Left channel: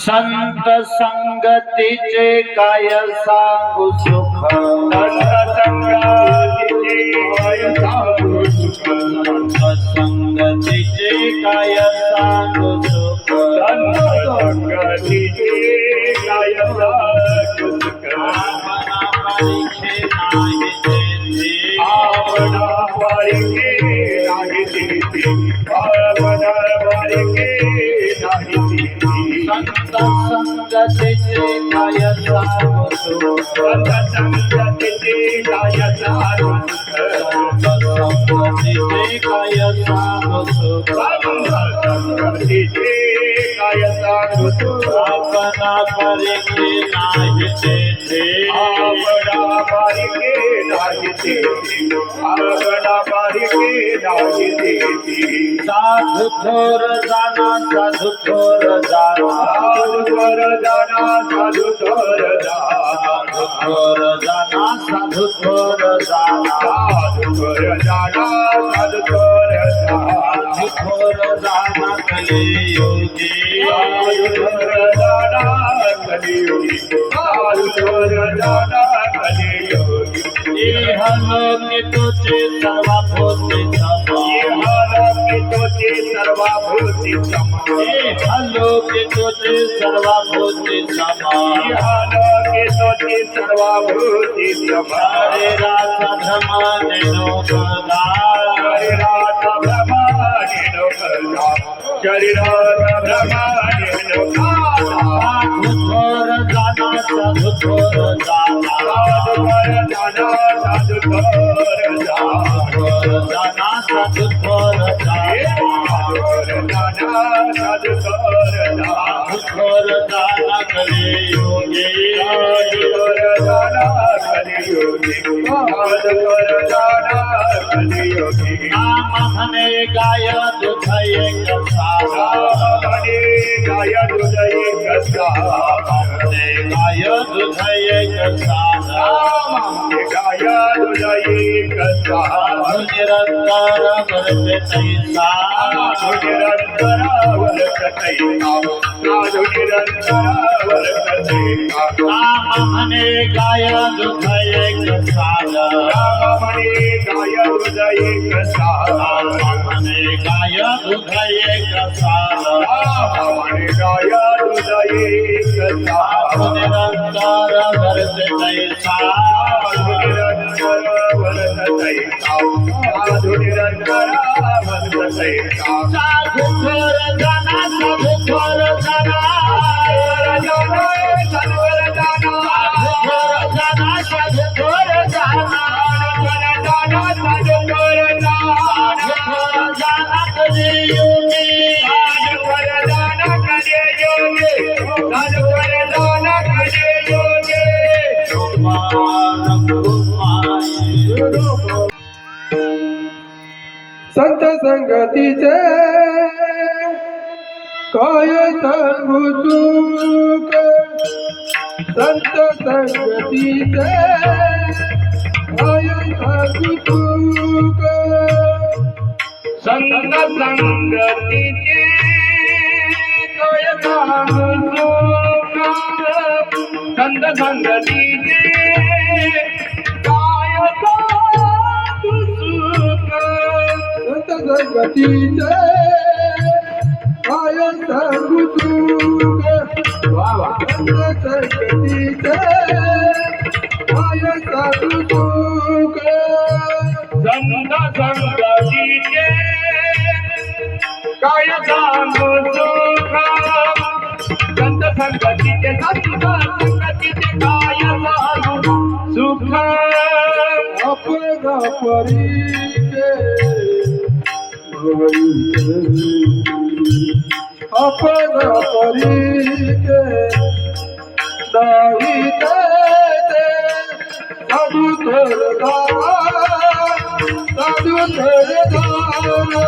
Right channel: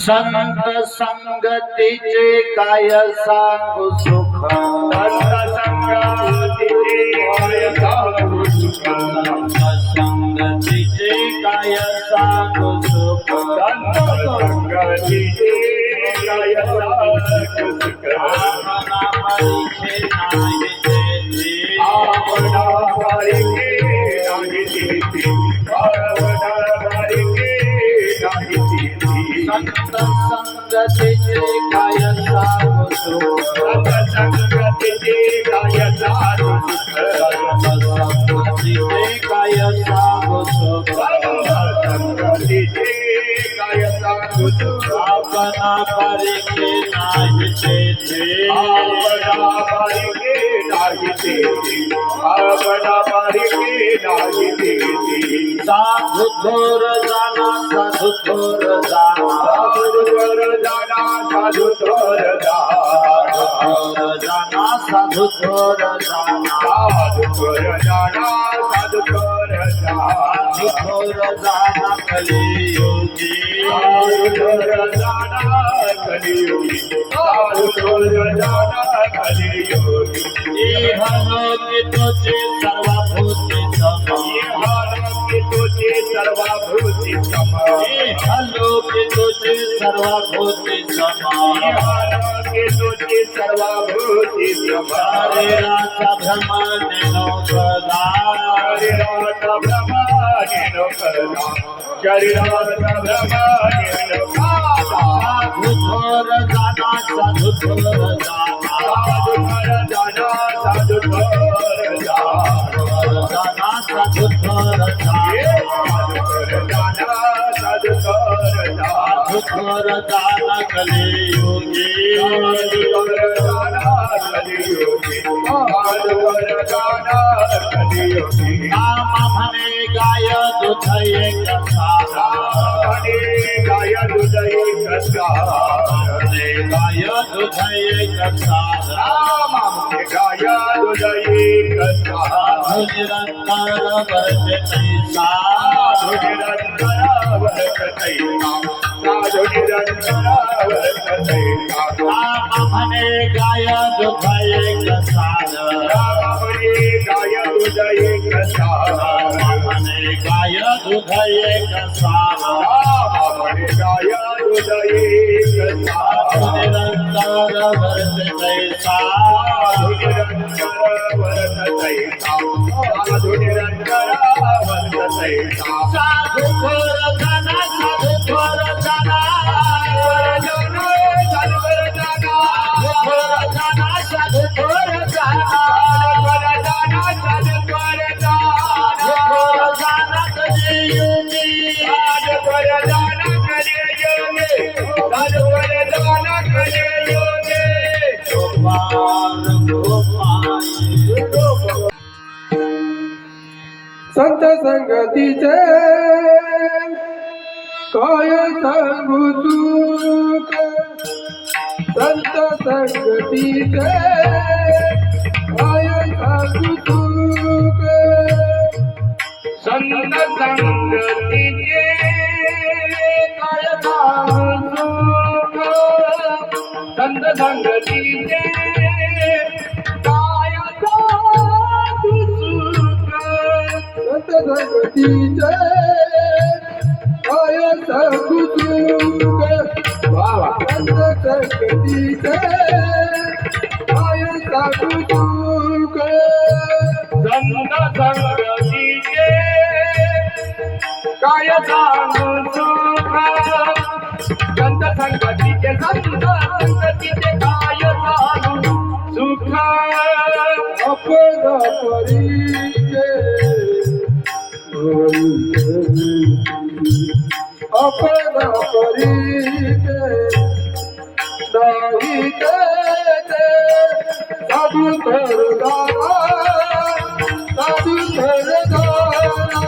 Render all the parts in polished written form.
संत संगतीचे काय सांगू सुख, संत संगतीचे काय सांगू सुख, संत संगतीचे काय सांगू सुख, संत संगतीचे काय सांगू सुख. आपणा परीखे नाही तेथे, आपणा परीखे नाही तेथे, संत संगतीचे काय सांगू सुख, संत संगतीचे काय सांगू सुख, संत संगतीचे काय सांगू सुख, संत संगतीचे काय सांगू सुख. आपणा परीखे नाही तेथे, आपणा परीखे नाही तेथे, आपणा परीखे नाही तेथे. साधू थोर जाना, साधू थोर जाना, साधू थोर जाना, साधू थोर जाना, थोर जाना, साधू थोर जाना, साधू थोर जाना, साधू थोर जाना, थोर जाना कलियुगी, साधू थोर जाना कलियुगी, साधू थोर जाना कलियुगी. इहलोकी तुझे सर्वभूते सम, इहलोकी तुझे सर्वभूते सम, इहलोकी तुझे सर्वभूते सम, इहलोकी तुझे सर्वभूते नित्यमा शरीराचा भ्रमाने नौकदा शरीराचा भ्रमाने नकला शरीराचा भ्रमाने नकला साधू थोर जाना साधू थोर जाना साधू कर जाना थोर जाना साधू थोर जाना साधू कर जाना साधू थोर जाना कलियुगी नाम म्हणे गाय दुध एक सारा म्हणे गाय दुध एक सारा निरंतर भरते तैसा नाम म्हणे गाय दुध एक सारा म्हणे गाय दुध एक सारा निरंतर भरते तैसा साधू थोर जाना साधू थोर जाना साधू थोर जाना कलियुगी संत संगतीचे काय सांगू सुख संत संगतीचे काय सांगू सुख संग संगतीचे काय सांगू सुख संत संगतीचे काय सांगू सुख संत संगतीचे काय सांगू सुख संत संगतीचे काय सांगू सुख संग संगतीचे काय सांगू सुख संत संगतीचे संगतीचे काय सांगू सुख अपना परिचय अपना परिचय नाही देते साधू थोर जाना साधू थोर जाना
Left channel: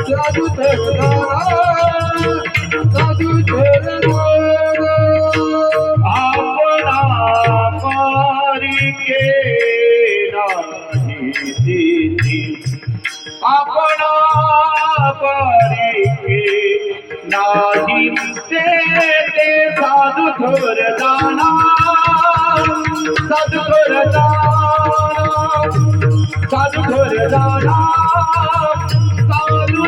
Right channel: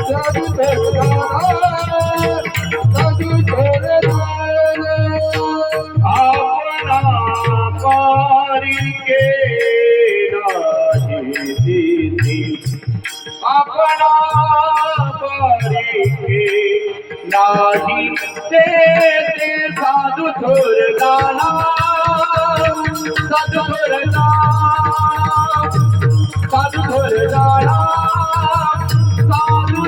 साधू थोर जाना साधू थोर जाना आपणा पारिके नाही दिती आपणा पारिके नाही ते साधू थोर जाना साधू थोर जाना साधू थोर जाना साधू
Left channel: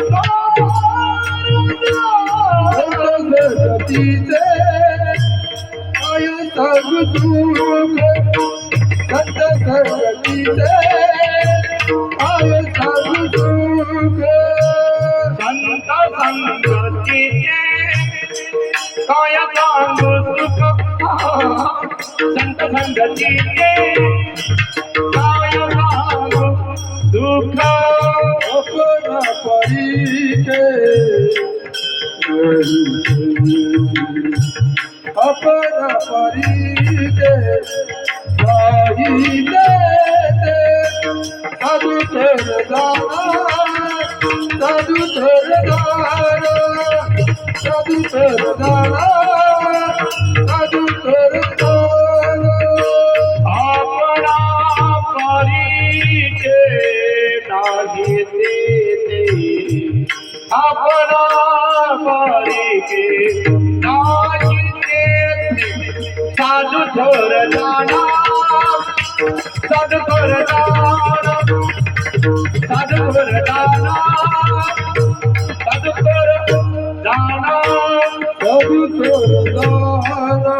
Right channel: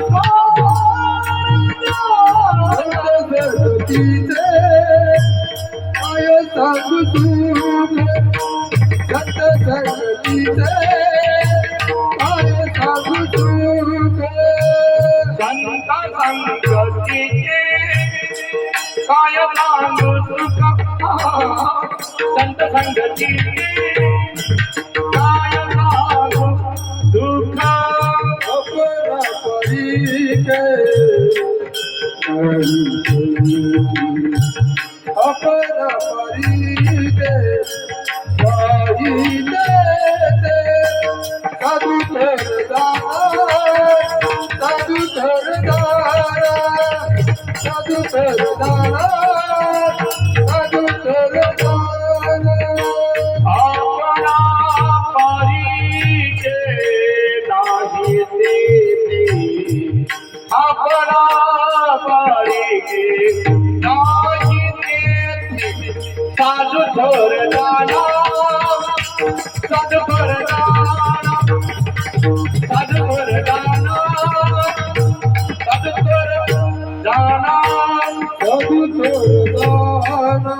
संगतीचे काय सांगू सुख संत संगतीचे काय सांगू सुख संत संगतीचे काय सांगू सुख संत संगतीचे काय सांगू दुःख अपना परिचय अपना परिचय नाही देते साधू थोर जाना साधू थोर जाना साधू थोर जाना साधू थोर जाना आपणा परिचय नाही देते आपणा परिचय नाही देते साधू थोर जाना साधू थोर जाना साधू थोर जाना साधू थोर जाना साधू थोर जाना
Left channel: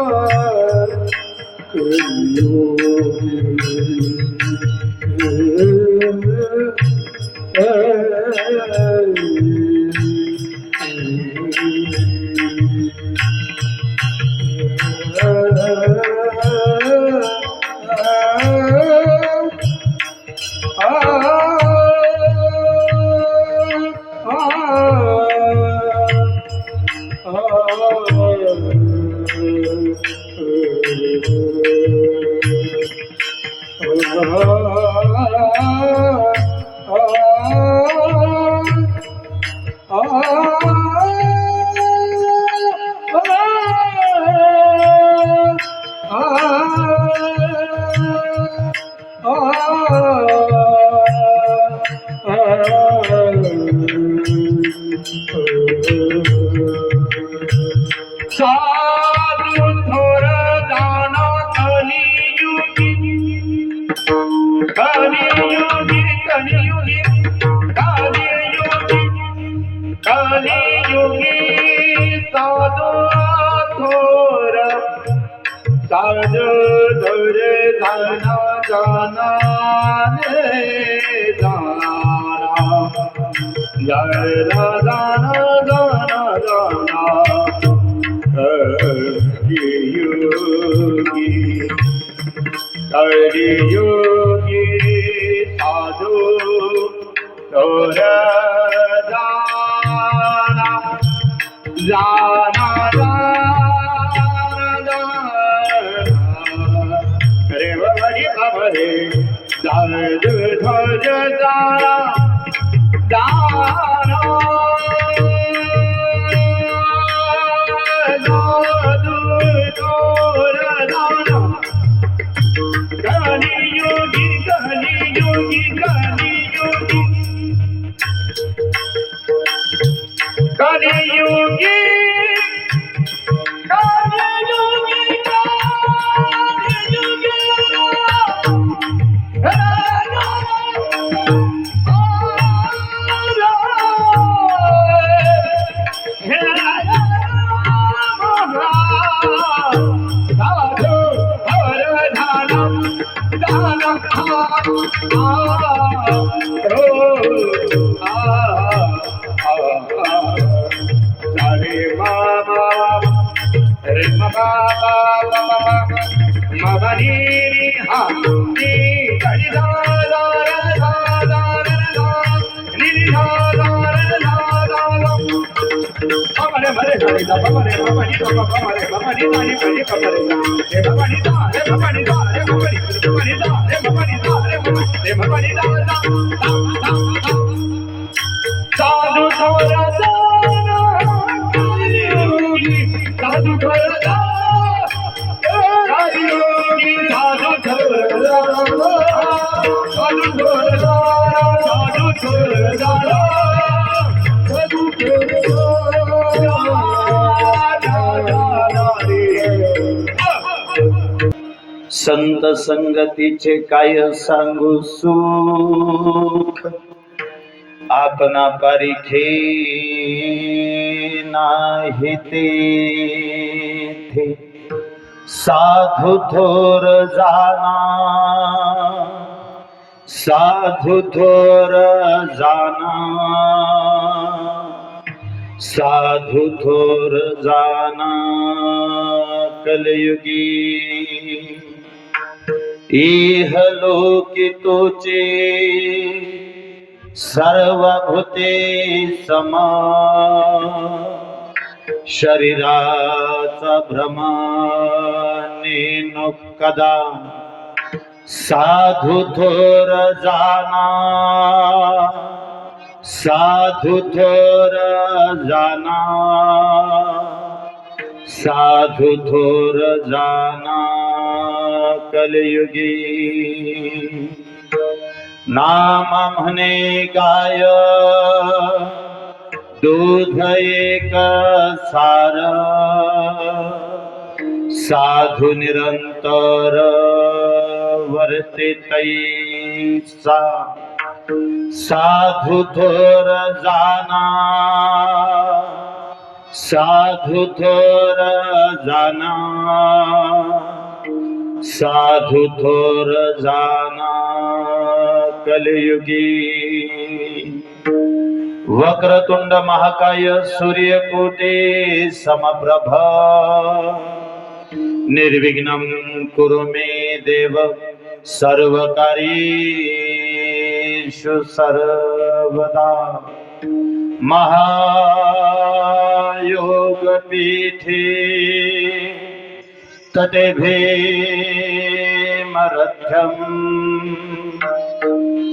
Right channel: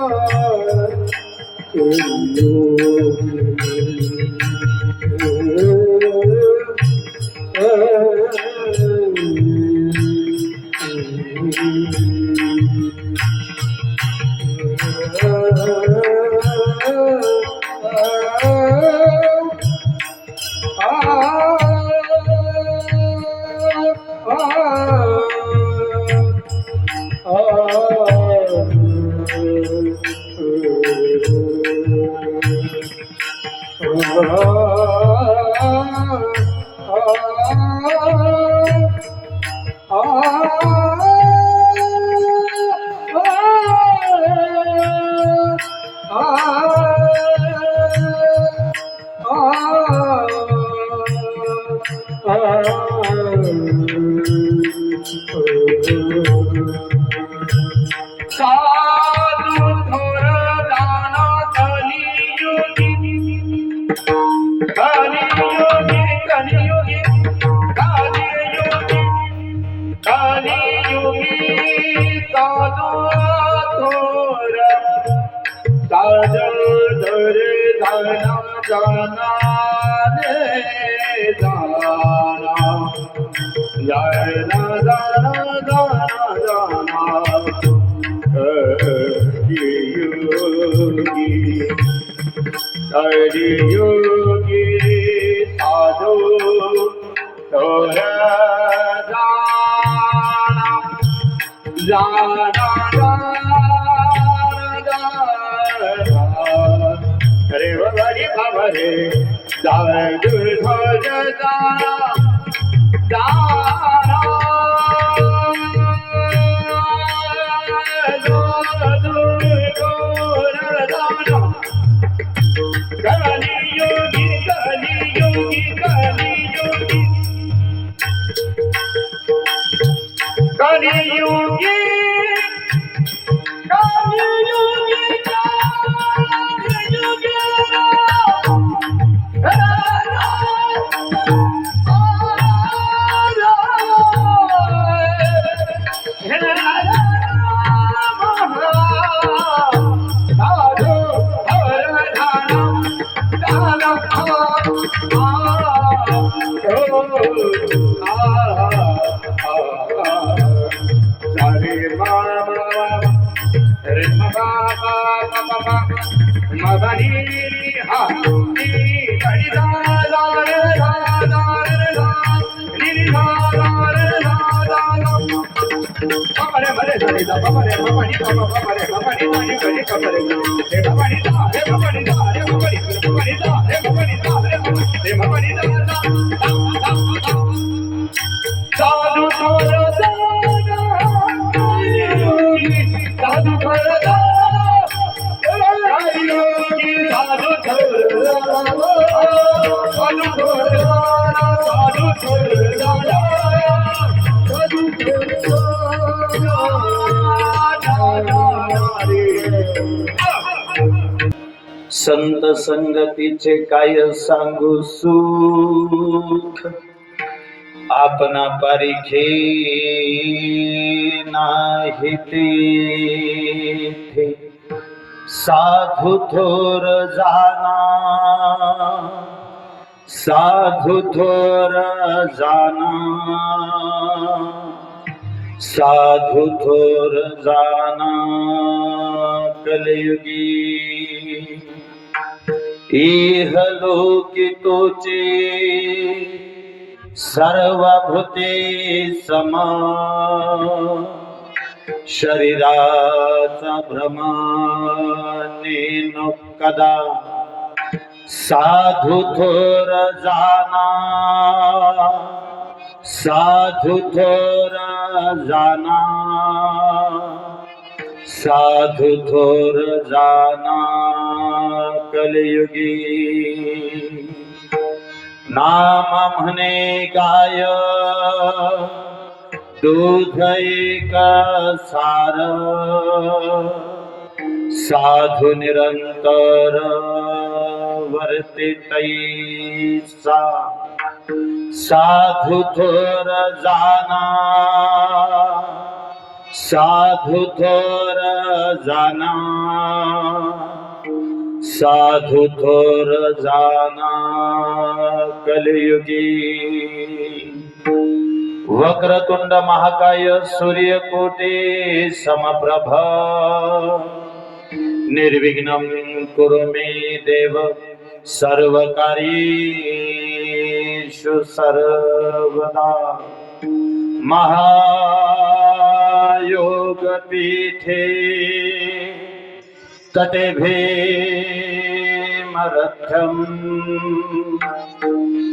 साधु थोर दाना कलियुगी कलियुगी कलियुगी कलियुगी कलियुगी साधु थोर साधु थोर दाना जाना रे दाना जय दाना दाना दाना कलियुगी साधु थोर जाना जाना रे बड़ी खबर साधु थोर जाना जाना कलियुगी कलियुगी कलियुगी कलियुगी कलियुगी साधु थोर जाना कलियुगी साधु थोर कलियुगी साधु थोर साधु थोर साधु थोर साधु संत संगतीचे काय सांगू सुख आपणा पारिखे नाही तेथे साधु थोर जाना साधु थोर जाना साधु थोर जाना कलियुगी इहलोकी तोचे सर्वभूते समा शरीराचा भ्रमाने नो कदा साधु थोर जाना साधु थोर जाना साधु थोर जाना कलियुगी नाम म्हणे गाय दूध एक सार साधु निरंतर वर्ते तैसा साधु थोर जाना साधु थोर जाना साधु थोर जाना कलियुगी वक्रतुंड महाकाय सूर्यकोटि समप्रभ निर्विघ्नं कुरु मे देव सर्वकार्येषु सर्वदा महायोगपीठे तटेभीमरथ्यम्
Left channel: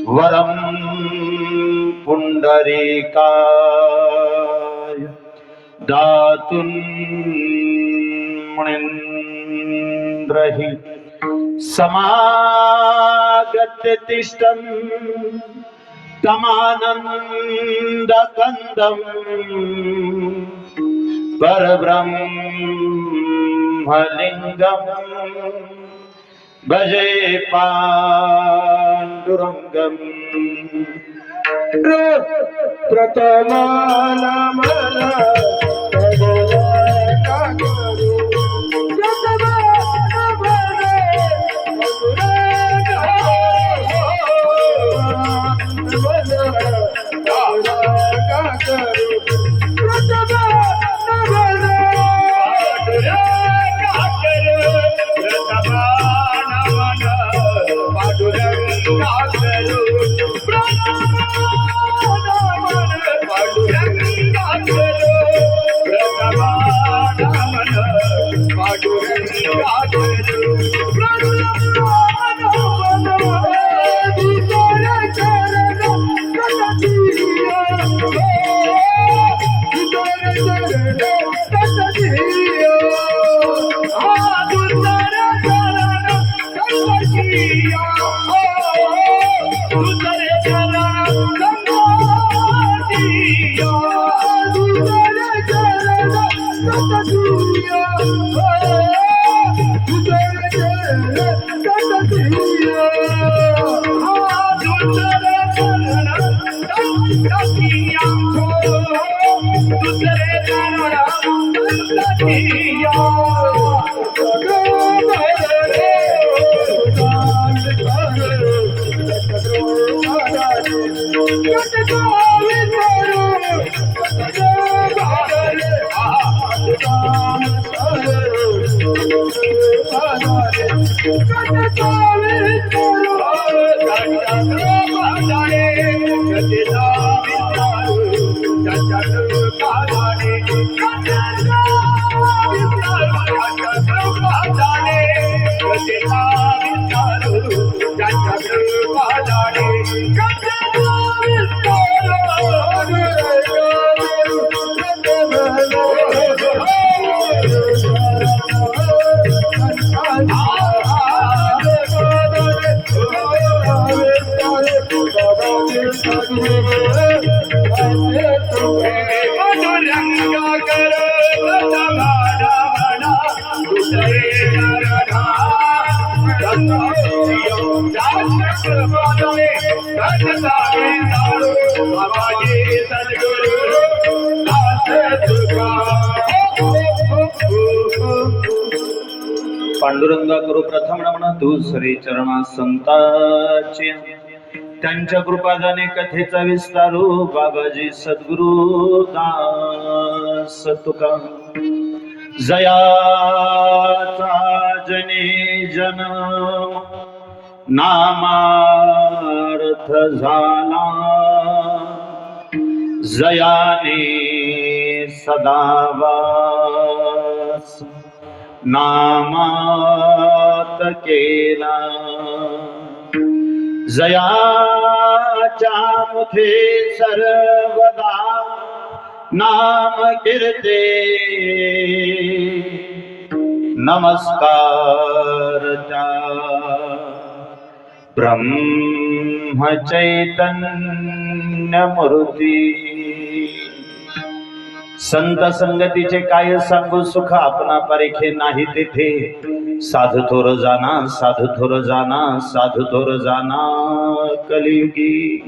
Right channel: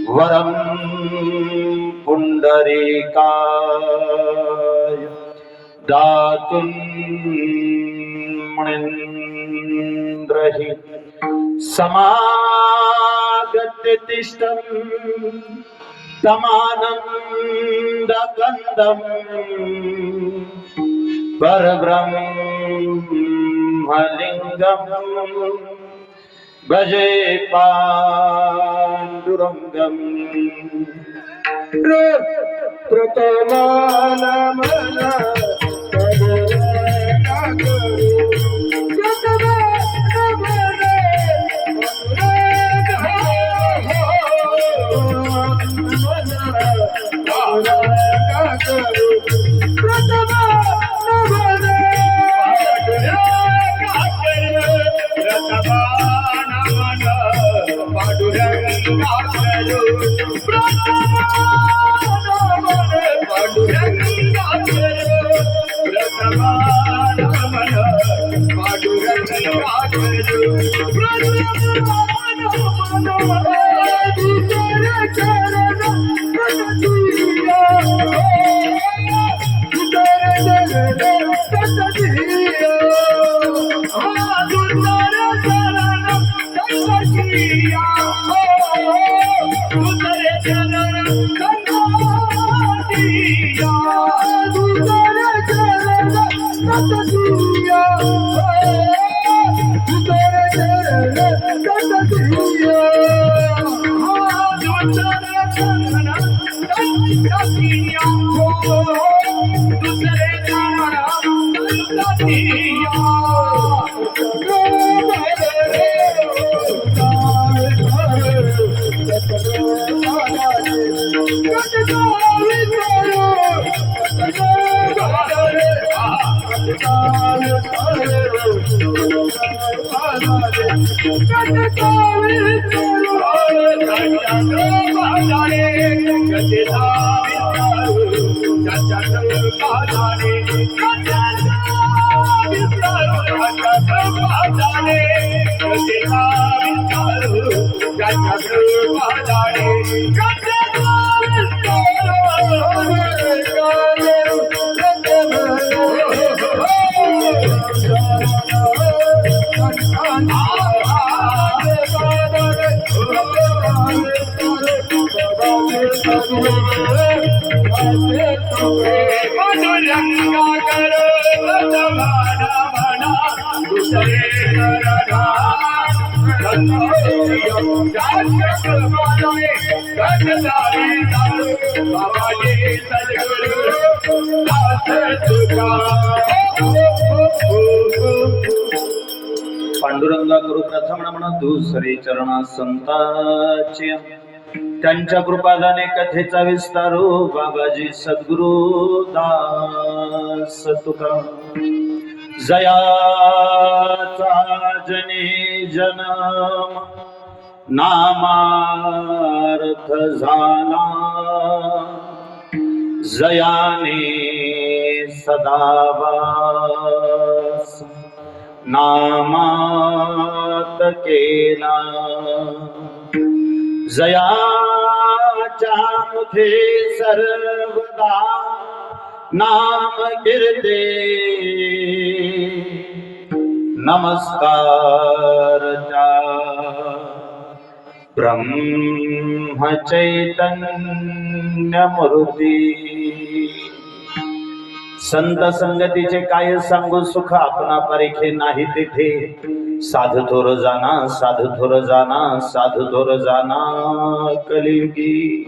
वरं पुण्डरीकाय दातुं मुनीन्द्रहि समागत्य तिष्ठन् तमानन्दकन्दं परब्रह्मलिङ्गं भजे पाण्डुरङ्गम् प्रथमानमना पांडुरंगा करू प्रथम नमन दुसरे चरणा संतांची त्यांच्या कृपादाने कथेचा विस्तारू बाबाजी सद्गुरु दास तुका जयाचा जने जन्म नामार्थ झाला जयाने सदावास नामात केला जयाच्या मुखे सर्वदा नाम कीर्ते नमस्कार त्या ब्रह्म चैतन्य मूर्ती संत संगतीचे काय सांगू सुख आपणा परीखे नाही तेथे साधू थोर जाना साधू थोर जाना साधू थोर जाना कलियुगी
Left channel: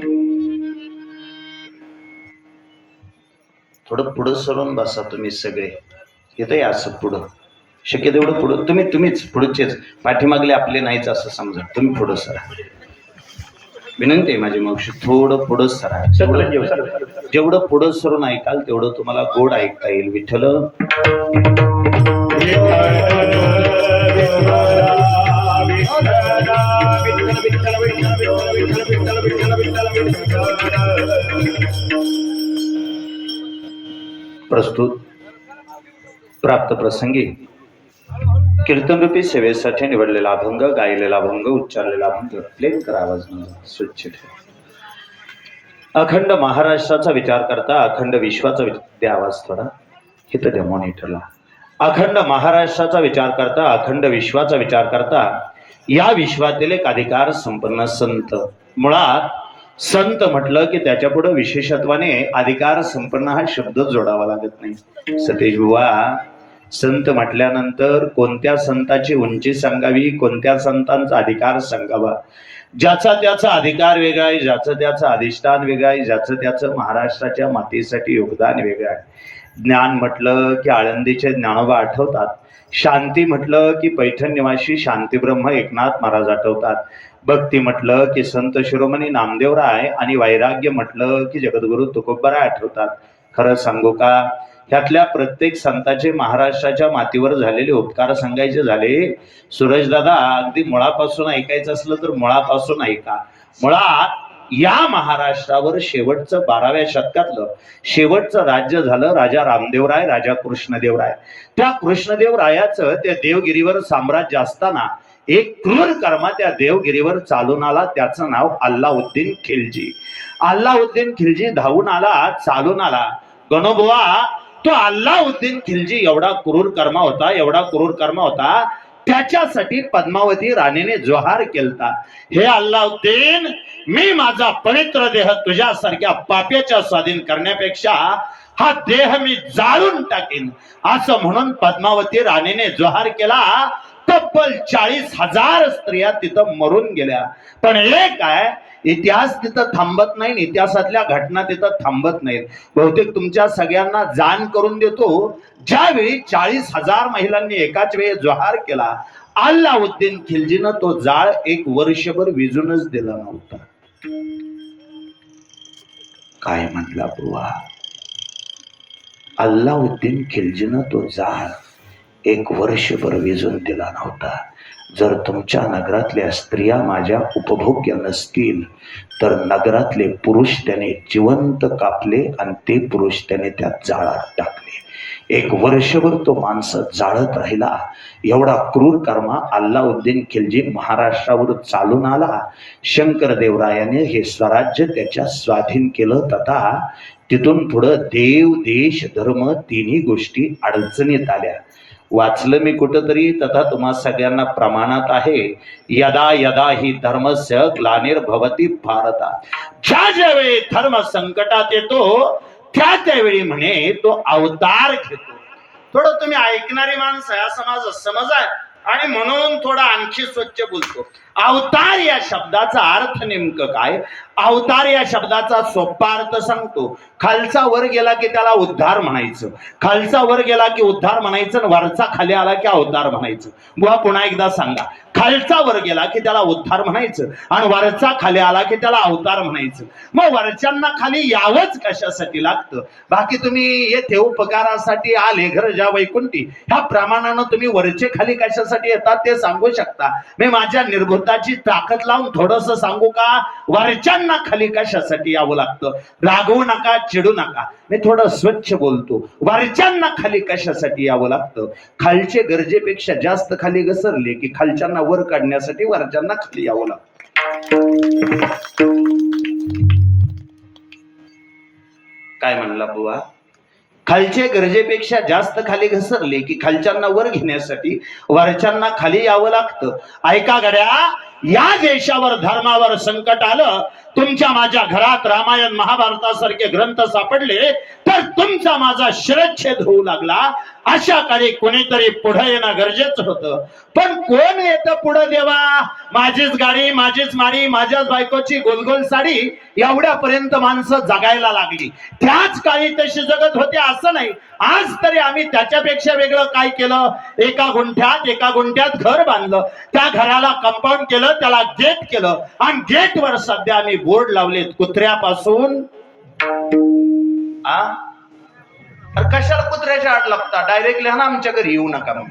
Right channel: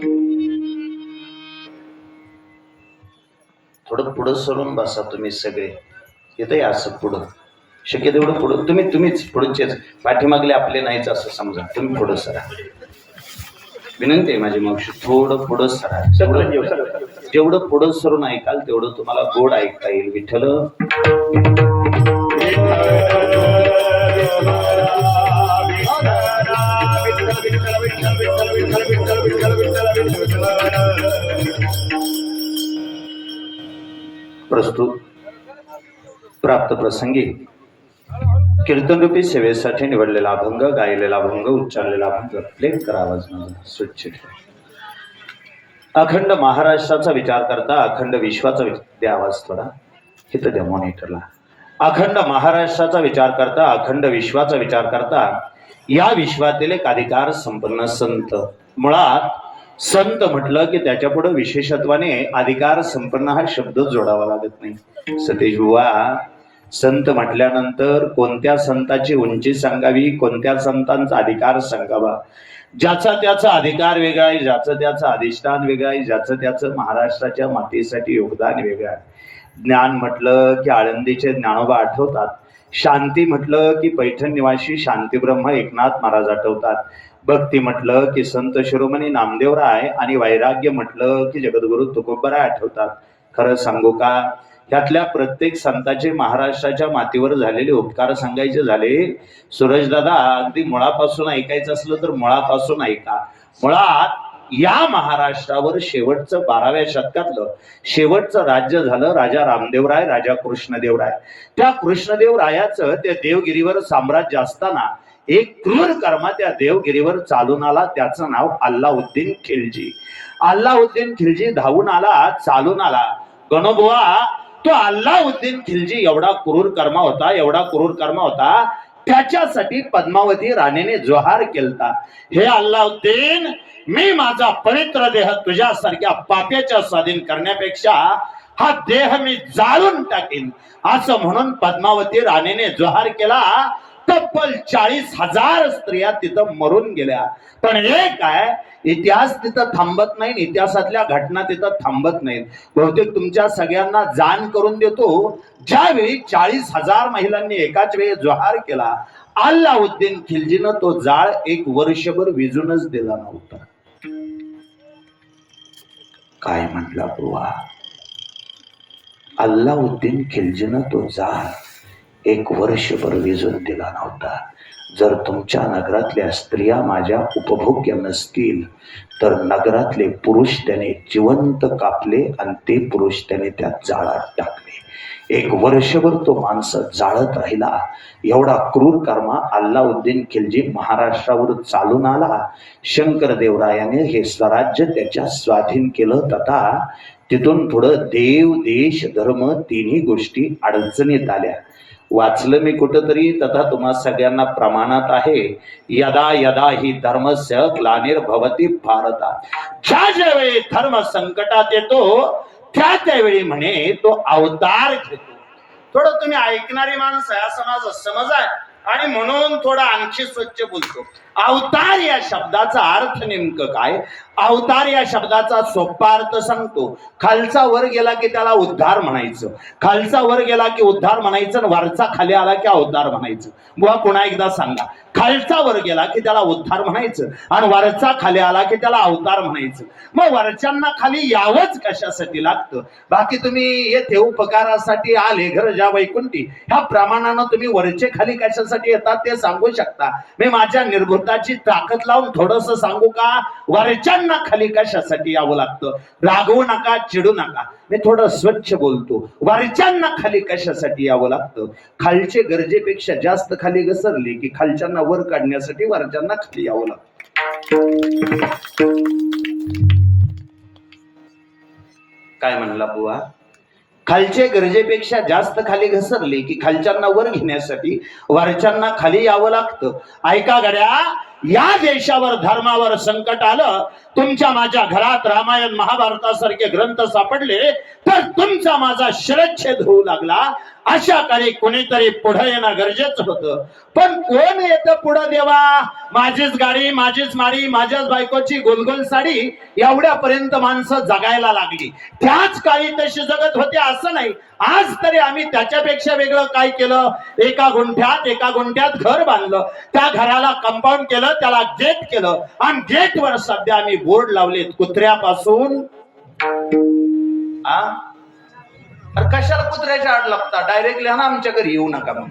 थोडं पुढं सरून बसा तुम्ही सगळे येते असं पुढं शक्य तेवढं पुढं तुम्हीच पुढचेच पाठीमागले आपले नाहीच असं समजा तुम्ही पुढं सरा विनंती आहे माझी मावशी थोडं पुढं सरा जेवढं पुढं सरून ऐकाल तेवढं तुम्हाला गोड ऐकता येईल विठ्ठल प्रस्तुत प्राप्त प्रसंगी कीर्तनरूपी सेवेसाठी निवडलेला अभंग, गायलेला अभंग, उच्चारलेला अभंग प्लेन करा आवाज माझा स्वच्छ ठेवा. अखंड महाराष्ट्राचा विचार करता, अखंड विश्वाचा द्या आवाज थोडा इथं द्या मॉनिटरला. अखंड महाराष्ट्राचा विचार करता, अखंड विश्वाचा विचार करता, या विश्वातील एक अधिकार संपन्न संत. मुळात संत म्हटलं की त्याच्या पुढे विशेषत्वाने अधिकार संपन्न हा शब्द जोडावा लागत नाही. सतेज बुवा, संत म्हटल्यानंतर कोणत्या संताची उंची सांगावी, कोणत्या संतांचा अधिकार सांगावा, ज्याचा त्याचा अधिकार वेगळा आहे, ज्याचं त्याचं अधिष्ठान वेगळं आहे, ज्याचं त्याचं महाराष्ट्राच्या मातीसाठी योगदान वेगळं आहे. ज्ञान म्हटलं की आळंदीचे ज्ञानोबा आठवतात, शांती म्हटलं की पैठण निवासी शांतीब्रह्म एकनाथ महाराज आठवतात, भक्ती म्हटलं की संत शिरोमणी नामदेवराय आणि वैराग्य म्हटलं की जगद्गुरु तुकोबाराय आठवतात. खरं सांगू का, ह्यातल्या प्रत्येक संताचे महाराष्ट्राच्या मातीवर झालेले उपकार सांगायचे झाले, सूरजदादा अगदी मुळापासून ऐकायचं असलं तर मुळापासून ऐका. मुळात या महाराष्ट्रावर शेवटचं 12व्या शतकातलं शेवटचं राज्य झालं राजा रामदेवराय, राजा कृष्णदेवराय. त्या कृष्णदेवरायाचं त्या देवगिरीवर साम्राज्य असताना एक क्रूर कर्मा त्या देवगिरीवर चालून आला, त्याचं नाव अल्लाउद्दीन खिलजी. अल्लाउद्दीन खिलजी धावून आला, चालून आला. गणोबुवा, तो अल्लाउद्दीन खिलजी एवढा क्रूर कर्मा होता, एवढा क्रूर कर्मा होता, त्याच्यासाठी पद्मावती राणीने जोहार केलता, हे अल्लाउद्दीन, मी माझा पवित्र देह तुझ्यासारख्या पाप्याच्या स्वाधीन करण्यापेक्षा हा देह मी जाळून टाकेन, असं म्हणून पद्मावती राणीने जोहार केला. तब्बल 40,000 स्त्रिया तिथं मरून गेल्या. पण एक आहे, इतिहास तिथं थांबत नाही, इतिहासातल्या घटना तिथं थांबत नाहीत. बहुतेक तुमच्या सगळ्यांना जाण करून देतो, ज्यावेळी 40,000 महिलांनी एकाच वेळी जोहार केला, अल्लाउद्दीन खिलजीनं तो जाळ 1 वर्षभर विजूनच दिला नव्हता. काय म्हटला बुवा, अल्लाउद्दीन खिलजीनं तो जाळ 1 वर्षभर विजून दिला नव्हता. जर तुमच्या नगरातल्या स्त्रिया माझ्या उपभोग्य नसतील तर नगरातले पुरुष त्याने जिवंत कापले आणि ते पुरुष त्याने त्या जाळात टाकले. 1 वर्षभर तो माणसं जाळत राहिला. एवढा क्रूर कर्मा अल्लाउद्दीन खिलजी महाराष्ट्रावर चालून आला. शंकरदेवरायाने हे स्वराज्य त्याच्या स्वाधीन केलं. तथा तिथून पुढं देव, देश, धर्म तिन्ही गोष्टी अडचणीत आल्या. वाचलं मी कुठंतरी, तथा तुम्हा सगळ्यांना प्रमाणात आहे, यदा यदा ही धर्मस्य ग्लानिर्भवति भारता. ज्या ज्यावेळी धर्म संकटात येतो त्यावेळी म्हणे तो अवतार घेतो. थोडं तुम्ही ऐकणारी माणसं आहे असं माझं समज आहे, आणि म्हणून थोडं आणखी स्वच्छ बोलतो. अवतार या शब्दाचा अर्थ नेमकं काय? अवतार या शब्दाचा सोपा अर्थ सांगतो. खालचा वर गेला की त्याला उद्धार म्हणायचं, खालचा वर गेला की उद्धार म्हणायचं, वरचा खाली आला की अवतार म्हणायचं. बुवा पुन्हा एकदा सांगा, खालचा वर गेला की त्याला उद्धार म्हणायचं आणि वरचा खाली आला की त्याला अवतार म्हणायचं. मग वरच्यांना खाली यावंच कशासाठी लागतं? बाकी तुम्ही येथे उपकारासाठी आले घर ज्या वैकुंठी, ह्या प्रमाणानं तुम्ही वरचे खाली कशासाठी येतात ते सांगू शकता. मी माझ्या निर्भूताची ताकद लावून थोडस सांगू का? वरच्यांना खाली कशासाठी यावं लागतं? रागवू नका, चिडू नका, मी थोडं स्वच्छ बोलतो. वरच्यांना खाली कशासाठी यावं लागतं? खालचे गरजेपेक्षा जास्त खाली घसरले की खालच्यांना वर काढण्यासाठी वरच्यांना खाली यावं लागतं. काय म्हणला बुवा? खालचे गरजेपेक्षा जास्त खाली घसरले की खालच्यांना वर घेण्यासाठी वरच्यांना खाली यावं लागतं. ऐका गड्या, या देशावर धर्मावर संकट आलं, तुमच्या माझ्या घरात रामायण महाभारतासारखे ग्रंथ सापडले तर तुमचा माझा शिरच्छेद होऊ लागला. अशा काही कोणीतरी पुढे येणं गरजेचं होतं. पण कोण येतं पुढे देवा? माझीच गाडी, माझीच माडी, माझ्याच बायकोची गोलगोल साडी, एवढ्यापर्यंत माणसं जगायला लागली. त्याच काळी तशी जगत होते असं नाही. आज तरी आम्ही त्याच्यापेक्षा वेगळं काय केलं? एका गुंठ्यात घर बांधलं, त्या घराला कंपाऊंड केलं, त्याला गेट केलं, आणि गेटवर सध्या आम्ही बोर्ड लावलेत कुत्र्यापासून. कशाला कुत्र्याच्या आड लागता? डायरेक्ट लिहा ना, आमच्या घरी येऊ नका. मग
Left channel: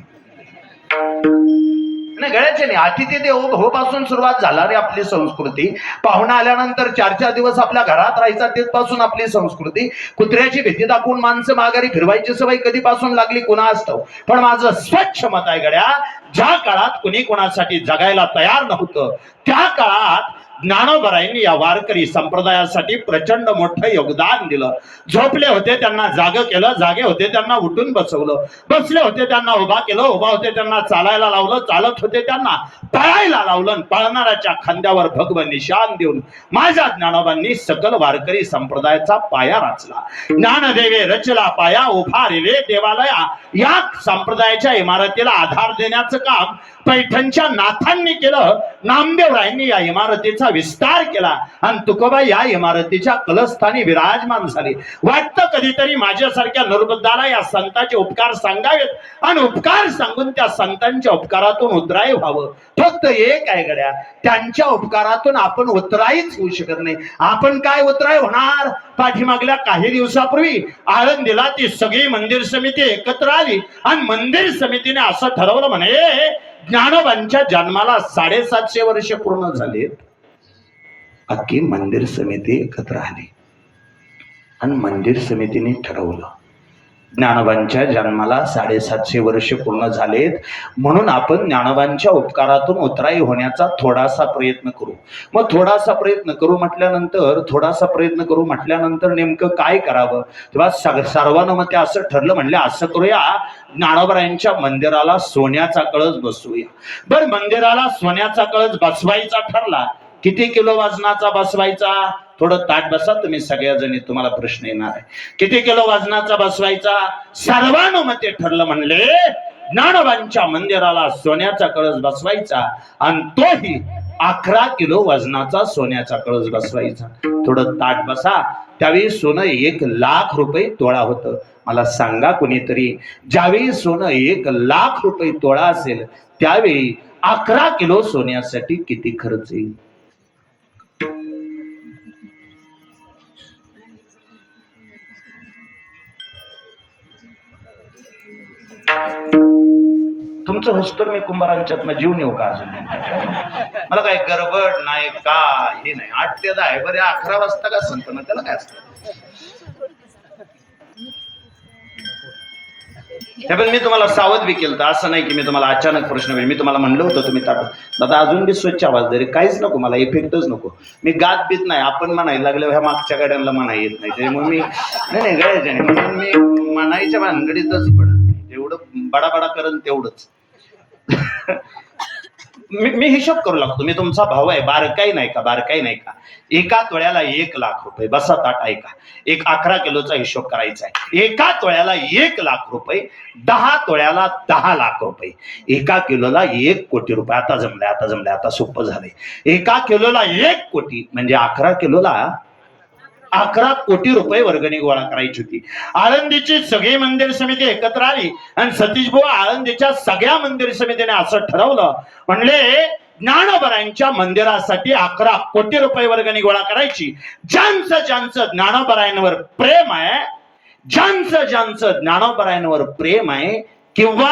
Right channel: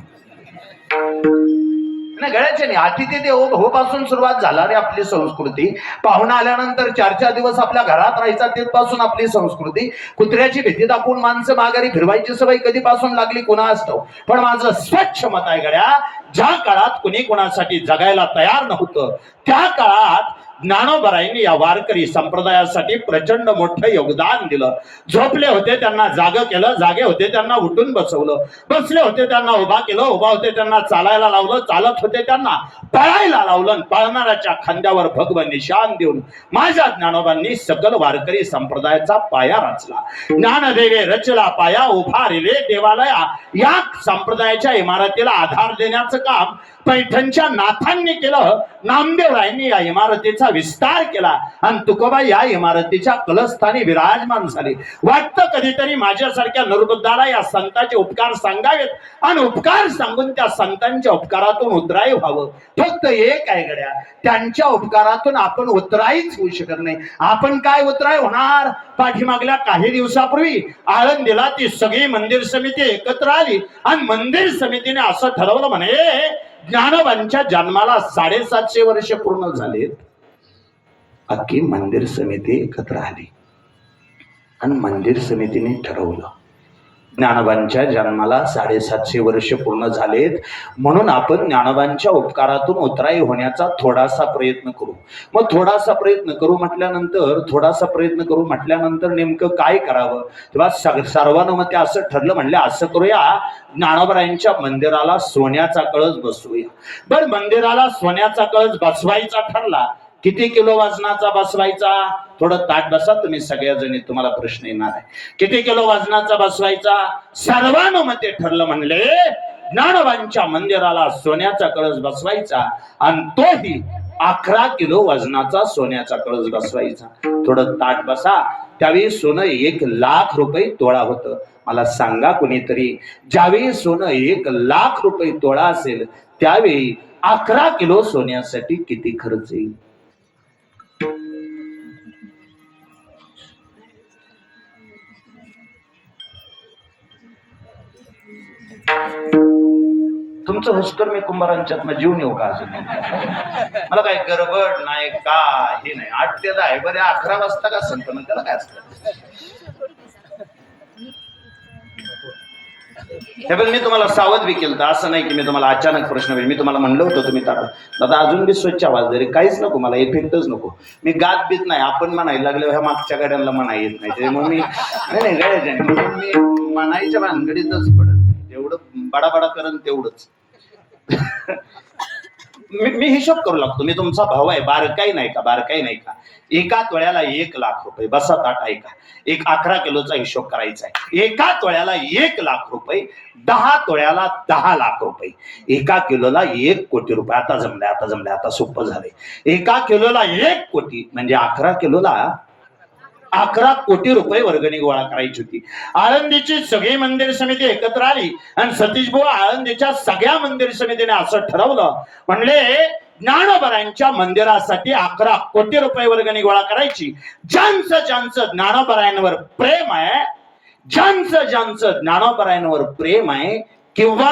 नाही गळ्याचे नाही, अतिथी देवो भव पासून सुरुवात झाला रे आपली संस्कृती. पाहुणा आल्यानंतर 4-4 दिवस आपल्या घरात राहायचा तिथपासून आपली संस्कृती. कुत्र्याची भीती दाखवून माणसं माघारी फिरवायची सवय कधीपासून लागली कोणास ठाऊक. पण माझं स्वच्छ मत आहे गड्या, ज्या काळात कुणी कोणासाठी जगायला तयार नव्हतं त्या काळात ज्ञानोबरायांनी या वारकरी संप्रदायासाठी प्रचंड मोठं योगदान दिलं. झोपले होते त्यांना जागं केलं, जागे होते त्यांना उठून बसवलं, बसले होते त्यांना उभा केलं, उभा होते त्यांना चालायला लावलं, चालत होते त्यांना पळायला लावलं. पळणाऱ्याच्या खांद्यावर भगव निशान देऊन माझ्या ज्ञानोबांनी सकल वारकरी संप्रदायाचा पाया रचला. ज्ञानदेवे रचला पाया, उभारिले देवालया. या संप्रदायाच्या इमारतीला आधार देण्याचं काम पैठणच्या नाथांनी केलं. नामदेवरायांनी या इमारतीचा विस्तार केला आणि तुकोबा या इमारतीच्या कलस्थानी विराजमान झाले. वाटतं कधीतरी माझ्यासारख्या निर्बुद्धाला या संतांचे उपकार सांगावेत आणि उपकार सांगून त्या संतांच्या उपकारातून उतराई व्हावं. फक्त एक आहे गड्या, त्यांच्या उपकारातून आपण उतराईच होऊ शकत नाही. आपण काय उतराई होणार? पाठीमागल्या काही दिवसापूर्वी आळंदीला ती सगळी मंदिर समिती एकत्र आली आणि मंदिर समितीने असं ठरवलं म्हणे ज्ञानोबांच्या जन्माला 750 वर्ष पूर्ण झालेत. अख्खी मंदिर समिती एकत्र आली आणि मंदिर समितीने ठरवलं ज्ञानोबांच्या जन्माला 750 वर्ष पूर्ण झालेत, म्हणून आपण ज्ञानोबांच्या उपकारातून उतराई होण्याचा थोडासा प्रयत्न करू. मग थोडासा प्रयत्न करू म्हटल्यानंतर नेमकं काय करावं? तेव्हा सर्वानुमते असं ठरलं, म्हणले असं करूया, ज्ञानोबरायांच्या मंदिराला सोन्याचा कळस बसवूया. बरं, मंदिराला सोन्याचा कळस बसवायचा ठरला. किती किलो वजनाचा बसवायचा? थोडं ताट बसा तुम्ही सगळ्याजणी, तुम्हाला प्रश्न येणार आहे. किती किलो वजनाचा बसवायचा? सर्वानुमते ठरलं, म्हणले ज्ञानोबांच्या मंदिराला सोन्याचा कळस बसवायचा आणि तोही 11 किलो वजनाचा सोन्याचा कळस बसवायचा. थोडं ताट बसा. त्यावेळी सोनं 1,00,000 रुपये तोळा होतं. मला सांगा कोणीतरी, ज्यावेळी सोनं 1,00,000 रुपये तोळा असेल त्यावेळी 11 किलो सोन्यासाठी किती खर्च येईल? तुमचं हुस्कर मी कुंभारांच्यात जीव नेऊ का? अजून मला काय गडबड नाही का हे नाही. 8 ते 10 आहे बरे, 11 वाजता का संत मग त्याला काय असतं? हे पण मी तुम्हाला सावध बी केलं, असं नाही की मी तुम्हाला अचानक प्रश्न मी तुम्हाला म्हणलं होतं तुम्ही दादा अजून बी स्वच्छ आवाज दे, काहीच नको मला, इफेक्टच नको. मी गात बीत नाही, आपण म्हणायला लागलं ह्या मागच्या गाड्यांना म्हणा येत नाही, त्यामुळे मी नाही गाड्याच्या नाही म्हणून मी म्हणायच्या भानगडीतच पडत नाही. तेवढं बडाबडा करण तेवढंच. मी हिशोब करू लागतो. मी तुमचा भाऊ आहे, बारकाई नाही का? 1 तोळ्याला 1,00,000 रुपये. बसा ताट ऐका. 11 किलोचा हिशोब करायचा आहे. 1 तोळ्याला 1,00,000 रुपये, 10 तोळ्याला 10,00,000 रुपये, 1 किलोला 1 कोटी रुपये. आता जमलंय, आता सोपं झालंय. 1 किलोला 1 कोटी म्हणजे 11 किलोला 11 कोटी रुपये वर्गणी गोळा करायची होती. आळंदीची सगळी मंदिर समिती एकत्र आली आणि सतीशभाऊ आळंदीच्या सगळ्या मंदिर समितीने असं ठरवलं, म्हणले ज्ञानोबरायांच्या मंदिरासाठी 11 कोटी रुपये वर्गणी गोळा करायची. ज्यांचं ज्ञानोबरायांवर प्रेम आहे किंवा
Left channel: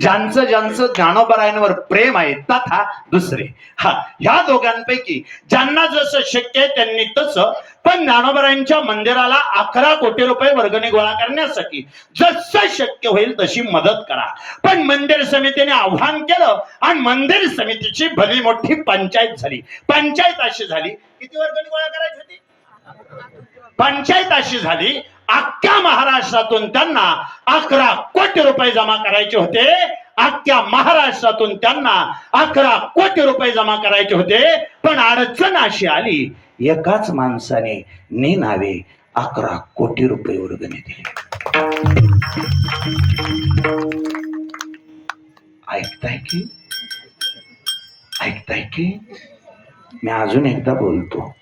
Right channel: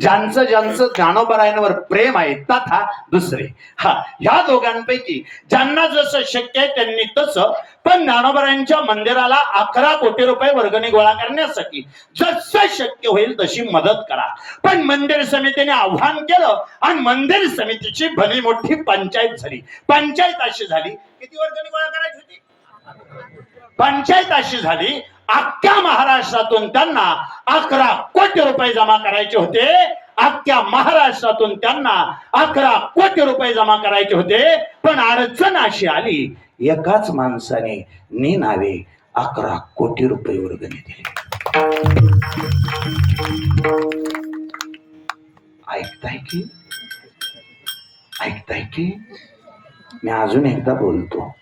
ज्यांचं ज्ञानोबरायांवर प्रेम आहे तथा दुसरे, ह्या दोघांपैकी ज्यांना जसं शक्य आहे त्यांनी तसं, पण ज्ञानोबरायांच्या मंदिराला 11 कोटी रुपये वर्गणी गोळा करण्यासाठी जसं शक्य होईल तशी मदत करा. पण मंदिर समितीने आव्हान केलं आणि मंदिर समितीची भली मोठी पंचायत झाली. पंचायत अशी झाली, किती वर्गणी गोळा करायची होती? पंचायत अशी झाली, अख्ख्या महाराष्ट्रातून त्यांना 11 कोटी रुपये जमा करायचे होते. अख्ख्या महाराष्ट्रातून त्यांना 11 कोटी रुपये जमा करायचे होते. पण अडचण अशी आली, एकाच माणसाने नावे 11 कोटी रुपये वर्गणी दिली. ऐकताय की मी अजून एकदा बोलतो.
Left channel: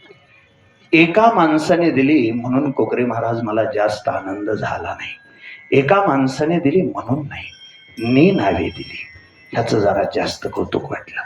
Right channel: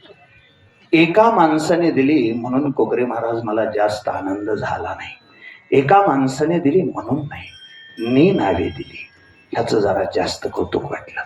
एका माणसाने दिली म्हणून कोकरे महाराज मला जास्त आनंद झाला नाही. एका माणसाने दिली म्हणून नाही, नावे दिली ह्याचं जरा जास्त कौतुक वाटलं.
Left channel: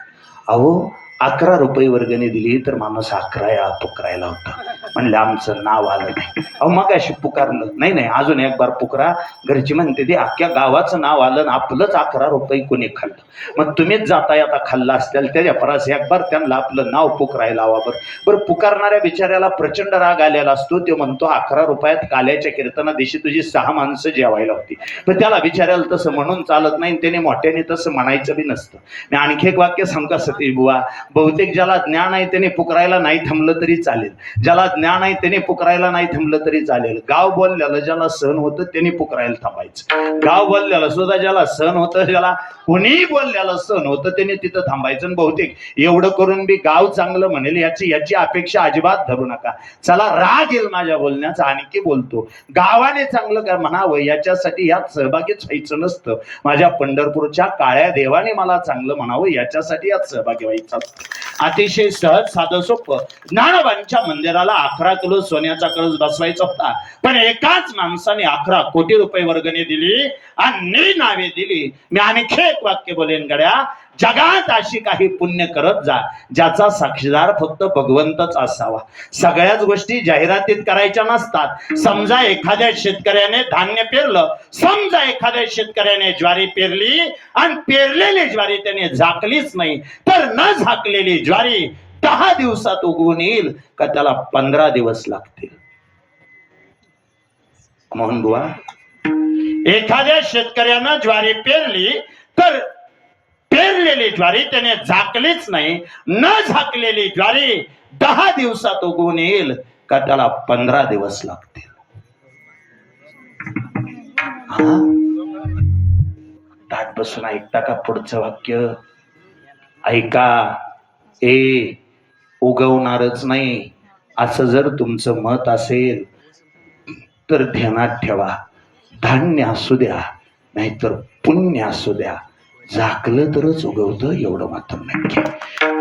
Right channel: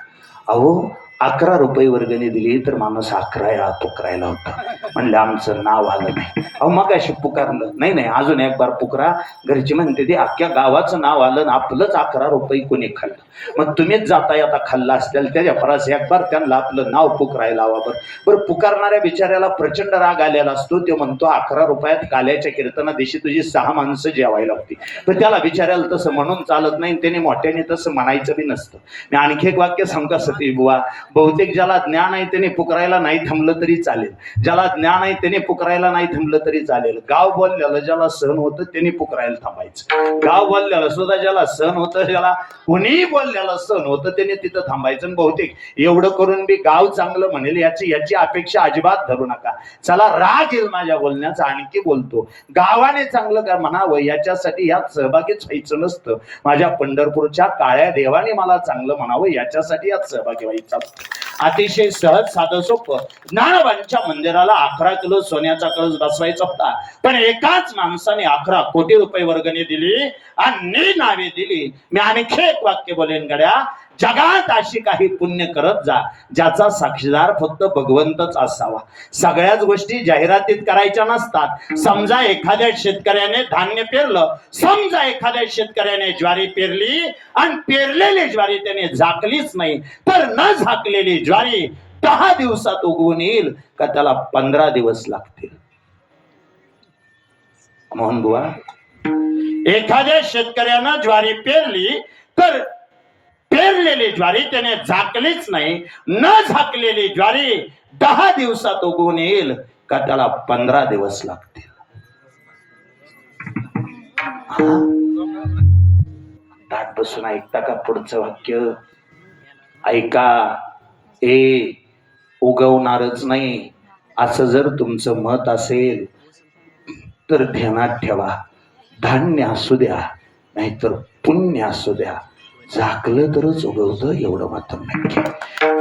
अहो 11 रुपये वर्गणी दिली तर माणूस 11 पुकारायला होता. म्हणलं आमचं नाव आलं नाही. अहो मग अशी पुकारलं नाही, नाही अजून एक बार पुकारा. घरची म्हणते ते अख्ख्या गावाचं नाव आलं ना आपलंच 11 रुपये कोणी खाल्लं. मग तुम्हीच जाताय आता खाल्ला असतील त्याच्या परास एक बार त्यांना आपलं नाव पुकारायला हवा. बरं पुकारणाऱ्या बिचाऱ्याला प्रचंड राग आलेला असतो. ते म्हणतो 11 रुपयात काल्याच्या कीर्तना दिवशी तुझी 6 माणसं जेवायला होती. पण त्याला बिचाऱ्याला तसं म्हणून चालत नाही, त्याने मोठ्याने तसं म्हणायचं बी नसतं. मी आणखी एक वाक्य सांगा सतीश बुवा, बहुतेक ज्याला ज्ञान आहे त्याने पुकारायला नाही थांबलं तरी चालेल, ज्याला ज्ञान आहे त्याने पुकारायला नाही थांबलं तरी चालेल. गाव बोलल्याला ज्याला सहन होतं त्याने पुकारायला थांबायचं. गाव बोलल्याला सुद्धा ज्याला सहन होतं, ज्याला कुणीही बोलल्याला सहन होतं त्याने तिथं थांबायचं. बहुतेक एवढं करून बी गाव चांगलं म्हणेल याची अपेक्षा अजिबात धरू नका. चला राग येईल माझ्या बोलण्याचा, आणखी बोलतो. गावाने चांगलं काय म्हणावं याच्यासाठी यात सहभागीच व्हायचं नसतं. माझ्या पंढरपूरच्या काळ्या देवाने मला चांगलं म्हणावं याच्यासाठी यात सहभागी व्हायचं. अतिशय सहज साधं सोपं. ज्ञानोबांच्या मंदिराला 11 किलो सोन्याचा कळस बसवायचा होता, पण एकाच माणसाने 11 कोटी रुपये वर्गणी दिली आणि नावे दिली. मी आणखी एक वाक्य बोलेन गड्या, जगात अशी काही पुण्य करत जा ज्याचा साक्षीदार फक्त भगवंतच असावा. सगळ्याच गोष्टी जाहिरातीत करायच्या नसतात. समजा एखाद्या शेतकऱ्याने धान्य पेरलं, समजा एखाद्या शेतकऱ्याने ज्वारी पेरली आणि पेरलेली ज्वारी त्याने झाकलीच नाही, तर न झाकलेली ज्वारी 10 दिवसात उगवून येईल का त्याला 15 दिवस लागतील. मोहन बुवा, एखाद्या शेतकऱ्यानं ज्वारी पेरली तर पेरलेली ज्वारी त्याने झाकलीच नाही, न झाकलेली ज्वारी 10 दिवसात उगवून येईल का त्याला 15 दिवस लागतील. ताट बसून ऐकता का पुढचं वाक्य? ऐका. उगवणारच नाही असं जर तुमचं मत असेल तर ध्यानात ठेवा, धान्य असू द्या नाहीतर पुण्य असू द्या, झाकलं तरच उगवतं एवढं मात्र नक्की.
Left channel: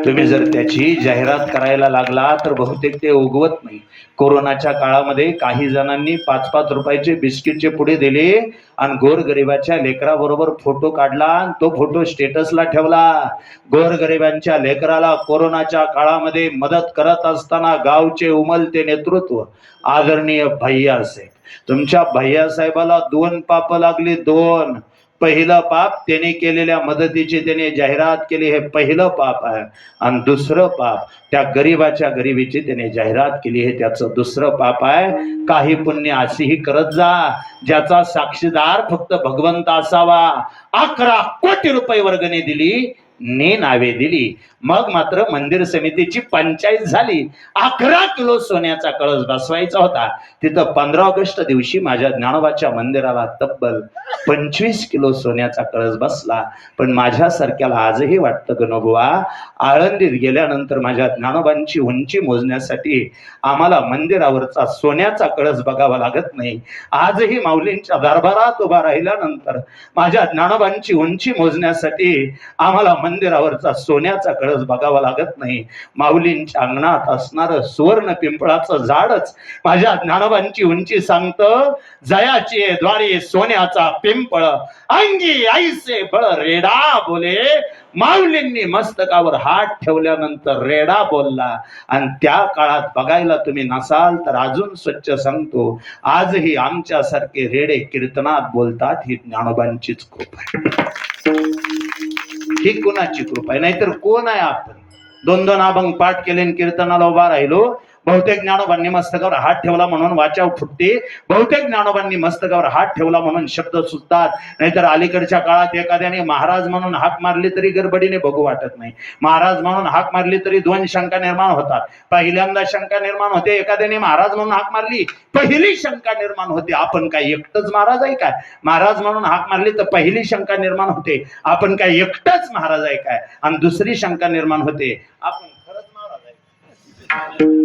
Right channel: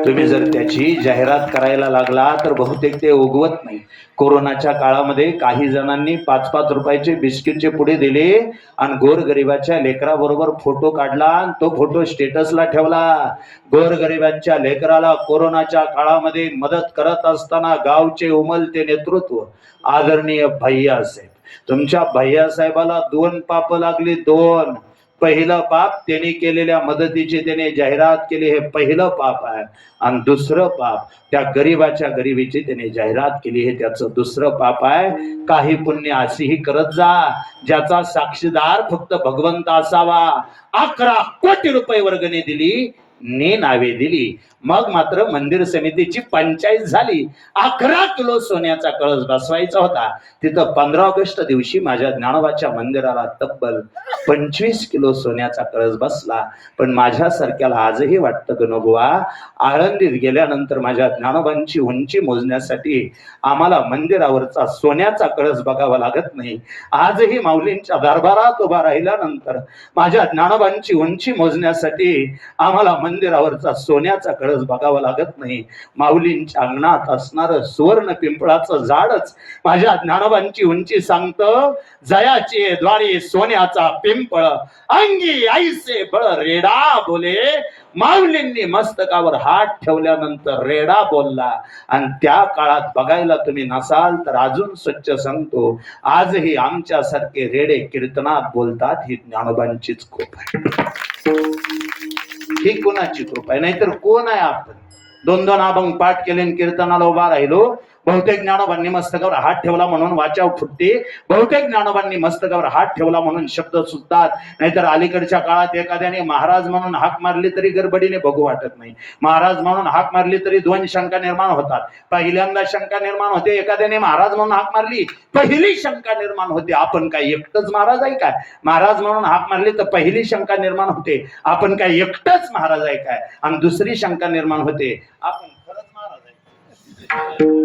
तुम्ही जर त्याची जाहिरात करायला लागला तर बहुतेक ते उगवत नाही. कोरोनाच्या काळामध्ये काही जणांनी 5-5 रुपयाचे बिस्किटचे पुडे दिले आणि गोरगरिबाच्या लेकराबरोबर फोटो काढला आणि तो फोटो स्टेटसला ठेवला. गोरगरिबांच्या लेकराला कोरोनाच्या काळामध्ये मदत करत असताना गावचे उमलते नेतृत्व आदरणीय भैयासाहेब, तुमच्या भैयासाहेबाला 2 पाप लागली. 2. पहिलं पाप त्याने केलेल्या मदतीची त्याने जाहिरात केली, हे पहिलं पाप आहे. आणि दुसरं पाप त्या गरीबाच्या गरिबीची त्याने जाहिरात केली, हे त्याचं दुसरं पाप आहे. काही पुण्य अशीही करत जा ज्याचा साक्षीदार फक्त भगवंत असावा. 11 कोटी रुपये वर्गणी दिली, ने नावे दिली. मग मात्र मंदिर समितीची पंचायत झाली. 11 किलो सोन्याचा कळस बसवायचा होता. तिथं 15 ऑगस्ट दिवशी माझ्या ज्ञानोबाच्या मंदिराला तब्बल 25 किलो सोन्याचा कळस बसला. पण माझ्यासारख्याला आजही वाटतं गणोबुवा, आळंदीत गेल्यानंतर माझ्या ज्ञानोबांची उंची मोजण्यासाठी आम्हाला मंदिरावरचा सोन्याचा कळस बघावा लागत नाही. आजही माऊलींच्या दरबारात उभा राहिल्यानंतर माझ्या ज्ञानोबांची उंची मोजण्यासाठी आम्हाला मंदिरावरचा सोन्याचा कळस बघावा लागत नाही. माऊलींच्या अंगणात असणारं सुवर्ण पिंपळाचं झाडच माझ्या ज्ञानोबांची उंची सांगतं. जयाची द्वारे सोन्याचा पिंपळ, अंगी आईसे बळ रेडा बोले. माऊलींनी मस्तकावर हात ठेवल्यानंतर रेडा बोलला. आणि त्या काळात बघायला तुम्ही नसाल तर अजून स्वच्छ सांगतो, आजही आमच्यासारखे रेडे कीर्तनात बोलतात. ही ज्ञानोबांचीच कृपा आहे. ही कोणाची कृपा आहे? नाहीतर कोण आहे आपण? 2-2 अभंग पाठ केले कीर्तनाला उभा राहिलो. बहुतेक ज्ञानोबांनी मस्तकावर हात ठेवला म्हणून वाचा फुटते, बहुतेक ज्ञानोबांनी मस्तकावर हात ठेवला म्हणून शब्द सुटतात. नाहीतर अलीकडच्या काळात एखाद्याने महाराज म्हणून हाक मारली तरी गडबडीने बघू वाटत नाही. महाराज म्हणून हाक मारली तरी 2 शंका निर्माण होतात. पहिल्यांदा शंका निर्माण होते, एखाद्याने महाराज म्हणून हाक मारली, पहिली शंका निर्माण होते, आपण काय एकटच महाराज आहे काय? महाराज म्हणून हाक मारली तर पहिली शंका निर्माण होते, आपण काय एकटच महाराज आहे काय? आणि दुसरी शंका निर्माण होते, आपण खरंच महाराज आहे.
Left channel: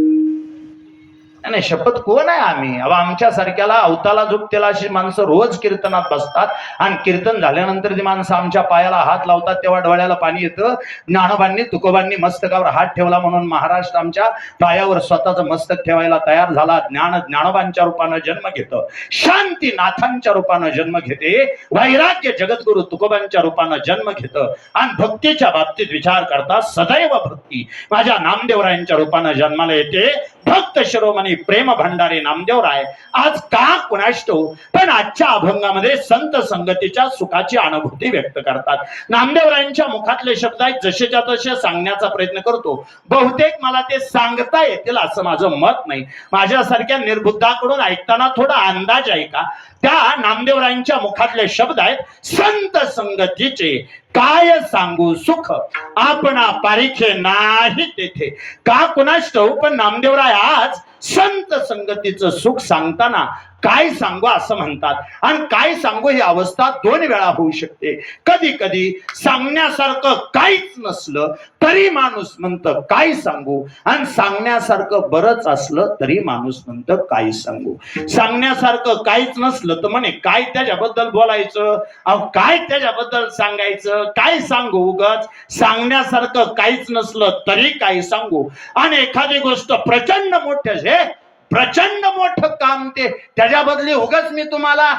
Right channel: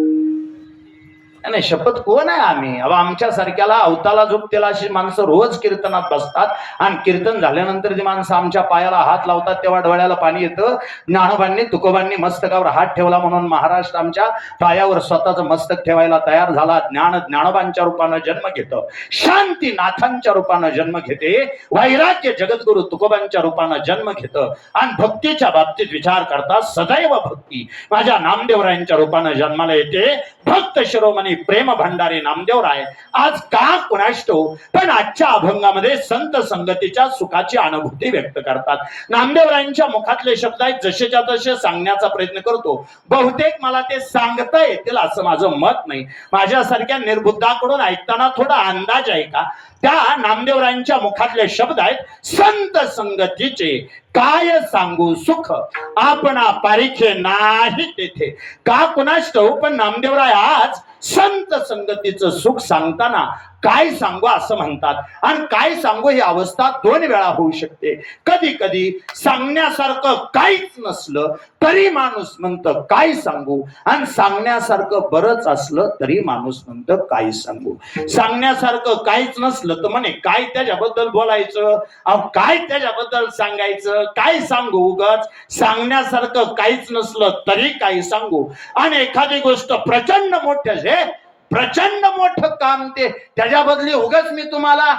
नाही शपथ कोण आहे आम्ही? अहो आमच्या सारख्याला अवताला झोपतेला अशी माणसं रोज कीर्तनात बसतात आणि कीर्तन झाल्यानंतर जी माणसं आमच्या पायाला हात लावतात तेव्हा डोळ्याला पाणी येतं. ज्ञानोबांनी तुकोबांनी मस्तकावर हात ठेवला म्हणून महाराष्ट्र आमच्या पायावर स्वतःचं मस्तक ठेवायला तयार झाला. ज्ञानोबांच्या रूपानं जन्म घेतं, शांतीनाथांच्या रूपानं जन्म घेते, वैराग्य जगद्गुरु तुकोबांच्या रूपानं जन्म घेतं आणि भक्तीच्या बाबतीत विचार करता सदैव भक्ती माझ्या नामदेवरायांच्या रूपानं जन्माला येते. भक्त शिरोमणी प्रेम भंडारी नामदेवराय आज का कुणाष्टो पण आजच्या अभंगामध्ये संत संगतीच्या सुखाची अनुभूती व्यक्त करतात. नामदेवरायांच्या मुखातले शब्द आहेत जसेच्या तसे सांगण्याचा प्रयत्न करतो. बहुतेक मला ते सांगता येतील असं माझं मत नाही. माझ्यासारख्या निर्बुद्धाकडून ऐकताना थोडा अंदाज आहे का? त्या नामदेवरायांच्या मुखातले शब्द आहेत संत संगतीचे काय सांगू सुख आपणा पारिखे नाही तेथे. का कुणास ठाऊक पण नामदेवराय आज संत संगतीचं सुख सांगताना काय सांगू असं म्हणतात. आणि काय सांगू ही अवस्था दोन वेळा होऊ शकते. कधी कधी सांगण्यासारखं काहीच नसलं तरी माणूस म्हणतं काय सांगू, आणि सांगण्यासारखं बरंच असलं तरी माणूस म्हणतं काय सांगू. सांगण्यासारखं काहीच नसलं तर म्हणे काय त्याच्याबद्दल बोलायचं, अहो काय त्याच्याबद्दल सांगायचं, काय सांगू उगाच. सांगण्यासारखं काहीच नसलं तरी काय सांगू. आणि एखादी गोष्ट प्रचंड मोठे प्रचंड मोठं काम ते त्याच्याबदली उगाच मी तुम्हाला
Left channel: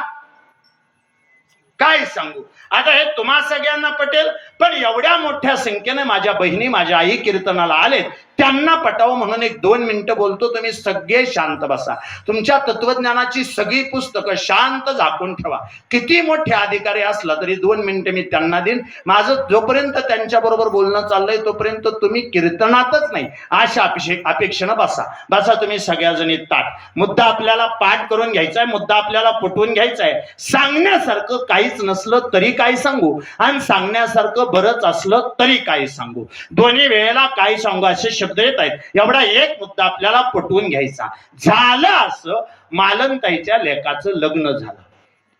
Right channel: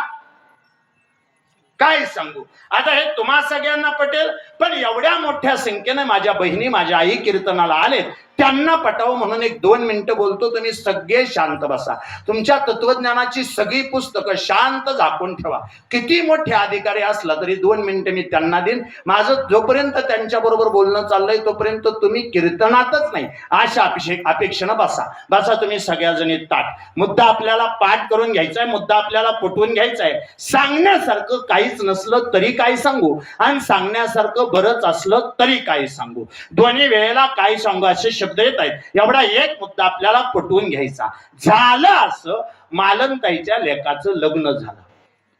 काय सांगू. आता हे तुम्हा सगळ्यांना पटेल पण एवढ्या मोठ्या संख्येने माझ्या बहिणी माझ्या आई कीर्तनाला आलेत त्यांना पटावं म्हणून 1-2 मिनिटं बोलतो. तुम्ही सगळे शांत बसा. तुमच्या तत्वज्ञानाची सगळी पुस्तकं शांत झाकून ठेवा. किती मोठे अधिकारी असला तरी 2 मिनिटं मी त्यांना देईन. माझं जोपर्यंत त्यांच्या बरोबर बोलणं चाललंय तोपर्यंत तुम्ही कीर्तनातच नाही अशा अपेक्षेनं बसा तुम्ही सगळ्याजणी ताट. मुद्दा आपल्याला पाठ करून घ्यायचा आहे, मुद्दा आपल्याला पटवून घ्यायचा आहे. सांगण्यासारखं काहीच नसलं तरी काय सांगू आणि सांगण्यासारखं बरंच असलं तरी काय सांगू. दोन्ही वेळेला काय सांगू असे शब्द येत आहेत. एवढा एक मुद्दा आपल्याला पटवून घ्यायचा. झालं असं मालनताईच्या लेकाचं लग्न झालं.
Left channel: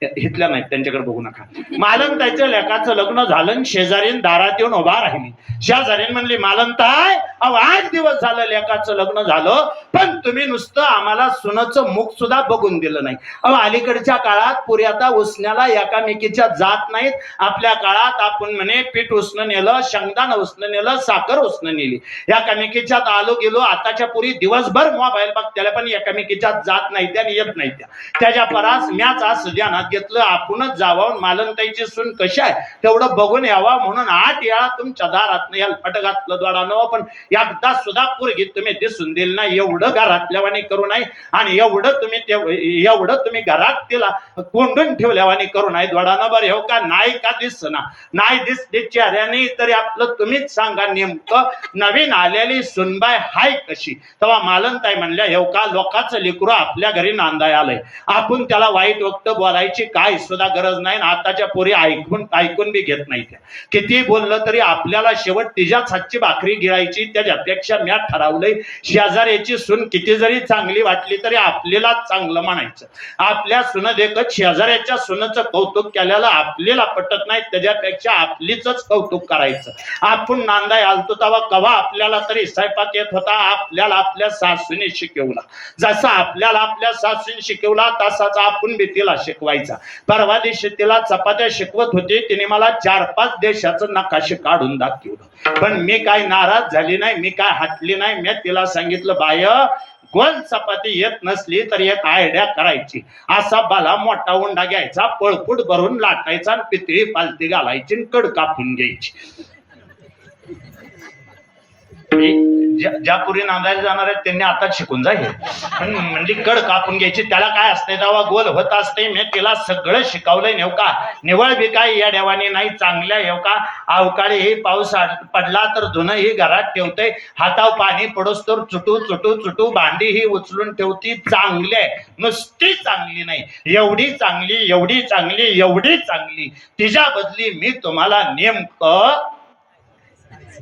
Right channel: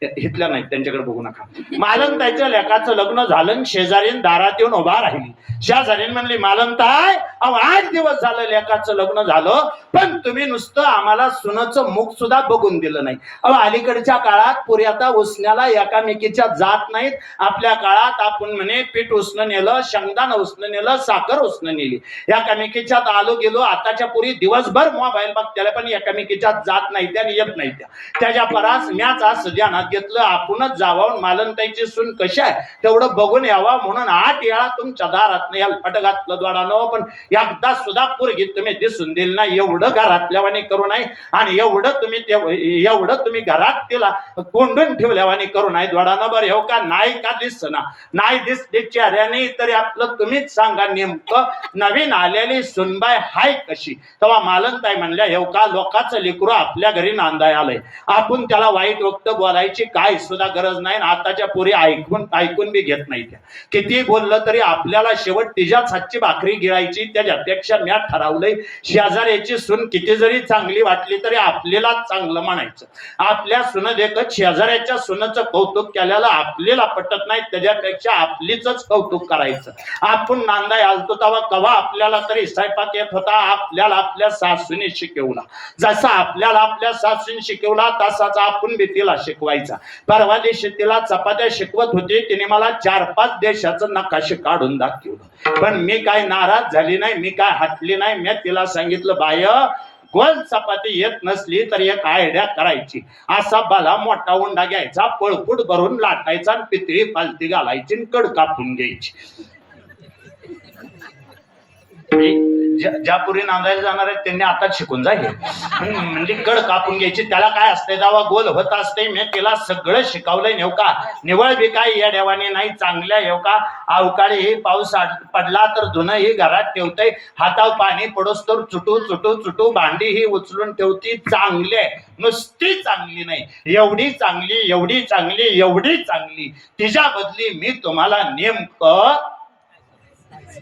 इथल्या नाही त्यांच्याकडे बघू नका. मालनताईच्या लेकाचं लग्न झालं. शेजारीन दारात येऊन उभा राहिली. शेजारीन म्हणली मालनताई अहो 8 दिवस झालं लेकाचं लग्न झालं पण तुम्ही नुसतं आम्हाला सुनाचं मुख सुद्धा बघून दिलं नाही. अहो अलीकडच्या काळात पुरी आता उसण्याला एकामेकीच्या जात नाहीत. आपल्या काळात आपण म्हणे पीठ उसणं नेलं, शेंगदाणं उसणं नेलं, साखर उसणं नेली, एकामेकीच्यात आलो गेलो. आताच्या पुरी दिवसभर मोबाईल बघत्याला पण एकामेकीच्या जात नाही त्या येत नाही त्याच्या परास म्याच आज ध्यानात घेतलं आपणच जावं मालनताईची सून कशी आहे तेवढं बघून यावा म्हणून 8 वेळा तुमच्या दारात पट घातलं द्वारानं पण एकदा सुद्धा पोरगी तुम्ही दिसून दिली नाही. एवढं घरातल्यावानी करू नाही आणि एवढं तुम्ही घरात तिला कोंडून ठेवल्यावानी करू नाही द्वारानं. बरं हो का नाही का दिसना नाही दिसते चेहऱ्याने तरी आपलं तुम्हीच सांगा नेमकं नवीन आलेली सुनबाई हाय कशी. तेव्हा मालनताई म्हणल्या हे का लोकांचं लेकरू आपल्या घरी नांदाय आलंय आपण त्याला वाईट वक्त बोलायची काय सुद्धा गरज नाही. आताच्या पोरी ऐकून बी घेत नाही. त्या किती बोललं तरी आपल्याला शेवट तिच्याच हातची भाकरी गिळायची. त्याच्यापेक्षा मी ठरवलंय शेजाऱ्याची सून किती जरी चांगली वाटली तरी आपल्याला चांगलं म्हणायचं. आपल्या सुन देखत शेजाऱ्याच्या सुनाचं कौतुक केल्याला आपल्याला पटत नाही त्याच्यापेक्षा आपलीच कौतुक करायचं. आपण नांदाय आलतो तेव्हा कवा आपल्याला तरी स्वयंपाक येत होता आपल्याला आपल्या सासूने शिकवला. जसा आपल्याला आपल्या सासूने शिकवला तसाच आपण बी तिला शिकवायचा. परवा दिवशी तिला चपात्या शिकवत होती. तिने मला 4-5 देशाचं नकाशे काढून दाखवलं पण मी काय नाराज झाली नाही, मी काय हटली नाही. मी तिला सांगितलं बाय गोल चपाती येत नसली तर एक आयडिया करायची. असा बाला मोठा उंडा घ्यायचा, पळपूट भरून लाटायचा, पितळी पालती घालायची, कड कापून घ्यायची. ज्या पुरी नांदायला जाणार आहेत त्यांनी आता शिकून जाईल. म्हणजे कड कापून घ्यायची. त्याला काय असते तेव्हा गोल होत असते. मी तिला सगळं शिकवलंय. नेव का निवळ बी काय या देवाने नाही चांगल्या येऊ का अवकाळी हे पाऊस पडला तर धुणं ही घरात ठेवतय. हाताव पाणी पडोस तर चुटू चुटू चुटू भांडी ही उचलून ठेवती. चांगली आहे नुसती चांगली नाही एवढी चांगली एवढी चांगली एवढी चांगली. तिच्या बदली मी तुम्हाला नेमकं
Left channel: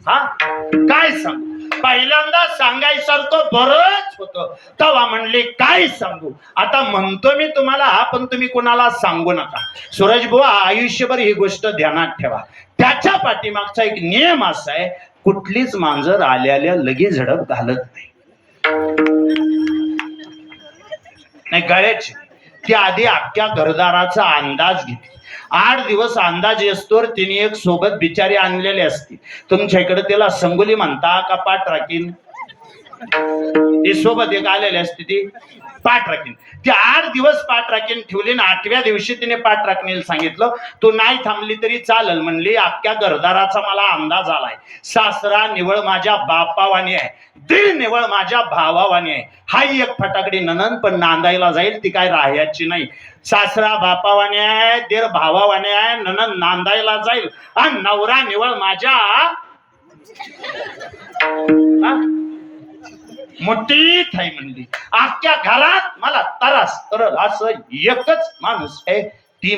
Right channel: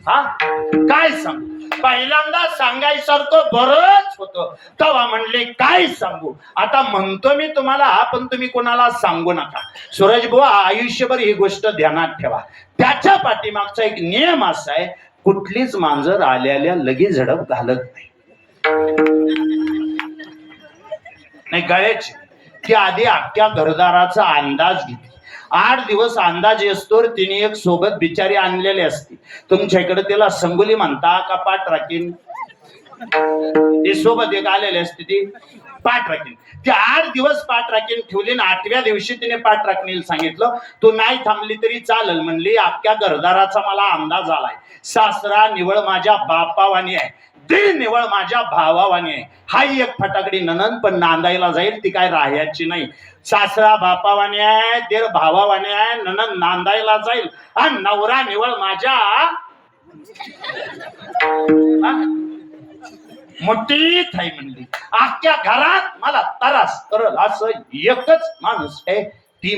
काय सांगू. पहिल्यांदा सांगायसारखं बरंच होतं तेव्हा म्हणले काय सांगू. आता म्हणतो मी तुम्हाला पण तुम्ही कोणाला सांगू नका. सूरजबुवा आयुष्यभर ही गोष्ट ध्यानात ठेवा. त्याच्या पाठीमागचा एक नियम असा आहे कुठलीच मांजर आल्याल्या लगेच झडप घालत नाही. नाही गळ्याची, ती आधी अख्ख्या घरदाराचा अंदाज घेतली. 8 दिवस अंदाज असतोवर तिने एक सोबत बिचारी आणलेली असती. तुमच्या इकडे तिला संगोली म्हणता का पाठ राखीन? ती सोबत एक आलेली असते, ती पाठ राखीन. ती 8 दिवस पाठ राखीन ठेवली ना 8व्या दिवशी तिने पाठ राखणीला सांगितलं, तू नाही थांबली तरी चालेल म्हणली. अख्ख्या घरदाराचा मला अंदाज आलाय. सासरा निवळ माझ्या बापावानी आहे, दीर निवळ माझ्या भावावानी आहे. हाही एक फटाकडी ननन पण नांदायला जाईल, ती काय राहायची नाही. सासरा बापावाने आहे, दीर भावावाने आहे, ननन नांदायला जाईल आणि नवरा निवळ माझ्या मोठी थाई म्हणली. अख्ख्या घरात मला त्रास करल असं एकच माणूस आहे, ती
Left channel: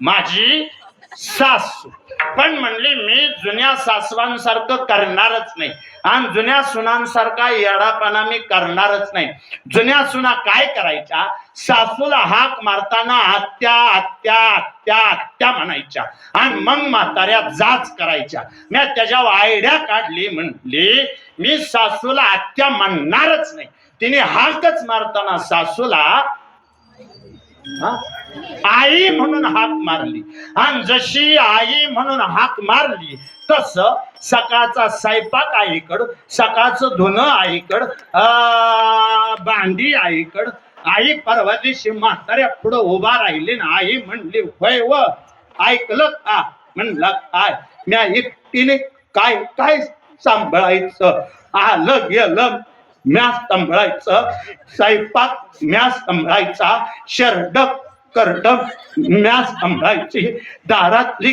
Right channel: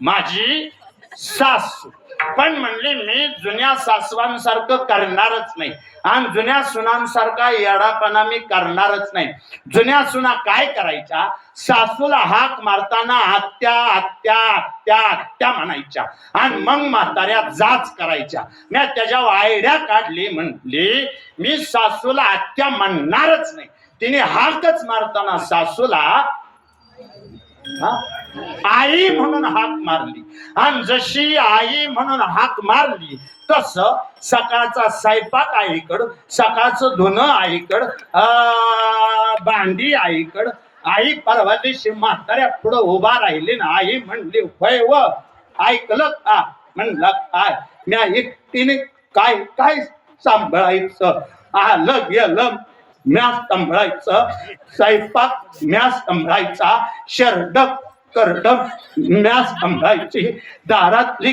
माझी सासू. पण म्हणली मी जुन्या सासवांसारखं करणारच नाही आणि जुन्या सुनांसारखा येडापणा मी करणारच नाही. जुन्या सुना काय करायच्या, सासूला हाक मारताना आत्या आत्या आत्या आत्या म्हणायच्या आणि मग म्हाताऱ्या जाच करायच्या. मी त्याच्यावर आयडिया काढली, म्हणली मी सासूला आत्या म्हणणारच नाही. तिने हाकच मारताना सासूला आई म्हणून हाक मारली आणि जशी आई म्हणून हाक मारली तस सकाळचा स्वयंपाक आईकडं, सकाळचं धुणं आईकडं, भांडी आईकडं. आई परवा दिवशी म्हाताऱ्या पुढं उभा राहिली ना, आई म्हणली होय व ऐकलं का? म्हणलं काय? म्या एकटीने काय काय सांभाळायचं, आलं गेलं म्या सांभाळायचं, स्वयंपाक म्या सांभाळायचा, शरडक करडक म्या सांभाळायची, दारातली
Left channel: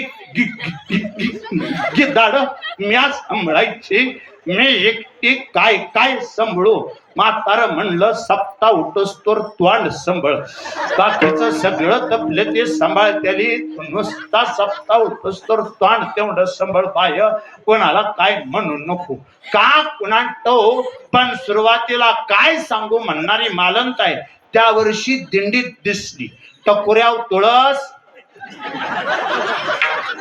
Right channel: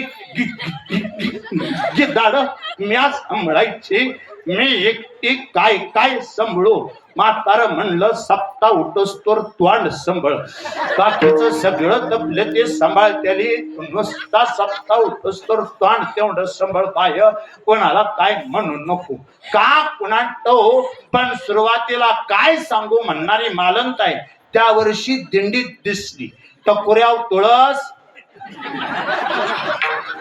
गिदाड म्या सांभाळायची, मी एकटी काय काय सांभाळू? म्हातारं म्हणलं सप्ता उठोस्तोर तोंड सांभाळ, बाकीचं सगळं तपलं ते सांभाळत्याली, नुसता सप्ता उठोस्तोर तोंड तेवढं सांभाळ पाय, कोणाला काय म्हणू नको का कुणा तो. पण सुरुवातीला काय सांगू म्हणणारी मालंत आहे, त्या वर्षी दिंडीत दिसली. टकोऱ्याव तुळस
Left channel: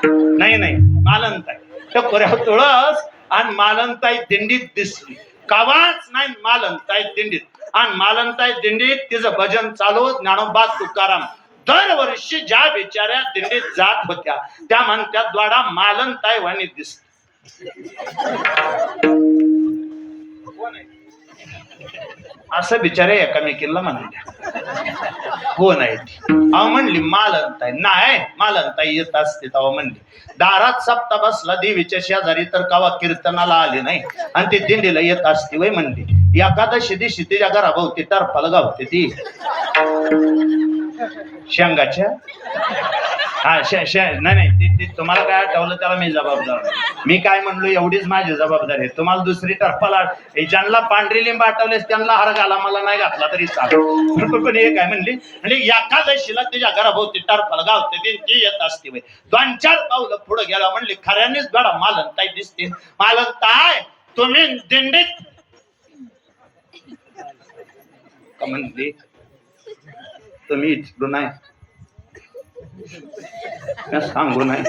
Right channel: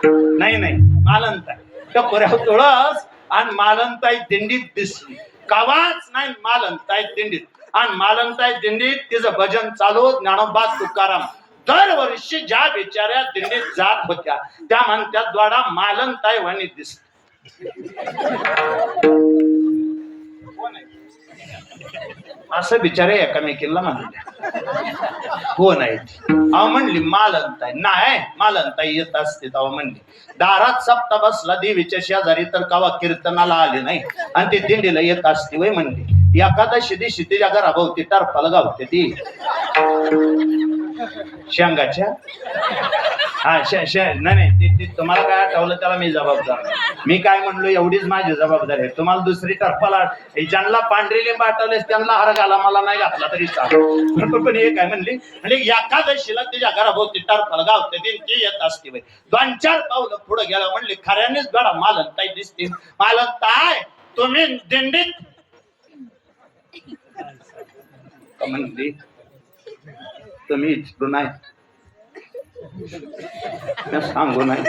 नाही मालंत आहे, टकोऱ्याव तुळस आणि मालंताई दिंडीत दिसली. कावाच नाही मालंताई दिंडीत, आणि मालंताई दिंडीत तिचं भजन चालू. ज्ञानोबा तुकाराम दरवर्षी ज्या बिचाऱ्या दिंडीत जात होत्या त्या म्हणत्या द्वाडा मालंताई वाणी दिसत. असं बिचारे एकामेकीला म्हणल्या, कोण आहे ती? अहो म्हणली मालंताई. नाही मालंताई येत असते तेव्हा म्हणली. दारात सप्ता बसला देवीच्या शेजारी तर कवा कीर्तनाला आली नाही आणि ती दिंडीला येत असते वय म्हणली. एखादशी दिवशी तिच्या घराभोवती टरफल गावते ती शेंगाच्या. हा नाही ती तुम्हाला काय आठवलं त्याला मी जबाबदार. मी काय म्हणलो एवढीच माझी जबाबदारी आहे. तुम्हाला दुसरी टरफला ज्यांना पांढरी लिंब आठवलेस त्यांना हार घाला, मला नाही घातला तरी चालू. पण हे काय म्हणली, म्हणजे एकादशीला तिच्या घराभोवती टरफल गावते ती येत असते. 2-4 पावलं पुढे गेला म्हणली खऱ्यानेच गडा मालंताई दिसतील. मालंताई तुम्ही दिंडीत म्हणली, तुम्ही इच्छू नाही सांगू नाही.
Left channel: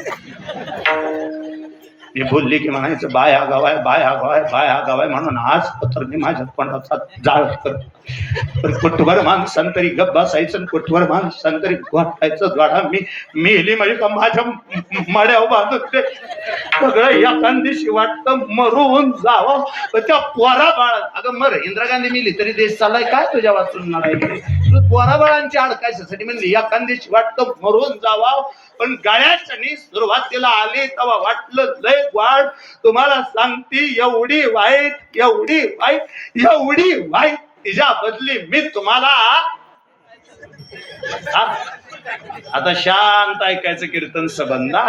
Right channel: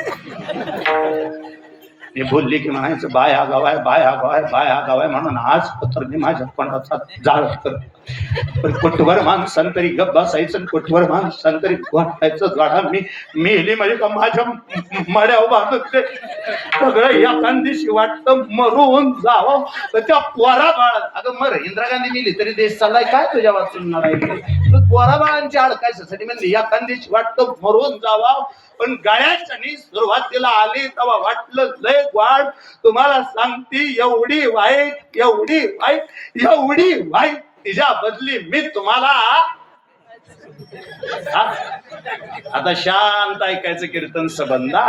मी बोलली की म्हणायचं बाया गावाय बाया गावाय बाया गावाय म्हणून आज पत्र मी माझ्या कोणाचा जाळ करते. पण कुठवर माणसांतरी गप बसायचं, कुठवर माणसांतरी वाटायचं. गाडा मी मेली म्हणजे का माझ्या मड्यावर बांधते सगळं. एखाद्याशी वाटतं मरून जावं. त्या पोरा बाळ, अगं मर इंदिरा गांधी मेली तरी देश चाललाय काय तुझ्या वाचून लढायचं? पोरा बाळांची अडकायसाठी म्हणली एखाद्याशी वाटतं मरून जावं. पण गाड्याच्यानी सुरुवातीला आली तेव्हा वाटलं लय वाढ. तुम्हाला सांगती एवढी वाईट एवढी वाईट एवढी वाईट तिच्या बदली मी तुम्हाला. आता शांत ऐकायचं कीर्तन सबंधा.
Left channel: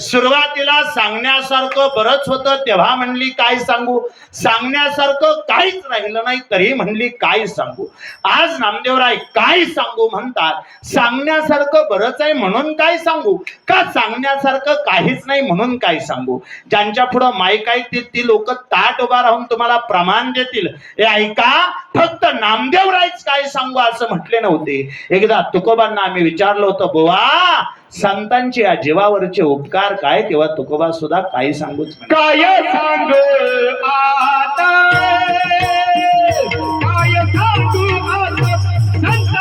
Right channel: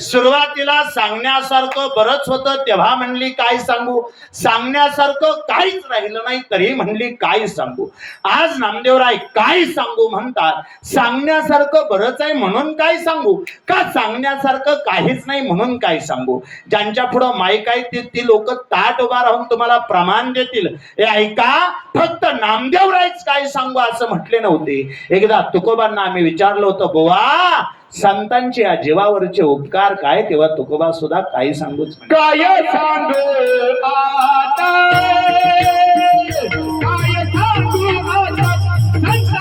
सुरुवातीला सांगण्यासारखं बरंच होतं तेव्हा म्हणली काय सांगू, सांगण्यासारखं काहीच राहिलं नाही तरी म्हणली काय सांगू. आज नामदेवराय काय सांगू म्हणतात. सांगण्यासारखं बरंच आहे म्हणून काय सांगू, का सांगण्यासारखं काहीच नाही म्हणून काय सांगू. ज्यांच्या पुढं माईक आहे ती लोक ताट उभा राहून तुम्हाला प्रमाण देतील. हे ऐका, फक्त नामदेवरायच काय सांगू असं म्हटले नव्हते. एकदा तुकोबांना आम्ही विचारलं होतं, बुवा संतांची या जीवावरचे उपकार काय, तेव्हा तुकोबा सुद्धा काही सांगूच काय सांगू आता, काय सांगू आता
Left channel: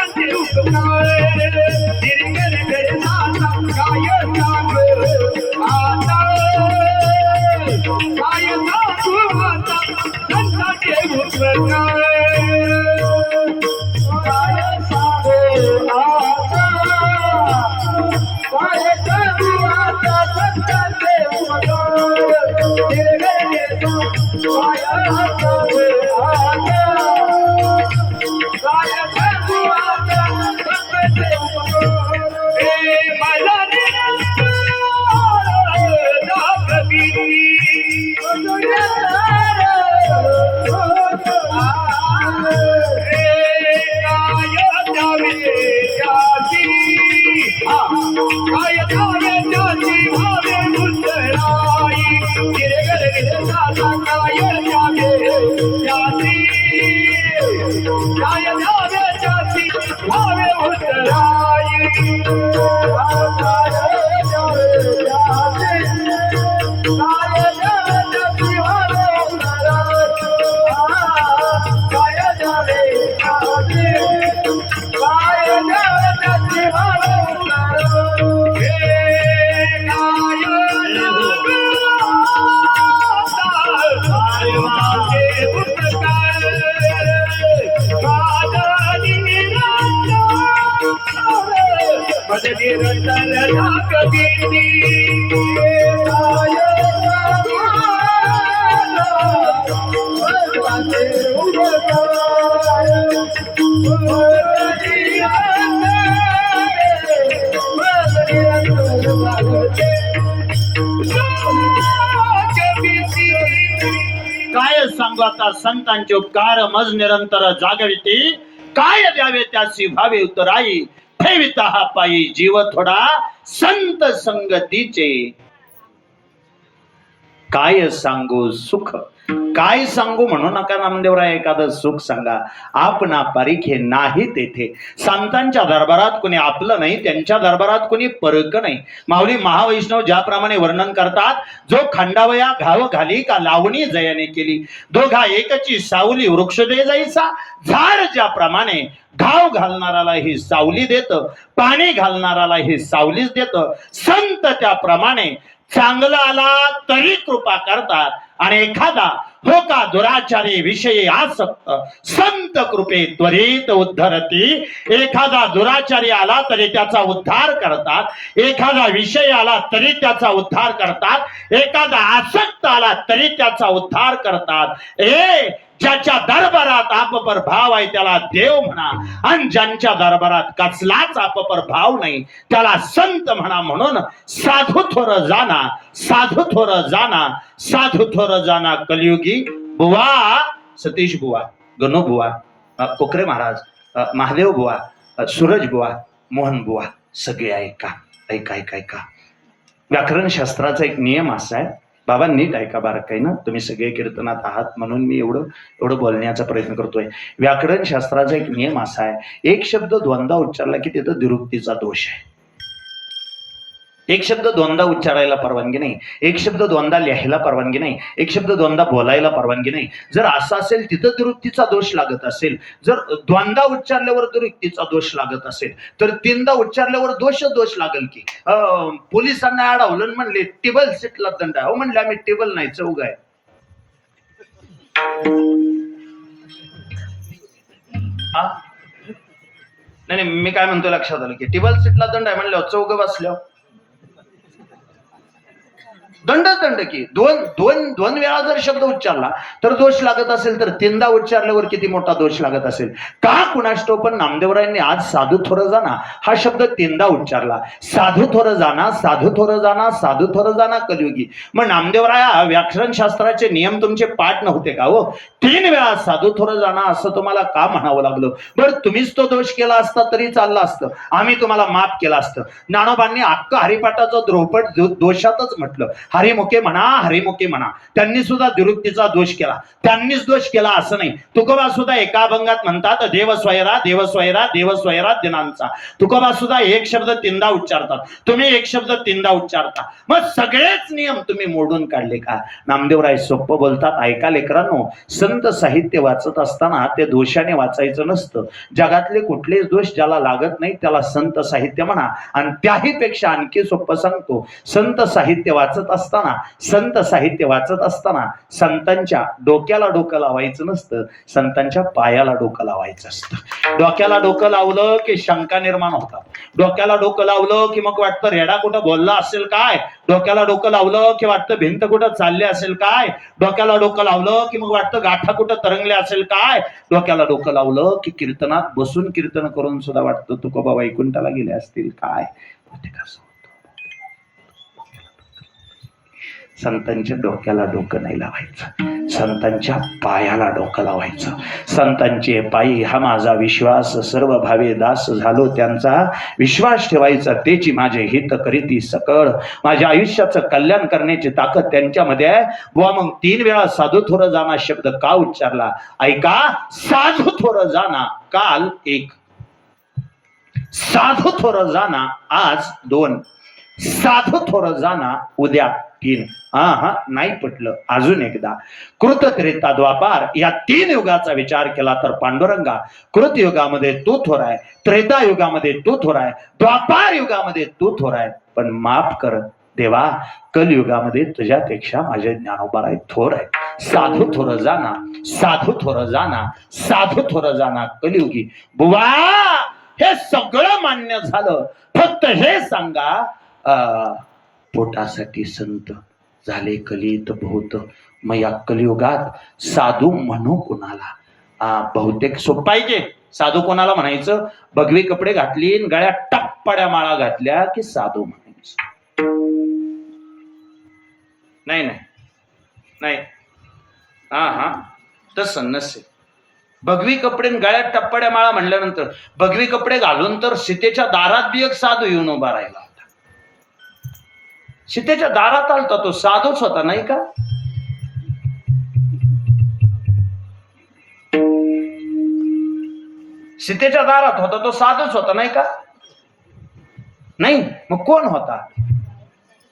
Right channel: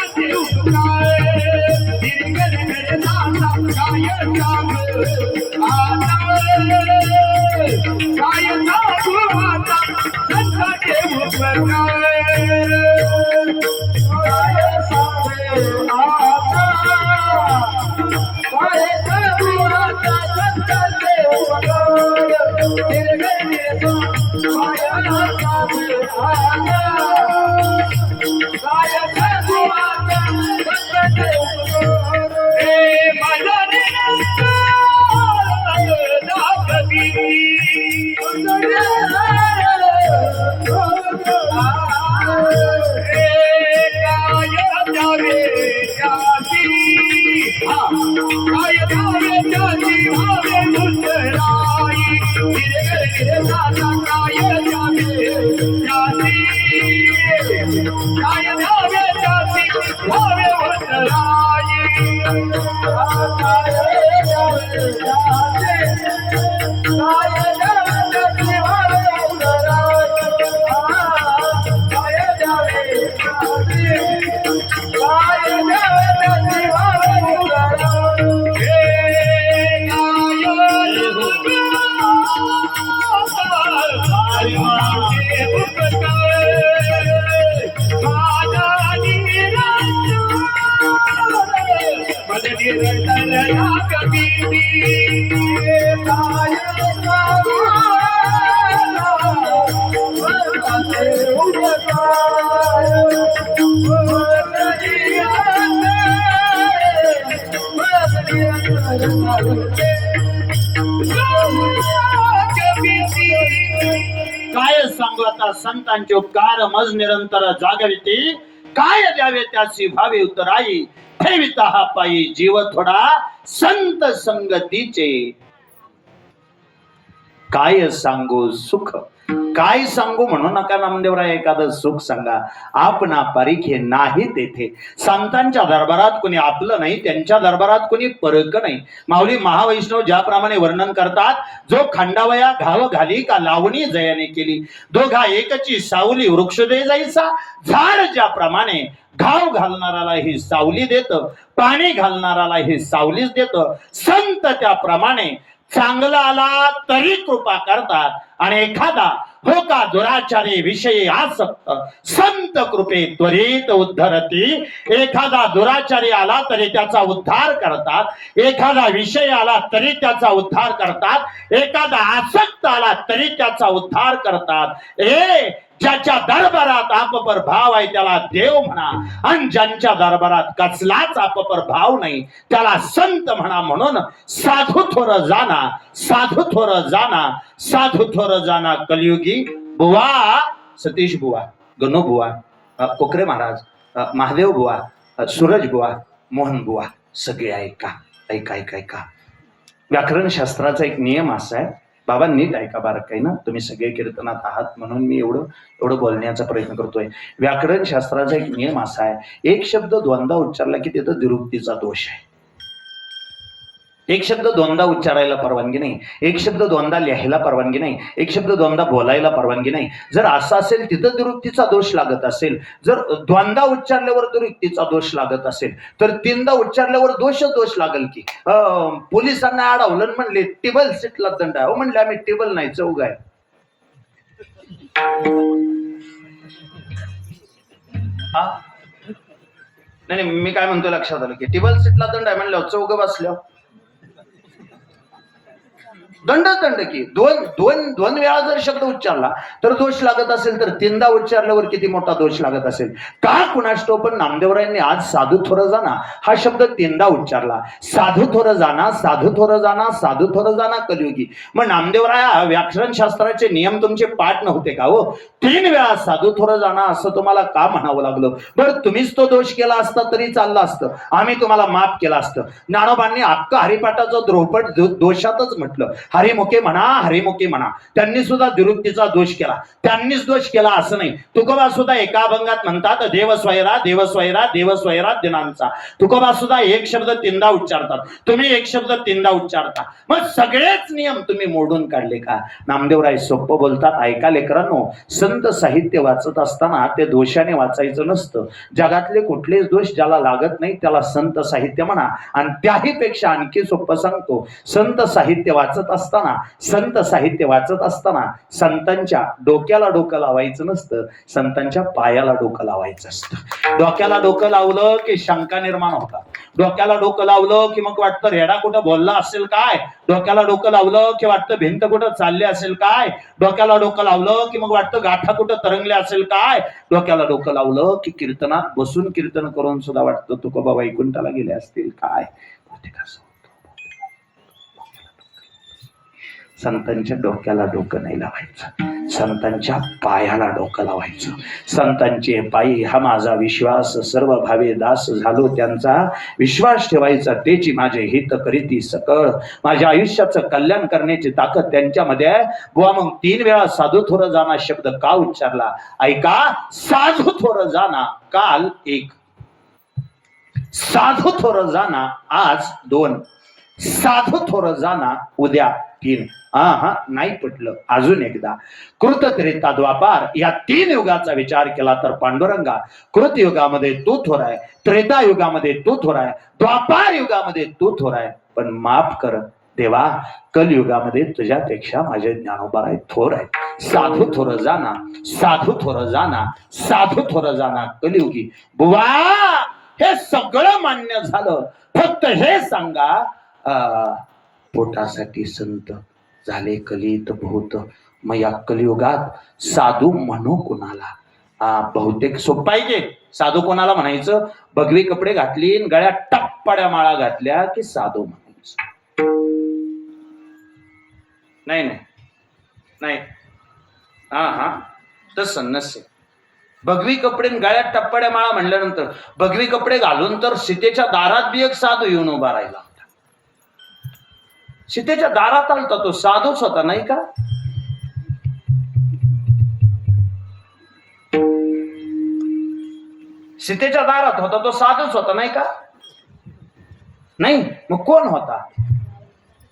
काय सांगू आता संतांचे उपकार मज निरंतर जागविती काय द्यावे त्याची भावे उतराई ठेविता हा पायी जीव थोडा संत संगतीचे काय सांगू सुख काय सांगू म्हणू नका नामदेवराय एखादं सुख सांगा आपणा परीखे नाही तेथे संतांच्या दरबारात कोणी आपलं नाही त्यांच्या दरबारात कोणी परक नाही माऊली महावैष्णव ज्याप्रमाणे वर्णन करतात जो खंडावया घाव घाली का लावणी जयाने केली दोघा एकची सावली वृक्ष दे जायचा झाड ज्याप्रमाणे घाव घालणाराला ही सावली देत पाणी घालणाराला ही सावलीच देत संत त्याप्रमाणे चांगला आला तरी कृपा करतात आणि एखादा हो का दुराचारी विषयी आसक्त संत कृपे त्वरित उद्धरती एखादा दुराचारी आला तरी त्याचा उद्धार करतात एखादा विषय आला तरी त्याचा उद्धार करतात एखादा आसक्त आला तरी त्याचा उद्धार करतात ज्याच्या दरबारात आपपर भाव आहे त्याला देव म्हणा आणि ज्यांच्या दरबारात कसलाच आपपर भाव नाही त्याला संत म्हणा म्हणून साधू थोर जाना साधू थोर जाना साधू थोर जाना कलियुगी बुवा सतीश बुवा गणू बुवा कोकरे महाराज महादेव बुवा सूरज बुवा मोहन बुवा सगळे ऐका ऐका ऐका ऐका व्याकरण शास्त्राचा एक नियम असा आहे बाबा नीट ऐका बारकाईनं तुम्ही सगळे कीर्तनात आहात म्हणून मी एवढं बोलण्याचा प्रयत्न करतोय व्याकरण शास्त्राचा एक नियम असा आहे एक शब्द दोनदा उच्चारला की तिथं द्विरुक्तीचा दोष आहे एक शब्द दोनदा उच्चारायला परवानगी नाही एक शब्द दोनदा लिहायला परवानगी नाही एक शब्द दोनदा बोलायला परवानगी नाही जर असं असेल तिथं द्विरुक्तीचा दोष लागत असेल जर दोनदा उच्चारल्यावर द्विरुक्तीचा दोष लागत असेल तर तीनदा उच्चारल्यावर दोष लागेल की पोलिसांना अडवलं म्हणले टेबल सीटला दंड आहे म्हणले आम्ही टेबल नाही चौघ आहे नाही मी काय म्हणतो लक्षात आलं की टेबल सीटला दंड आहे म्हणल्यावर चौघ बसल्या दंड की दोन वेळा जर शब्द उच्चारला तर दोष लागत असेल तर तीनदा उच्चारल्यावर किती मोठा दोष लागत असेल का कुणाष्टो पण नामदेवरायांनी आज साधू थोर जाना हा शब्द तीनदा उच्चारला साधू थोर जाना साधू थोर जाना साधू थोर जाना कलियुगी मग नामदेवराया व्याकरण शास्त्राचे नियम तुमचे पाठ नव्हते का हो 3 वेळा साधू थोर जाना असं तुम्हाला का म्हणावं लागलं बरं तुम्हीच तो दोष केला असता तरी चाललं असतं आम्ही तुम्हाला माफ केलं असतं ज्ञानोबांनी अख्खा हरिपाठाचा द्रोपट दोषातच म्हटलं हरिमुखे म्हणा त्यांनी सुद्धा द्विरुक्तीचा दोष केला त्यांनीच दोष केला असं नाही तुकोबा सुद्धा एका अभंगात म्हणतात देव स्वयरा देव स्वयरा देव स्वयरा दिनांचा तुकोबा सुद्धा एक शब्द तीनदा उच्चारतात तुम्ही एक शब्द तीनदा उच्चारता मग सगळेच नियम तुम्ही मोडून काढले का नामदेवराय सोपं बोलतात ऐका लेकरांनो संत साहित्य वाचत असताना ते दोषाने वाचायचं नसतं जगातले कुठलेच दोष ज्याला लागत नाही त्याला संत साहित्य म्हणा आणि त्याही पेक्षा आणखी सोपं सांगतो संत साहित्य वाचत असताना, संत साहित्य वाचत असताना संतांच्या डोक्याला डोकं लावायचं नसतं, संतांच्या पायाला डोकं लावायचं असतं. डोक्याला डोकं लावलं की शंका निर्माण होतात. डोक्याला डोकं लावलं की मग वाटतं रेडा कुठं बोलला असेल काय, डोक्याला डोकं लावलं की वाटतं भिंत कुठं चालली असेल काय, डोक्याला डोकं लावलं की मग वाटतं गाठा कुठं तरंगले असेल काय, डोक्याला डोकं लावलं की कीर्तनात बसून कीर्तन करून सुद्धा वाटतं तुकोबा वैकुंठाला गेले असतील काय. संतांच्या डोक्याला डोकं नाही लावायचं, संतांच्या पायाला डोकं लावायचं. संतांचे पायी हा माझा विश्वास, सर्व भावे दास झालो त्यांचा, विश्वास ठेवायचा तेची माझे हित करीती सकळ, माझ्या आयुष्याचं कल्याण करण्याची ताकद त्यांच्यामध्ये आहे. बुवा मग 3 वेळा साधू थोर जाना शब्द का उच्चारला ऐका. साधू थोर जाना काल 1, साधू थोर जाना आज 2, साधू थोर जाना उद्या 3. नाही पटलं अजून एकदा. कृत त्रेता द्वापार या 3 युगाचा विचार केला तर पांडुरंगा कृत युगामध्ये तू थोर आहे, त्रेता युगामध्ये तू थोर आहे, द्वापार युगामध्ये तू थोर आहे. पण माफ कर देवा, कलयुगामध्ये तुझ्यापेक्षा माझे ज्ञानोबा थोर आहे. साधू थोर जाना, साधू थोर जाना, साधू थोर जाना कलियुगी. बुवा हे सगळं मान्य झालं, फक्त हे सांगा पोटासाठी संत झाले कलित बहुत, मग या कलियुगात साधू म्हणू कोणाला. बहुतेक सोपं आहे की साधू कोणाला म्हणायचं. भगवी कपडे घातली, गळ्यात टप्पड्या माळा घातल्या की साधू म्हणायचं. नाही नाही नाही, तसं नसेल. भगवी कपडे गळ्यात टप्पड्या माळा म्हणल्यानंतर भगवी कपडे घालून तर सीतेच्या दारात बी एक साधू येऊन उभा राहिला होता. सीतेच्या दारात आलता तो साधूच होता नाही का. सीतेच्या दारात होता तो साधूच होता नाही का. नाही मग कोण होता.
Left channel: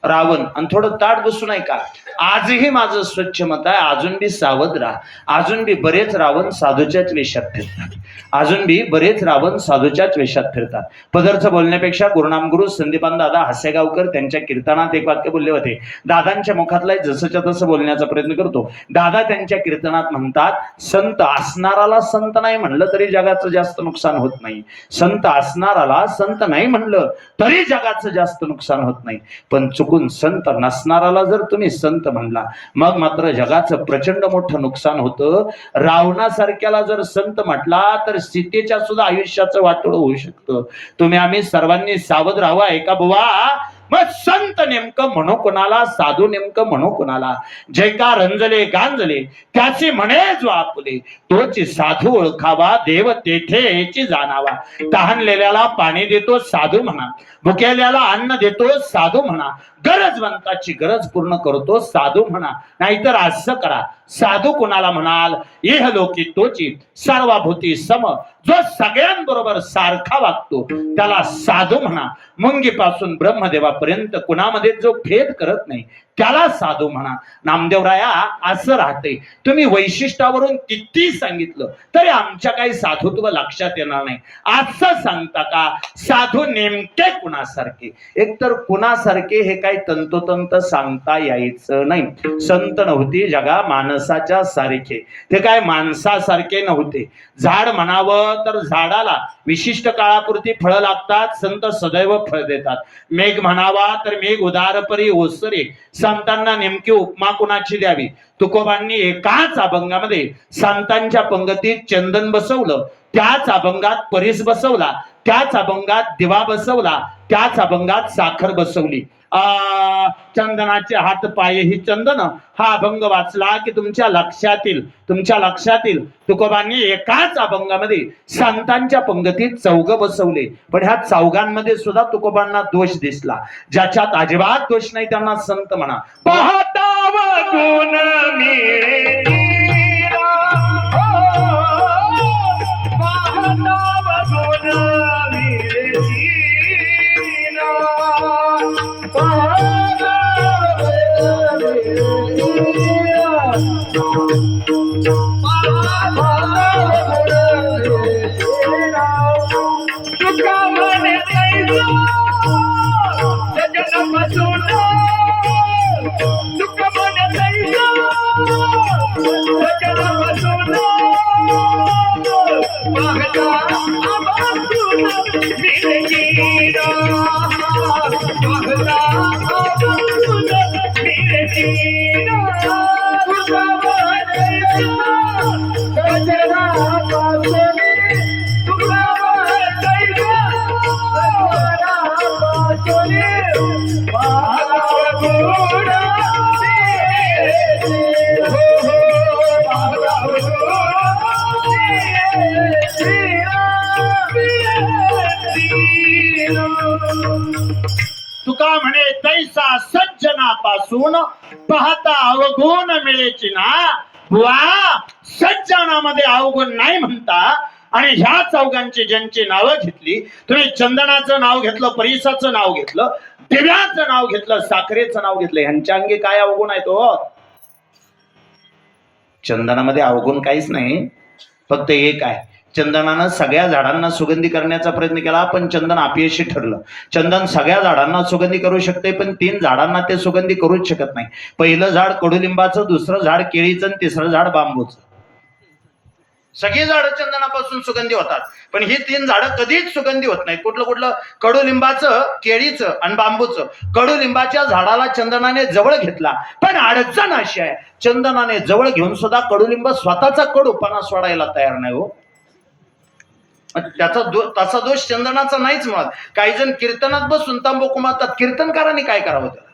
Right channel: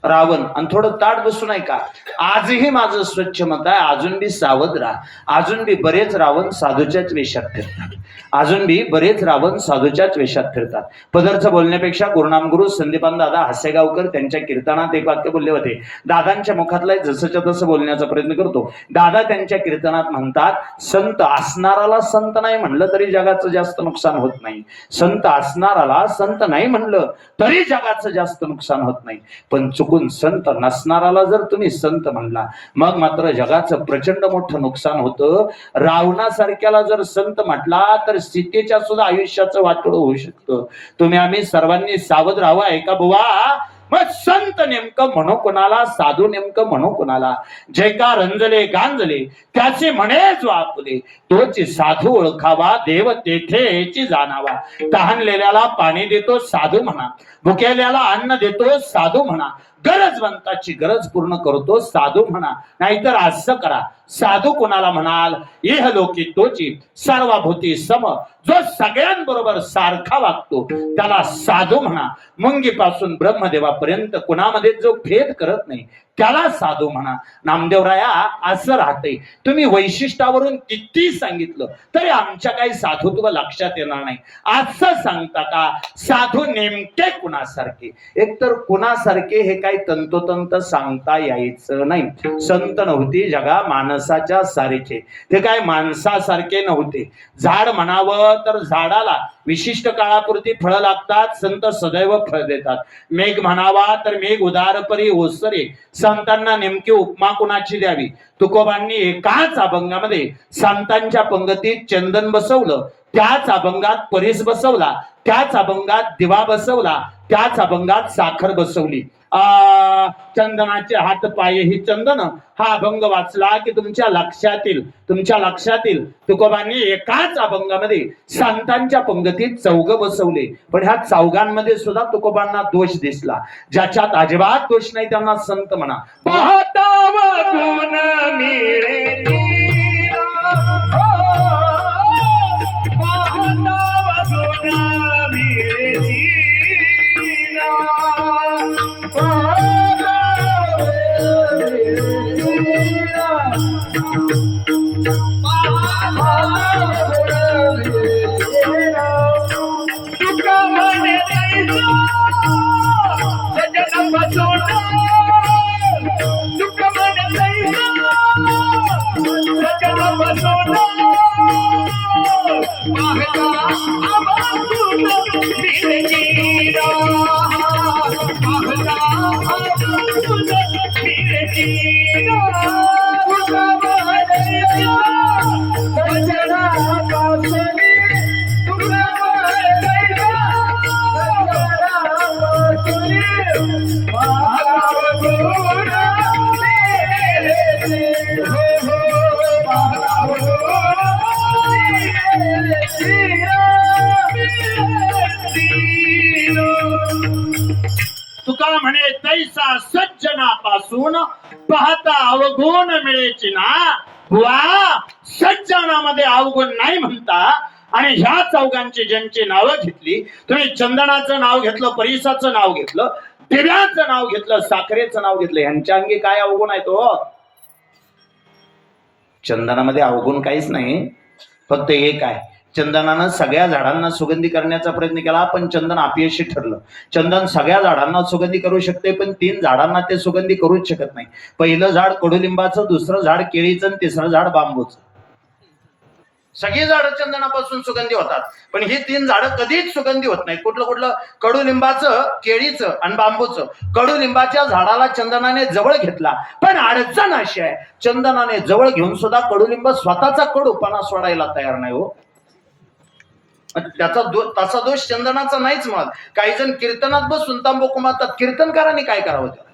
रावण. आणि थोडं ताट बसू नाही का. आजही माझं स्वच्छ मत आहे, अजून बी सावध राहा. अजून बी बरेच रावण साधूच्याच वेशात फिरतात, अजून बी बरेच रावण साधूच्याच वेशात फिरतात. पदरचं बोलण्यापेक्षा गुरुनामगुरु संदीपान दादा हसेगावकर त्यांच्या कीर्तनात एक वाक्य बोलले होते. दादांच्या मुखातला जसंच्या तसं बोलण्याचा प्रयत्न करतो. दादा त्यांच्या कीर्तनात म्हणतात, संत असणाराला संत नाही म्हणलं तरी जगाचं जास्त नुकसान होत नाही, संत असणाराला संत नाही म्हणलं तरी जगाचं जास्त नुकसान होत नाही, पण चुकून संत नसणाराला जर तुम्ही संत म्हणला मग मात्र जगाचं प्रचंड मोठं नुकसान होतं. रावणासारख्याला जर संत म्हटला तर सीतेच्या सुद्धा आयुष्याचं वाटोळं होऊ शकतं. तुम्ही आम्ही सर्वांनी सावध राहावं. ऐका बुवा, मग संत नेमकं म्हणू कोणाला, साधू नेमकं म्हणू कोणाला. जे का रंजले गांजले त्याचे म्हणे जो आपुले, तोची साधू ओळखावा देव तेथेची जाणावा. तहानलेल्याला पाणी देतो साधू म्हणा, भुकेल्याला अन्न देतो साधू म्हणा, गरजवंताची गरज पूर्ण करतो साधू म्हणा. नाहीतर असं करा, साधू कोणाला म्हणाल, इहलोकी तोची सर्वभूती सम, जो सगळ्यांबरोबर सारखा वागतो त्याला साधू म्हणा. मुंगीपासून ब्रह्मदेवापर्यंत कुणामध्ये जो भेद करत नाही त्याला साधू म्हणा. नामदेवराया असं राहते. तुम्ही वैशिष्ट्यावरून किती सांगितलं तरी आमच्या काही साधुत्व लक्षात येणार नाही. असं सांगता का साधू नेमके कुणासारखे. एकतर कुणासारखे हे काही तंतोतंत सांगता यायचं नाही. संत नव्हती जगा माणसाच्या सारखे, ते काय माणसासारखे नव्हते. झाड म्हणावं तर झाडाला विशिष्ट काळापुरती फळं लागतात, संत सदैव फळ देतात. मेघ म्हणावा तर मेघ उदारपरी ओसरे. संतांना नेमकी उपमा कुणाची द्यावी. तुकोबांनी एकाच अभंगामध्ये संतांच्या पंगतीत चंदन बसवलं, त्याच अभंगात परीस बसवला, त्याच अभंगात दिवा बसवला, त्याच अभंगात साखर बसवली. चंदनाचे हात पाये ही चंदन हा अभंग वाचला की तुमच्या लक्षात येईल तुकोबांनी एकाच अभंगामध्ये संतांच्या पंगतीत चौघ बसवले. पण ह्या चौघांमध्ये सुद्धा तुकोबांना दोष दिसला. ज्याच्यात अजिबात दोष नाही त्यांना संत म्हणा. पाहता गुण मिळे तुका म्हणे तैसा सज्जनापासून पाहता अवगुण मिळेची ना बुवा. सज्जनामध्ये अवगुण नाही म्हणता आणि ह्या चौघांची ज्यांची नावं घेतली तुम्ही, चंदनाचं नाव घेतलं, परिसाचं नाव घेतलं, दिव्याचं नाव घेतलं, साखरेचं नाव घेतलं, ह्यांच्या अंगी काय अवगुण आहे तो? चंदनामध्ये अवगुण काहीच नाही, फक्त एक आहे, चंदनानं सगळ्या झाडांना सुगंधी करण्याचा प्रयत्न केला पण चंदन अपयशी ठरलं. चंदन सगळ्या झाडांना सुगंधी करू शकते पण 3 झाडांना ते सुगंधी करूच शकत नाही. पहिलं झाड कडुलिंबाचं, दुसरं झाड केळीचं आणि तिसरं झाड बांबूचं. सगळी झाडं चंदनापासून सुगंधी होतात पण ही 3 झाडं कधीच सुगंधी होत नाही. कुठलं? कडुलिंबाचं, केळीचं आणि बांबूचं. कडुलिंबाच्या झाडाला चंदनाने जवळ घेतला पण अडचण अशी आहे, चंदनाने जवळ घेऊन सुद्धा कडुलिंब स्वतःचा कडूपणा सोडायला तयार नाही हो. तसा दोष चंदनाचा नाहीच. मग काही जण कीर्तनात बसून तंबाखू मारतात, कीर्तनकारांनी काय करावं त्याला?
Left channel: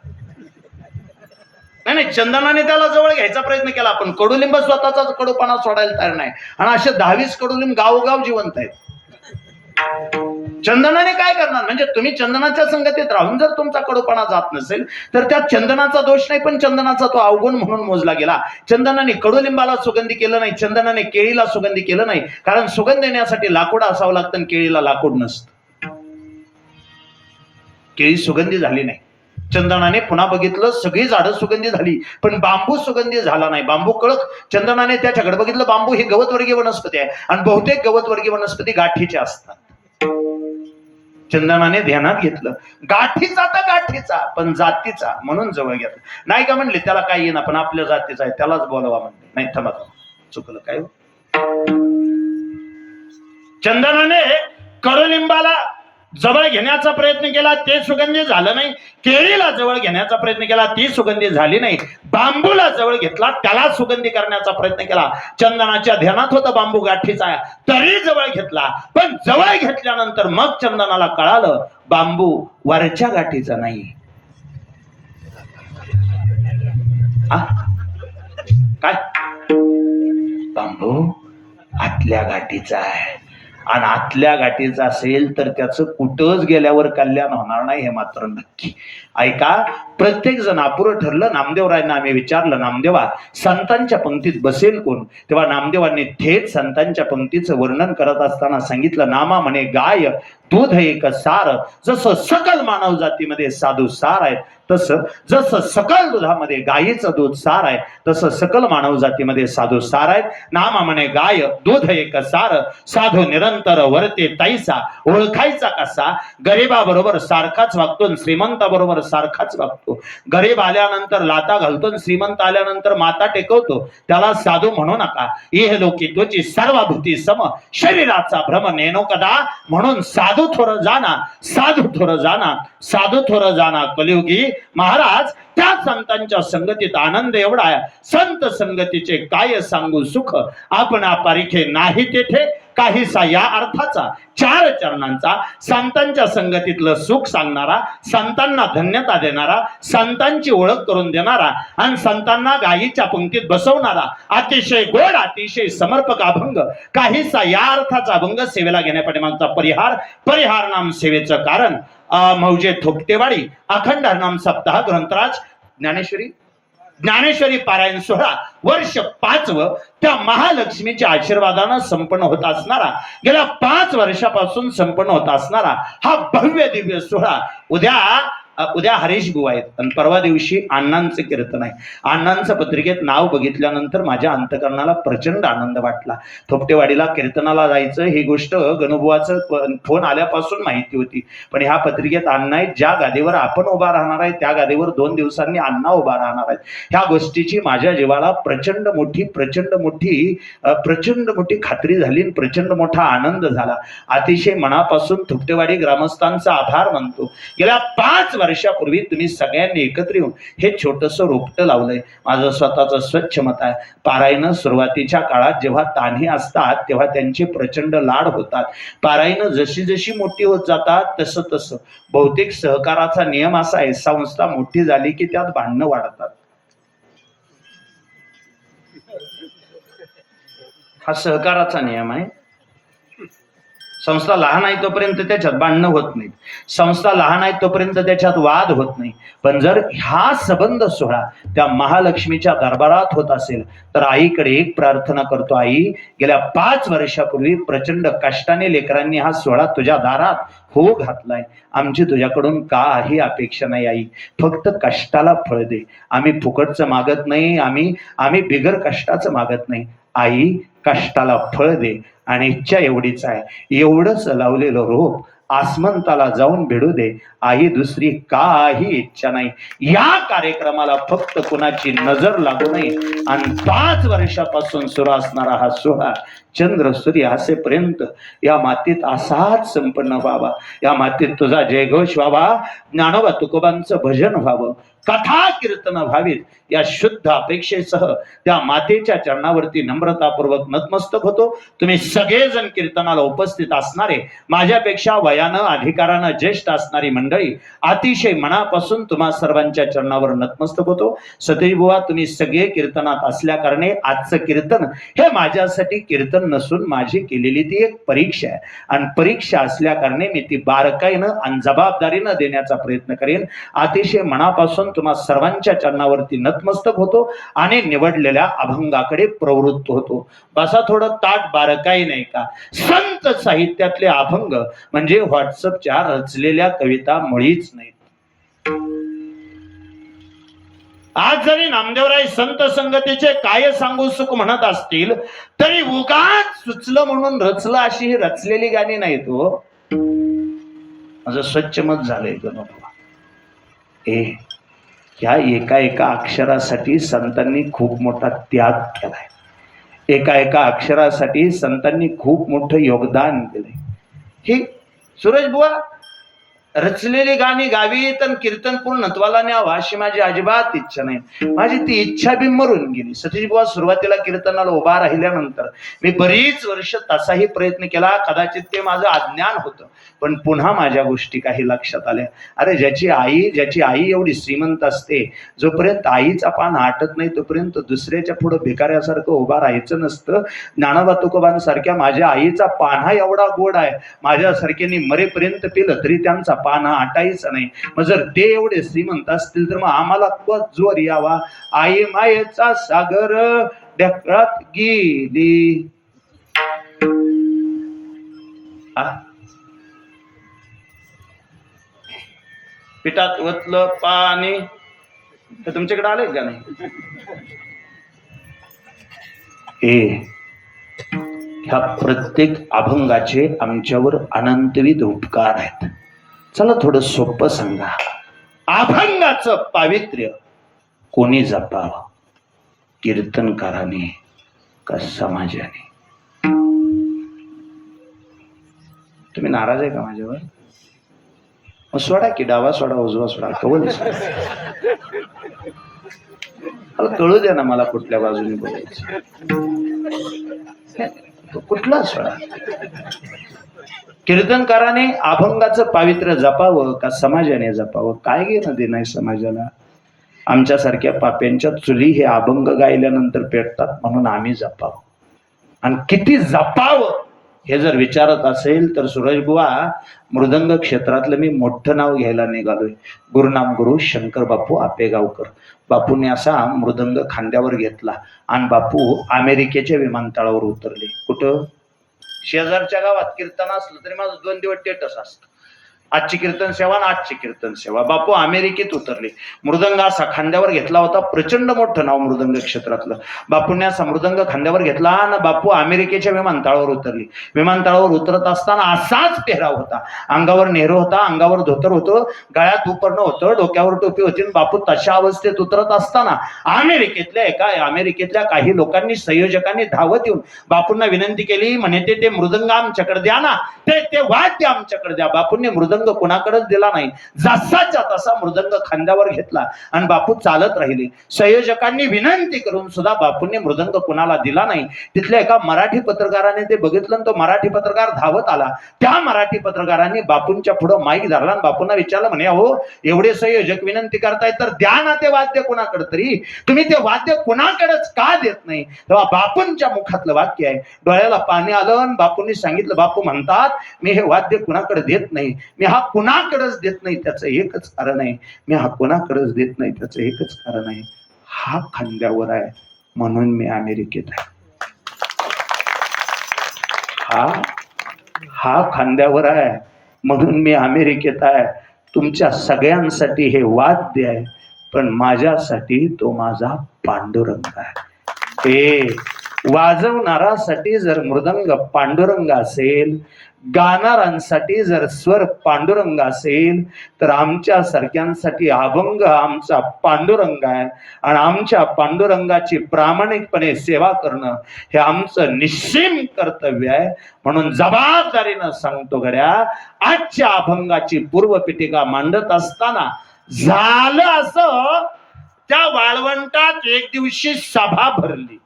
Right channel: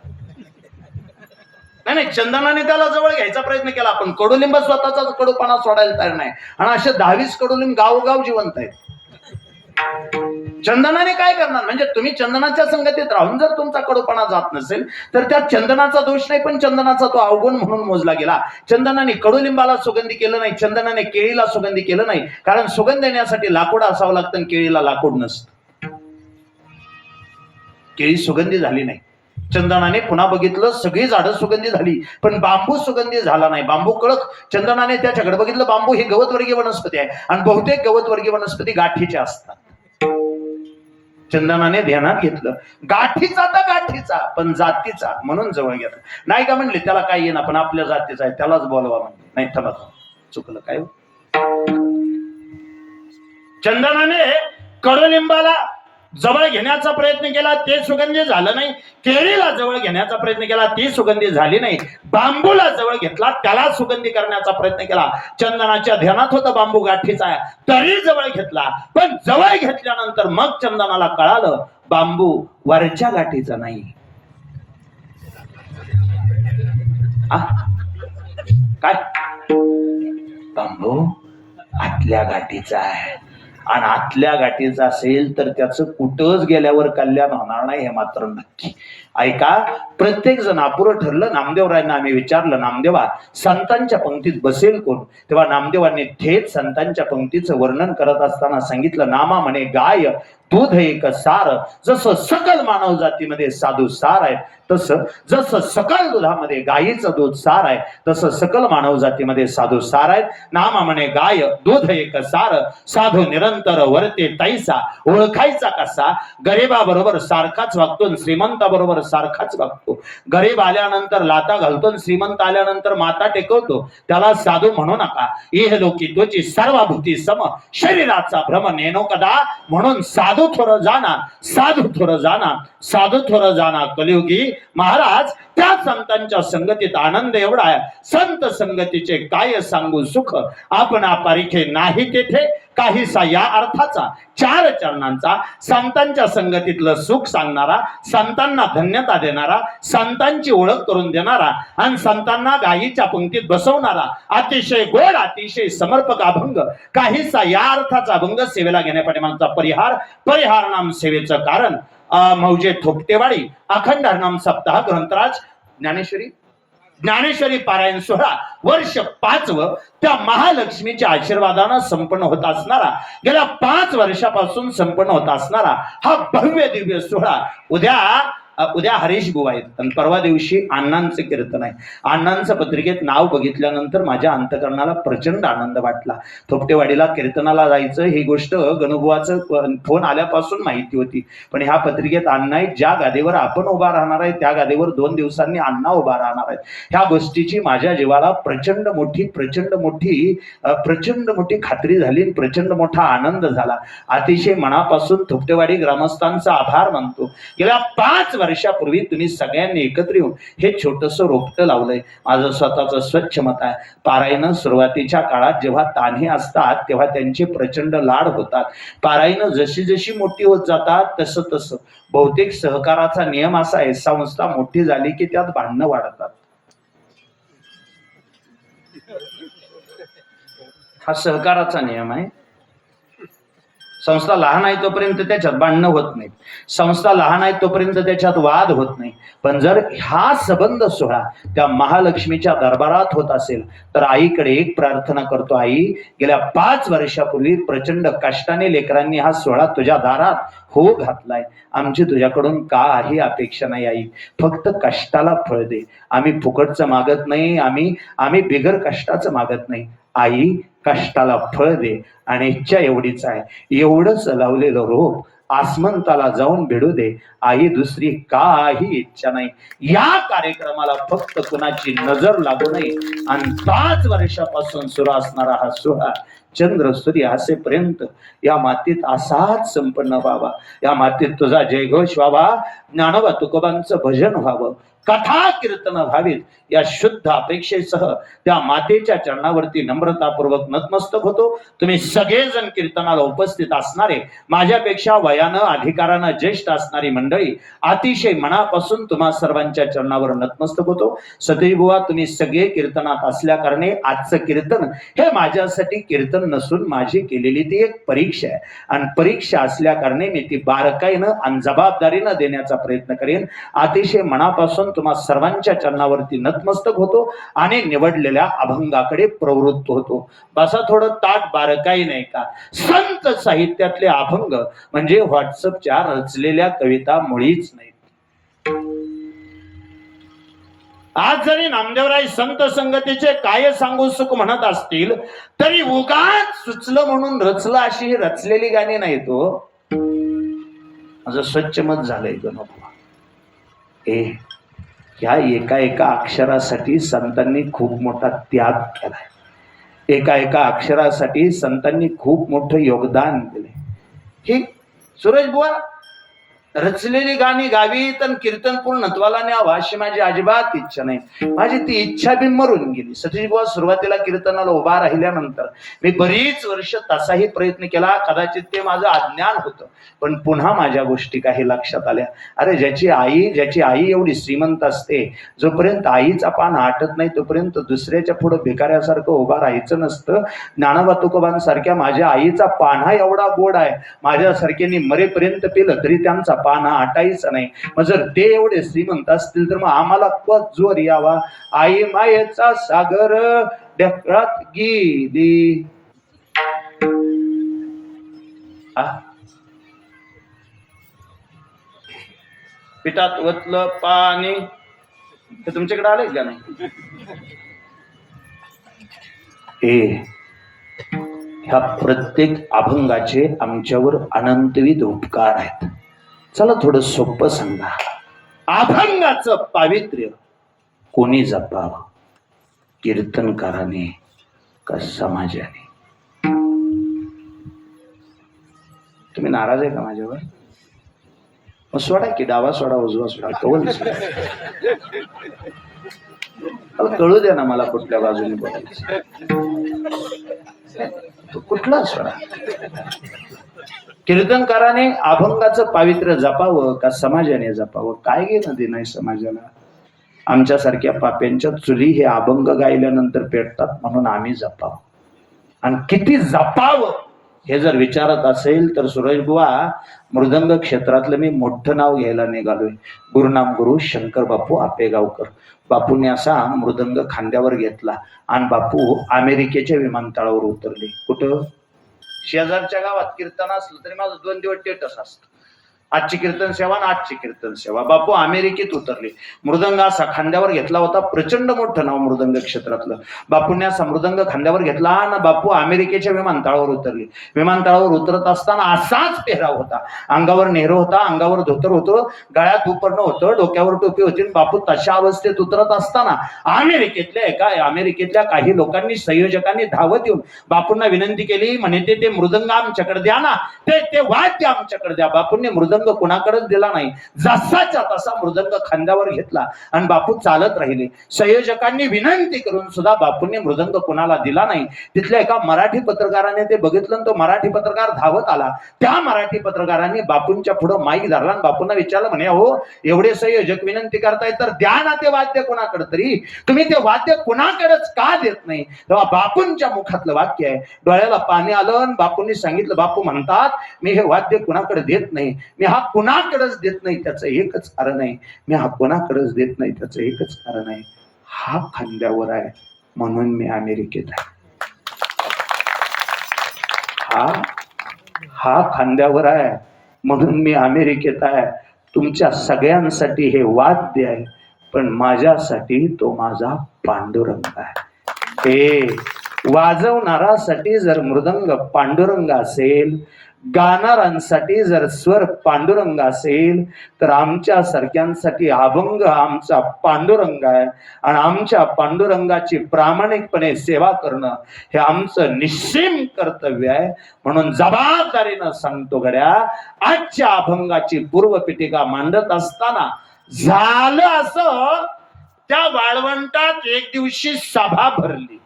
नाही, चंदनाने त्याला जवळ घ्यायचा प्रयत्न केला पण कडुलिंब स्वतःचा कडूपणा सोडायला तयार नाही. आणि असे 10-20 कडुलिंब गावोगाव जिवंत आहेत. चंदनाने काय करणार? म्हणजे तुम्ही चंदनाच्या संगतीत राहून जर तुमचा कडूपणा जात नसेल तर त्यात चंदनाचा दोष नाही पण चंदनाचा तो अवगुण म्हणून मोजला गेला. चंदनाने कडुलिंबाला सुगंधी केलं नाही, चंदनाने केळीला सुगंधी केलं नाही, कारण सुगंध देण्यासाठी लाकूड असावं लागतं आणि केळीला लाकूड नसतं. केळी सुगंधी झाली नाही. चंदनाने पुन्हा बघितलं, सगळी झाडं सुगंधी झाली पण बांबू सुगंधी झाला नाही. बांबू कळक. चंदनाने त्याच्याकडे बघितलं, बांबू ही गवतवर्गीय वनस्पती आहे आणि बहुतेक गवतवर्गीय वनस्पती गाठीच्या असतात. चंदनाने ध्यानात घेतलं, गाठीचा तर गाठीचा पण जातीचा, म्हणून जवळ घेतला. नाही का म्हणले त्याला काय येणार पण आपल्या जातीचा आहे त्यालाच बोलवा म्हणले. नाही थांबा, चुकलं काय? चंदनाने कडुलिंबाला जवळ घेण्याचा प्रयत्न केला, ते सुगंधी झालं नाही. केळीला जवळ घेण्याचा प्रयत्न केला, ती सुगंधी झाली नाही. बांबूला जवळ घेतला, त्याला सुगंधी करण्याचा प्रयत्न केला. चंदनाच्या ध्यानात होतं बांबू गाठीचा आहे तरी जवळ घेतला पण जवळ घेतल्यानंतर मग चंदनाला कळालं बांबू वरच्या गाठीचा नाही. काय? बांबू आतल्या गाठीचा आहे आणि आतल्या गाठीचा असेल तर त्याचं कुठंच गेल्यावर कल्याण होणार नाही हे मात्र नक्की. ऐका, प्रत्येक जण अपुरं ठरलं. नामदेवरायांना आम्ही विचारलं, नामदेवा संतांच्या पंक्तीत बसेल कोण? तेव्हा नामदेवांनी थेट संतांच्या पंक्तीचं वर्णन करत असताना सांगितलं, नामा म्हणे गाय दूध एक सार, जसं सकल मानव जातीमध्ये साधू सार आहे तसं, जसं सकल दुधामध्ये गायीचं दूध सार आहे तसं सकल मानव जातीमध्ये साधू सार आहेत. नामा म्हणे गाय दूध एक सार, साधू निरंतर वरते तैसा, ओळखायचा कसा? गरिबाबरोबर सारखाच वागतो, श्रीमंताबरोबर सारखाच वागतो. गरीब आल्यानंतर लाता घालतो, श्रीमंत आल्यानंतर माता टेकवतो, त्याला साधू म्हणू नका. इह लोकी त्वची सर्वभूती सम, शरीराचा भ्रम नेनो कदा, म्हणून साधू थोर जाना, साधू थोर जाना, साधू थोर जाना कलियुगी. महाराज, त्या संतांच्या संगतीत आनंद एवढा आहे, संत संगतीचे काय सांगू सुख, आपण पारिखे नाही तेथे काहीसा या अर्थाचा 4 चरणांचा संतांच्या संगतीतलं सुख सांगणारा, संतांना धन्यता देणारा, संतांची ओळख करून देणारा आणि संतांना गायीच्या पंक्तीत बसवणारा, अतिशय गोड, अतिशय समर्पक अभंग, काहीसा या अर्थाचा अभंग सेवेला घेण्यापाठीमागचा परिहार नाम सेवेचं कारण. मौजे थोपटेवाडी अखंड हरनाम सप्ताह ग्रंथराज ज्ञानेश्वरी पारायण सोहळा वर्ष 5वं त्या महालक्ष्मीच्या आशीर्वादानं संपन्न होत असणारा, गेल्या 5 वर्षापासून संपन्न होत असणारा हा भव्य दिव्य सोहळा उद्या हरीश बुवा आहेत आणि परवा दिवशी अण्णांचे कीर्तन आहे. अण्णांचं पत्रिकेत नाव बघितल्यानंतर माझ्या अंतकरणाला प्रचंड आनंद वाटला. थोपटेवाडीला कीर्तनाला जायचं ही गोष्ट गणुबुवाचं फोन आल्यापासून माहिती होती, पण ह्या पत्रिकेत अण्णा आहेत, ज्या गादीवर आपण उभा राहणार आहे त्या गादीवर 2 दिवसांनी अण्णा उभा राहणार आहेत. ह्या गोष्टीची माझ्या जीवाला प्रचंड मोठी खात्री झाली, प्रचंड मोठा आनंद झाला. अतिशय मनापासून थोपटेवाडी ग्रामस्थांचा आभार मानतो. गेल्या 5 वर्षापूर्वी तुम्ही सगळ्यांनी एकत्र येऊन हे छोटंसं रोपटं लावलंय. माझं स्वतःचं स्वच्छ मत आहे, पारायण सुरुवातीच्या काळात जेव्हा तान्हे असतात तेव्हा त्यांचे प्रचंड लाड होतात. पारायण जशी जशी मोठी होत जातात तसं तसं बहुतेक सहकाराचा नियम असा आहे, संस्था मोठी झाली की त्यात भांडणं वाढतात. हा सहकाराचा नियम आहे. संस्था लहान आहे तोपर्यंत त्याच्यात भांडणं होत नाहीत, संस्था लहान आहे तोपर्यंत त्याच्यात वाद होत नाही. पण जर हा संबंध सोहळा त्या महालक्ष्मीच्या दरबारात होत असेल तर आईकडे एक प्रार्थना करतो, आई गेल्या 5 वर्षापूर्वी प्रचंड कष्टाने लेकरांनी हा सोहळा तुझ्या दारात हो घातलाय. आमची तुझ्याकडून काही अपेक्षा नाही आई, फक्त कष्टाला फळ दे. आम्ही फुकटचं मागत नाही, आम्ही बिगर कष्टाचं मागत नाही. आई कष्टाला फळ दे आणि इच्छा एवढीच आहे, एवढंच लावलेलं रोप आसमंताला जाऊन भिडू दे आई, दुसरी काही इच्छा नाही. या कार्यक्रमाला फक्त कुणाची नजर लागू नये आणि 5 वर्षापासून सुरू असणारा हा सोहळा चंद्र सूर्य असेपर्यंत या मातीत असाच संपन्न व्हावा. या मातीत तुझा जयघोष व्हावा, ज्ञानोबा तुकोबांचं भजन व्हावं, कथा कीर्तन व्हावीत या शुद्ध अपेक्षेसह त्या मातेच्या चरणावरती नम्रतापूर्वक नतमस्तक होतो. तुम्ही सगळेजण कीर्तनाला उपस्थित असणारे, माझ्यापेक्षा वयानं अधिकारानं ज्येष्ठ असणारी मंडळी, अतिशय मनापासून तुम्हा सर्वांच्या चरणावर नतमस्तक होतो. सतीश बुवा, तुम्ही सगळे कीर्तनात असल्या कारणे आजचं कीर्तन हे माझ्यासाठी कीर्तन नसून माझी केलेली ती एक परीक्षा आहे आणि परीक्षा असल्या कारणे मी ती बारकाईनं आणि जबाबदारीनं देण्याचा प्रयत्न करेन. अतिशय मनापासून तुम्हा सर्वांच्या चरणावरती नतमस्तक होतो आणि निवडलेल्या अभंगाकडे प्रवृत्त होतो. बसा थोडं ताट बारकाई नाही का. संत साहित्यातले अभंग म्हणजे व्हॉट्सअपच्या रचलेल्या कविता मुळीच नाहीत. आज जरी नामदेवराय संत संगतीचे काय सांगू सुख म्हणत असतील तरी उगाच सुचलं म्हणून रचलं अशी ही रचलेली गाणी नाहीत. तो माझं स्वच्छ मत झालंय गणपा. ह्या एका एका अक्षरासाठी संतांनी खूप मोठा त्याग केलाय. एका एका अक्षरासाठी संतांनी खूप मोठं योगदान दिलंय. ही सुरेश बुवा रचलेली गाणी गावीत आणि कीर्तन पूर्णत्वाला न्यावं अशी माझी अजिबात इच्छा नाही. माझी ती इच्छा बी मरून गेली. सतीश बुवा सुरुवातीला कीर्तनाला उभा राहिल्यानंतर मी बरीच वर्ष तसाही प्रयत्न केला, कदाचित ते माझं अज्ञान होतं, पण पुन्हा माझ्या गोष्टी काही लक्षात आल्या. अरे ज्याची आई एवढी श्रीमंत असते, जोपर्यंत आईचा पान आटत नाही तोपर्यंत दुसऱ्याच्या पुढे भिकाऱ्यासारखं उभा राहायचं नसतं. ज्ञानोबा तुकोबांसारख्या माझ्या आईचा पाना एवढा गोड आहे, माझ्यासारख्यानी मरेपर्यंत पिलं तरी त्यांचा पाना आटायचा नाही. मग जर ते एवढे श्रीमंत असतील तर मग आम्हाला जोर यावा. आई मायेचा सागर ढेकळात गेली. पिठात ओतलं पाणी तर तुमच्याकडे आले का नाही? ह्या प्रत्येक अभंगाचे आमच्यावर अनंतविध उपकार आहेत. चला थोडं सोपं सांगा, अभंगाचं पावित्र्य कोणी जपावं, कीर्तनकाराने का समाजाने? तुम्ही नाराज आहे का माझ्यावर? सोडा की, डावा सोडा उजवा सोडा, कळू कळू द्या ना मला कुठल्या बाजूने बोलायचं. कुठला सोडा. कीर्तनकाराने अभंगाचं पावित्र्य जपावं का समाजाने जपावं? काय घेणं देणं आहे समाजाला? आमच्यासारख्या पाप्यांच्या चुली हे अभंग गायल्यानंतर पेटतात म्हणून आम्ही जपावं. आणि किती जपावं हे जर विचारत असेल तर सुरेश बुवा, मृदंग क्षेत्रातलं मी मोठं नाव घ्यायला निघालोय. गुरुनाम गुरु शंकर बापू आपेगावकर. बापूने असा मृदंग खांद्यावर घेतला आणि बापू अमेरिकेच्या विमानतळावर उतरले. कुठं? शेजारच्या गावात कीर्तन असलं तरी माझं 2 दिवस टेटस असतं, आजची कीर्तन सेवा आणि आजची कीर्तन सेवा. बापू अमेरिकेत उतरले. मृदंग असा खांद्यावर घेतला होता, प्रचंड मोठं नाव मृदंग क्षेत्रातलं. बापूंनी असा मृदंग खांद्यावर घेतला आणि बापू अमेरिकेच्या विमानतळावर उतरले. विमानतळावर उतरत असताना असाच पेहराव होता. अंगावर नेहरू होता, अंगावर धोतर होतं, गळ्यात उपरणं होतं, डोक्यावर टोपी होती. बापू तशा अवस्थेत उतरत असताना अमेरिकेतल्या काही लोकांनी, संयोजकांनी धावत येऊन बापूंना विनंती केली. म्हणे ते मृदंग आमच्याकडे द्या ना, ते वाद्य आमच्याकडे द्या. बापूंनी मृदंग मृदंग कुणाकडेच दिला नाही. जसाच्या तसा मृदंग खांद्यावर घेतला आणि बापू चालत राहिले. संयोजकांनी विनंती करून सुद्धा बापूंनी मृदंग कुणाला दिला नाही. तिथल्या एका मराठी पत्रकाराने ते बघितलं आणि तो मराठी पत्रकार धावत आला. त्या मराठी पत्रकारांनी बापूंच्या पुढे माईक धरला आणि बापूंना विचारलं, म्हणे हो एवढे संयोजक विनंती करतायत तर द्या ना ते वाद्य कुणाकडे तरी, तुम्ही ते वाद्य कुणाकडेच का देत नाही? तेव्हा बापूंच्या मुखातलं वाक्य आहे. डोळ्याला पाणी आलं आणि बापूंनी सांगितलं, बापू म्हणतात मी हे वाद्य कुणाकडे देत नाही, मी हा कुणाकडेच देत नाही त्याचं एकच कारण आहे, मी हा कुणाकडेच देत नाही त्याचं एकच कारण आहे, हा खांद्यावर आहे म्हणून मी अमेरिकेत आहे. हा खांद्यावर आहे म्हणून मी अमेरिकेत आहे. तुमच्या सगळ्यांसाठी हे वाद्य आहे पण माझ्यासाठी तो माझा पांडुरंग आहे. हे वाजवणारासाठी जर मृदंग पांडुरंग असेल, गाणाऱ्यांसाठी जर स्वर पांडुरंग असेल, तर आमच्या सारख्यांसाठी अभंग आमचा पांडुरंग आहे आणि आमच्या पांडुरंगाची प्रामाणिकपणे सेवा करणं हे आमचं निश्चिम कर्तव्य आहे. म्हणून जबाबदारीनं सांगतो गड्या, आजच्या अभंगाची पूर्वपीठिका मांडत असताना झालं असं, त्या वाळवंटात एक दिवशी सभा भरली.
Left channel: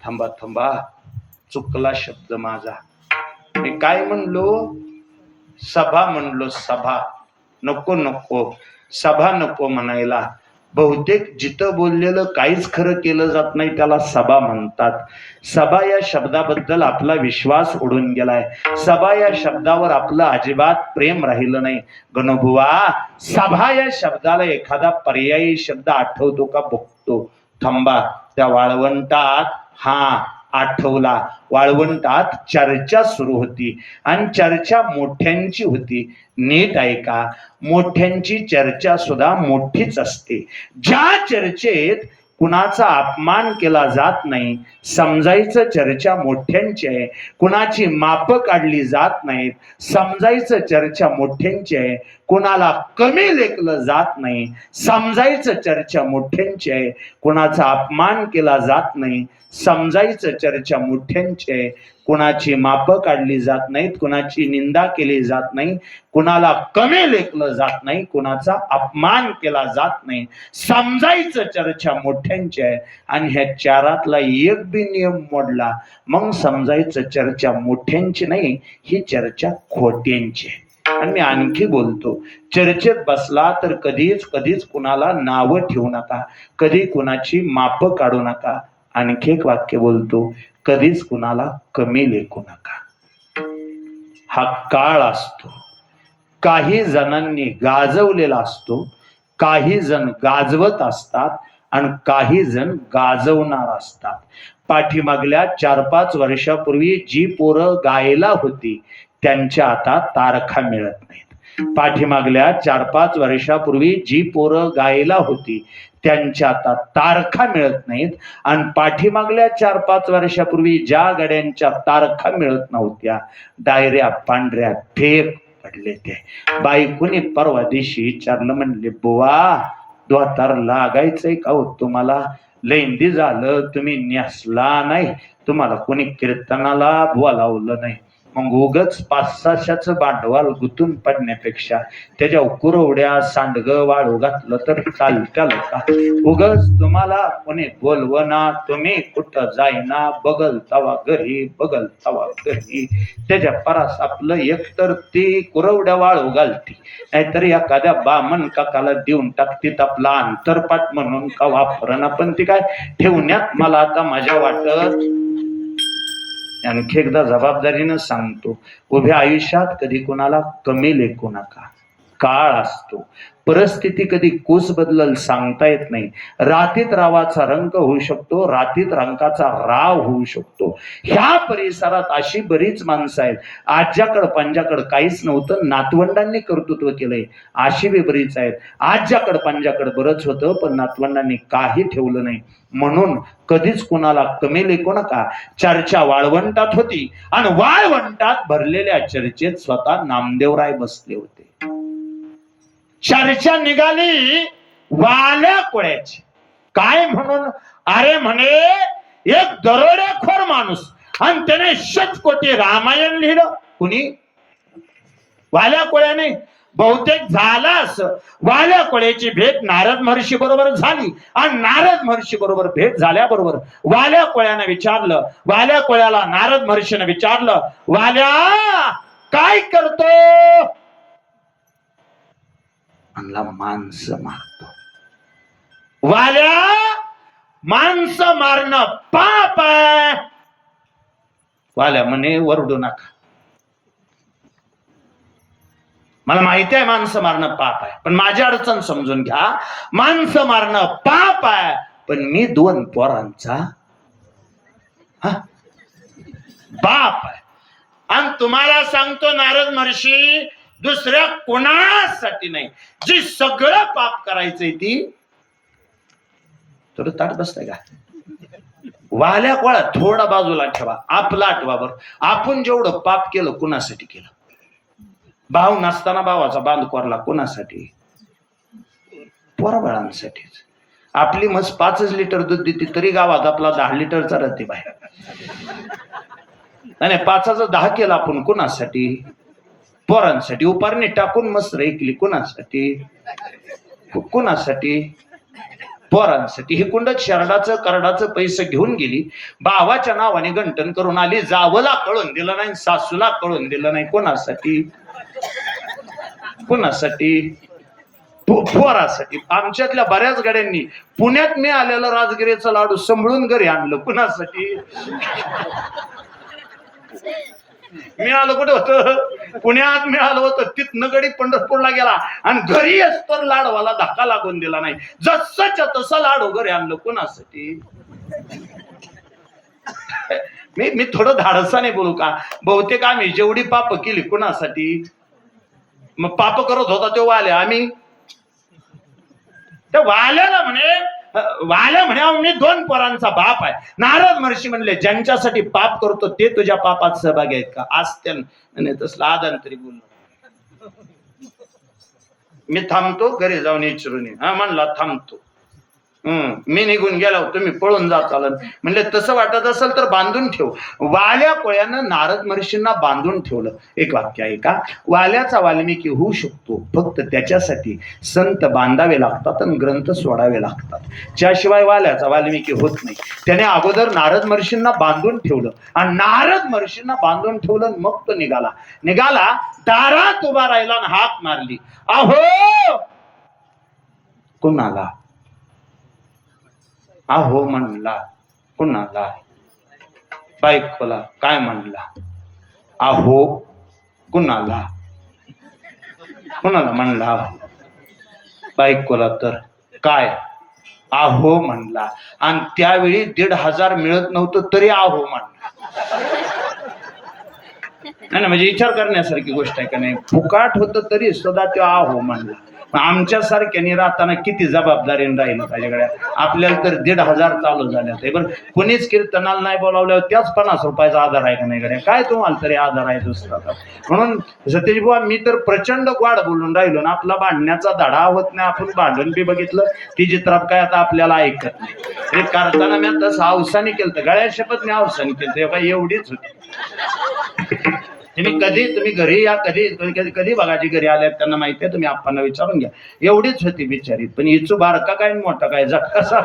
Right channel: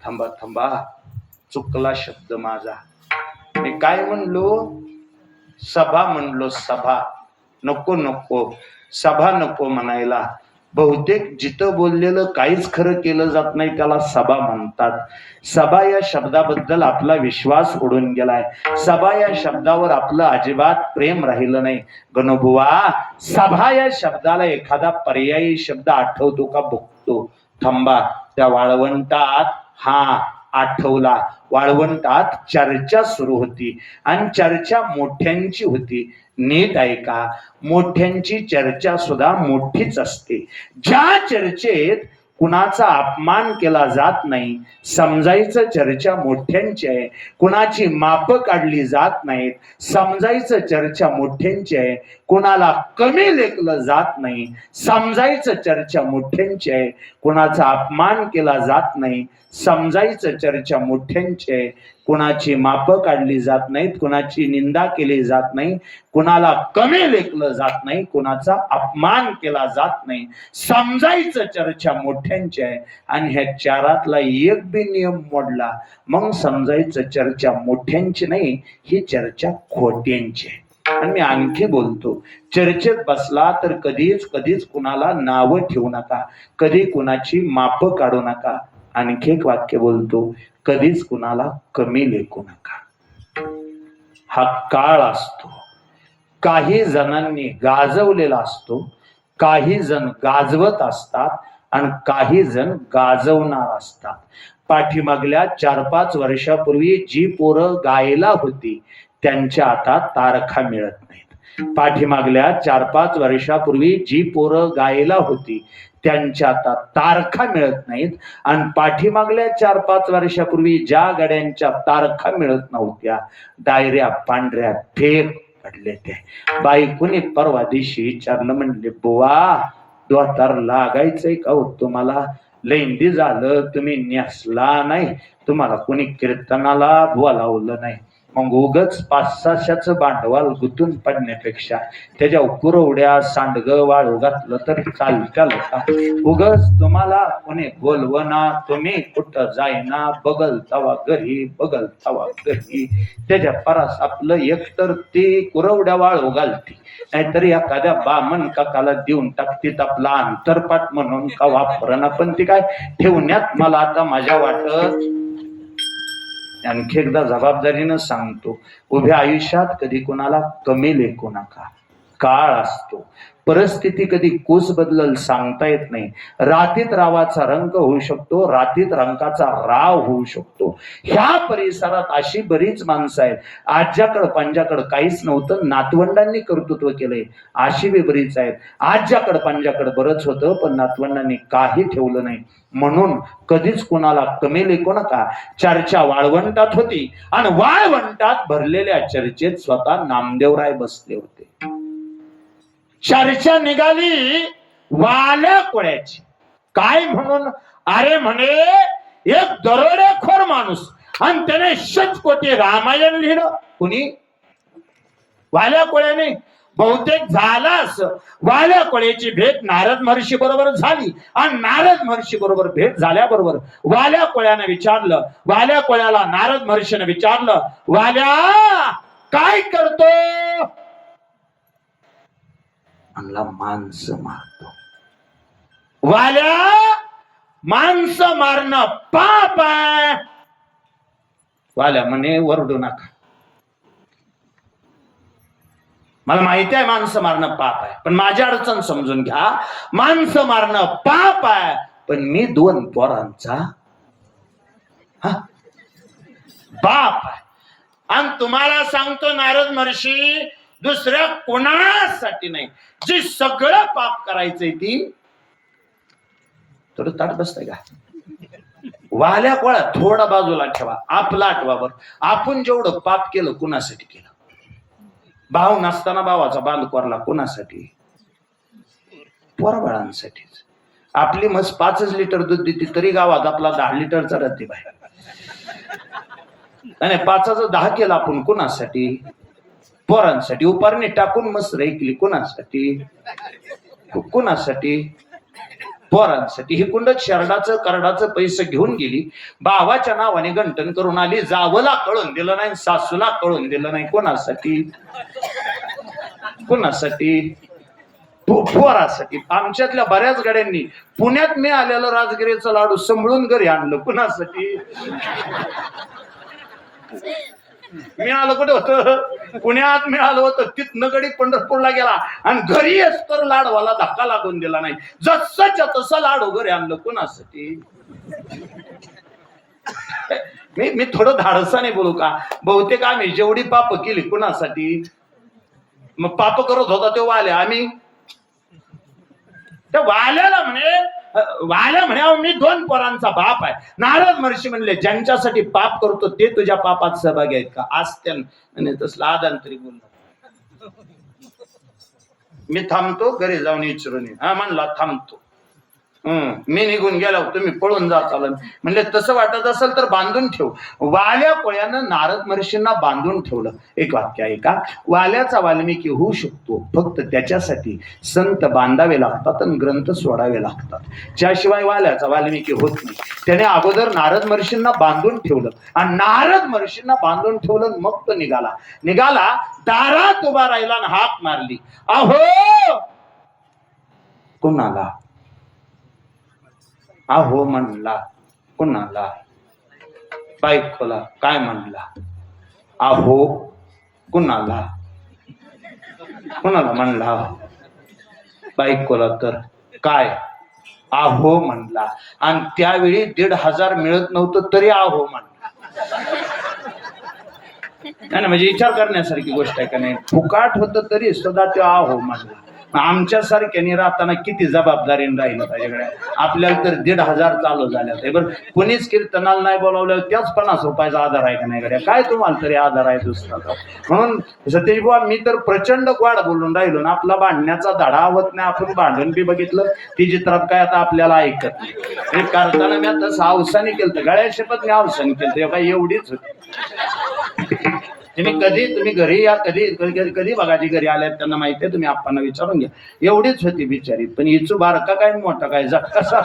थांबा थांबा, चुकला शब्द माझा. मी काय म्हणलो? सभा म्हणलो. सभा नको नको, सभा नको म्हणायला. बहुतेक जिथं बोललेलं काहीच खरं केलं जात नाही त्याला सभा म्हणतात. सभा या शब्दाबद्दल आपला विश्वास उडून गेलाय. सभा या शब्दावर आपलं अजिबात प्रेम राहिलं नाही. गणुबुवा, सभा या शब्दाला एखादा पर्यायी शब्द आठवतो का बघतो. थांबा, त्या वाळवंटात आठवला. वाळवंटात चर्चा सुरू होती आणि चर्चा मोठ्यांची होती. नीट ऐका, मोठ्यांची चर्चा सुद्धा मोठीच असते. ज्या चर्चेत कुणाचा अपमान केला जात नाही, समजायचं चर्चा मोठ्यांची आहे. कुणाची माप काढली जात नाहीत, समजायचं चर्चा मोठ्यांची आहे. कुणाला कमी लेखलं जात नाही, समजायचं चर्चा मोठ्यांची आहे. कुणाचा अपमान केला जात नाही, समजायचं चर्चा मोठ्यांची आहे. कुणाची माप काढली जात नाहीत, कुणाची निंदा केली जात नाही, कुणाला कमी लेखलं जात नाही, कुणाचा अपमान केला जात नाही, समजायचं चर्चा मोठ्यांची आहे. आणि ह्या चारातला एक बी नियम मोडला मग समजायचं चर्चा मोठ्यांची नाही, ही चर्चा खोट्यांची आहे. आणि मी आणखी बोलतो, चर्चेत बसला तर कधीच कुणाला नावं ठेवू नका, कधी कुणाची माप काढू नका. आणखी एक वाक्य बोलतो, कधीच कुणाला कमी लेखू नका. हा काळ असतो. काही जणांनी गाजवलेला असतो, काही जण गाजवत असतात आणि काही जण गाजवणार असतात. पाठीमागल्या 4-5 वर्षापूर्वी जी पोरं गायला होती त्यांच्या आता तारखा मिळत नाहीत. पाठीमागल्या 4-5 वर्षापूर्वी जी पोरं गायला होती त्यांच्या आता तारखा मिळत नाहीत. आणि पाठीमागल्या 4-5 वर्षापूर्वी ज्या गाड्यांच्या तारखा मिळत नव्हत्या, डायऱ्या पांढऱ्या फेक पडले. ते बायकोने परवा दिवशी विचारलं, म्हणले बुवा द्वातार लागायचंय का हो तुम्हाला? लेंदी झालं तुम्ही नेसला नाही, तुम्हाला कोणी कीर्तनाला बोलावलं नाही. मग उगच 500-600चं भांडवल गुंतून पडण्यापेक्षा त्याच्या कुरवड्या सांडग वाळू घातलं तर चालतं का? उगच तुम्हाला कोणी बोलवना, तुम्ही कुठं जायना, बगल तवा घरी बगल तवा घरी. त्याच्या परास आपलं एकतर ती कुरवड्या वाळू घालती, नाहीतर एखाद्या बामण काकाला देऊन टाकतीत आपला अंतरपाठ म्हणून का वापरणं. पण ती काय ठेवण्यात मला आता माझ्या वाटत. आणखी एकदा जबाबदारीनं सांगतो, उभ्या आयुष्यात कधी कोणाला कमी लेखू नका. काळ असतो, परिस्थिती कधी कोस बदलल सांगता येत नाही. रातीत रावाचा रंग होऊ शकतो, रातीत रंगाचा राव होऊ शकतो. ह्या परिसरात अशी बरीच माणसं आहेत, आज्याकडं पंजाकडं काहीच नव्हतं, नातवंडांनी कर्तृत्व केलंय. अशी बी बरीच आहेत, आज्याकडं पंजाकडं बरंच होतं पण नातवंडांनी काही ठेवलं नाही. म्हणून कधीच कुणाला कमी लेखू नका. चर्चा वाळवंटात होती आणि वाळवंटात भरलेल्या चर्चेत स्वतः नामदेवराय बसले होते. चर्चा निघाली वाल्या कोळ्याची. काय म्हणून? अरे म्हणे एक दरोडेखोर माणूस आणि त्याने 100 कोटी रामायण लिहिलं. कुणी? वाल्या कोळ्याने बहुतेक झालं असं, वाल्या कोळ्याची भेट नारद महर्षी बरोबर झाली आणि नारद महर्षी बरोबर भेट झाल्याबरोबर वाल्या कोळ्याने विचारलं, वाल्या कोळ्याला नारद महर्षीने विचारलं, वाल्या काय करतो? म्हणला माणसं मारतो. वाल्या माणसं मारणं पाप आहे. वाल्या म्हणे वरडू नका, मला माहिती आहे माणसं मारणं पाप आहे, पण माझी अडचण समजून घ्या. माणसं मारणं पाप आहे, पण मी 2 पोरांचा बाप आहे. आणि तुम्हाला सांगतो नारद महर्षी, दुसऱ्या कोणासाठी नाही, जी सगळं पाप करायचंय ती थोडं ताट बसतंय का? वाल्या कोळा थोडा बाजूला ठेवा, आपला आठवा बरं. आपण जेवढं पाप केलं कुणासाठी केलं? भाव नसताना भावाचा बांध कोरला कुणासाठी? पोराबाळांसाठीच. आपली मस्त 5 लिटर दूध देते तरी गावात आपला 10 लिटरचा राहते बाहेर. नाही 5चं 10 केलं आपण कुणासाठी? पोरांसाठी. उपारणी टाकून मस्त ऐकली कुणासाठी? कुणासाठी? पोरांसाठी. ही कुंड शरडाचं करडाचं पैसे घेऊन गेली, भावाच्या नावाने गंटन करून आली, जावला कळून दिलं नाही, सासूला कळून दिलं नाही. कोणासाठी? कोणासाठी? पोरासाठी. आमच्यातल्या बऱ्याच गाड्यांनी पुण्यात मी आलेलं राजगिरीचं लाडू सांभाळून घरी आणलं कुणासाठी? मिळालं कुठे होतं? पुण्यात मिळालं होतं. तिथनं गडी पंढरपूरला गेला आणि घरी तर लाडवाला धक्का लागून दिला नाही. जसंच्या तसं लाडू घरी आणलं कुणासाठी? मी थोडं धाडसाने बोलू का? बहुतेक आम्ही जेवढी पाप केली कुणासाठी? मग पाप करत होता ते वाल्या, आम्ही त्या वाल्याला वाल्या म्हणे मी 2 पोरांचा बाप आहे. नारद महर्षी म्हणले, ज्यांच्यासाठी पाप करतो ते तुझ्या पापात सहभागी आहेत का? आज त्याने तसलं आदांतरी बोललो. मी थांबतो, घरी जाऊन विचारून ये. हा म्हणला थांबतो. मी निघून गेलो, तुम्ही पळून जा चालन. म्हणले तसं वाटत असेल तर बांधून ठेव. वाल्या कोळ्यानं नारद महर्षींना बांधून ठेवलं. एक वाक्य आहे का? वाल्याचा वाल्मिकी होऊ शकतो, फक्त त्याच्यासाठी संत बांधावे लागतात आणि ग्रंथ सोडावे लागतात. ज्याशिवाय वाल्याचा वाल्मिकी होत नाही. त्याने अगोदर नारद महर्षींना बांधून ठेवलं आणि नारद महर्षींना बांधून ठेवलं, मग तो निघाला. दारात उभा राहिला आणि हाक मारली, अहो कुणाला? अहो म्हणला कुणाला? बायकोला. काय म्हणला? अहो कुणाला? कुणाला म्हणला? बायकोला. तर काय? अहो म्हणला. आणि त्यावेळी 1,500 मिळत नव्हतं तरी अहो म्हणला. नाही म्हणजे विचार करण्यासारखी गोष्ट आहे का नाही? फुकाट होतं तरी सुद्धा तो अहो म्हणला. आमच्या सारख्यानी राहताना किती जबाबदारीने राहिलं पाहिजे. आपल्याला तर 1,500 चालू झाले. बरं कोणीच कीर्तनाला नाही बोलावल्यावर त्याच 50 रुपयाचा आधार आहे का नाही गड्या? काय तुम्हाला तरी आधार आहे दुसरा? म्हणून सतीश बुवा मी तर प्रचंड गोड बोलून राहिलो ना. आपला भांडण्याचा धडा होत नाही. आपण भांडण बी बघितलं ती चित्रात काय आता आपल्याला ऐकत नाही. हे करताना मी तसं अवसानी केलं, गळ्या शपथ मी अवसानी केलं. काय एवढीच होती. तुम्ही घरी या, कधी बघाची घरी आल्यात त्यांना माहिती आहे. तुम्ही आप्पांना विचारून घ्या. एवढीच होती बिचारी. पण हिचू बारका काय मोठा काय कसा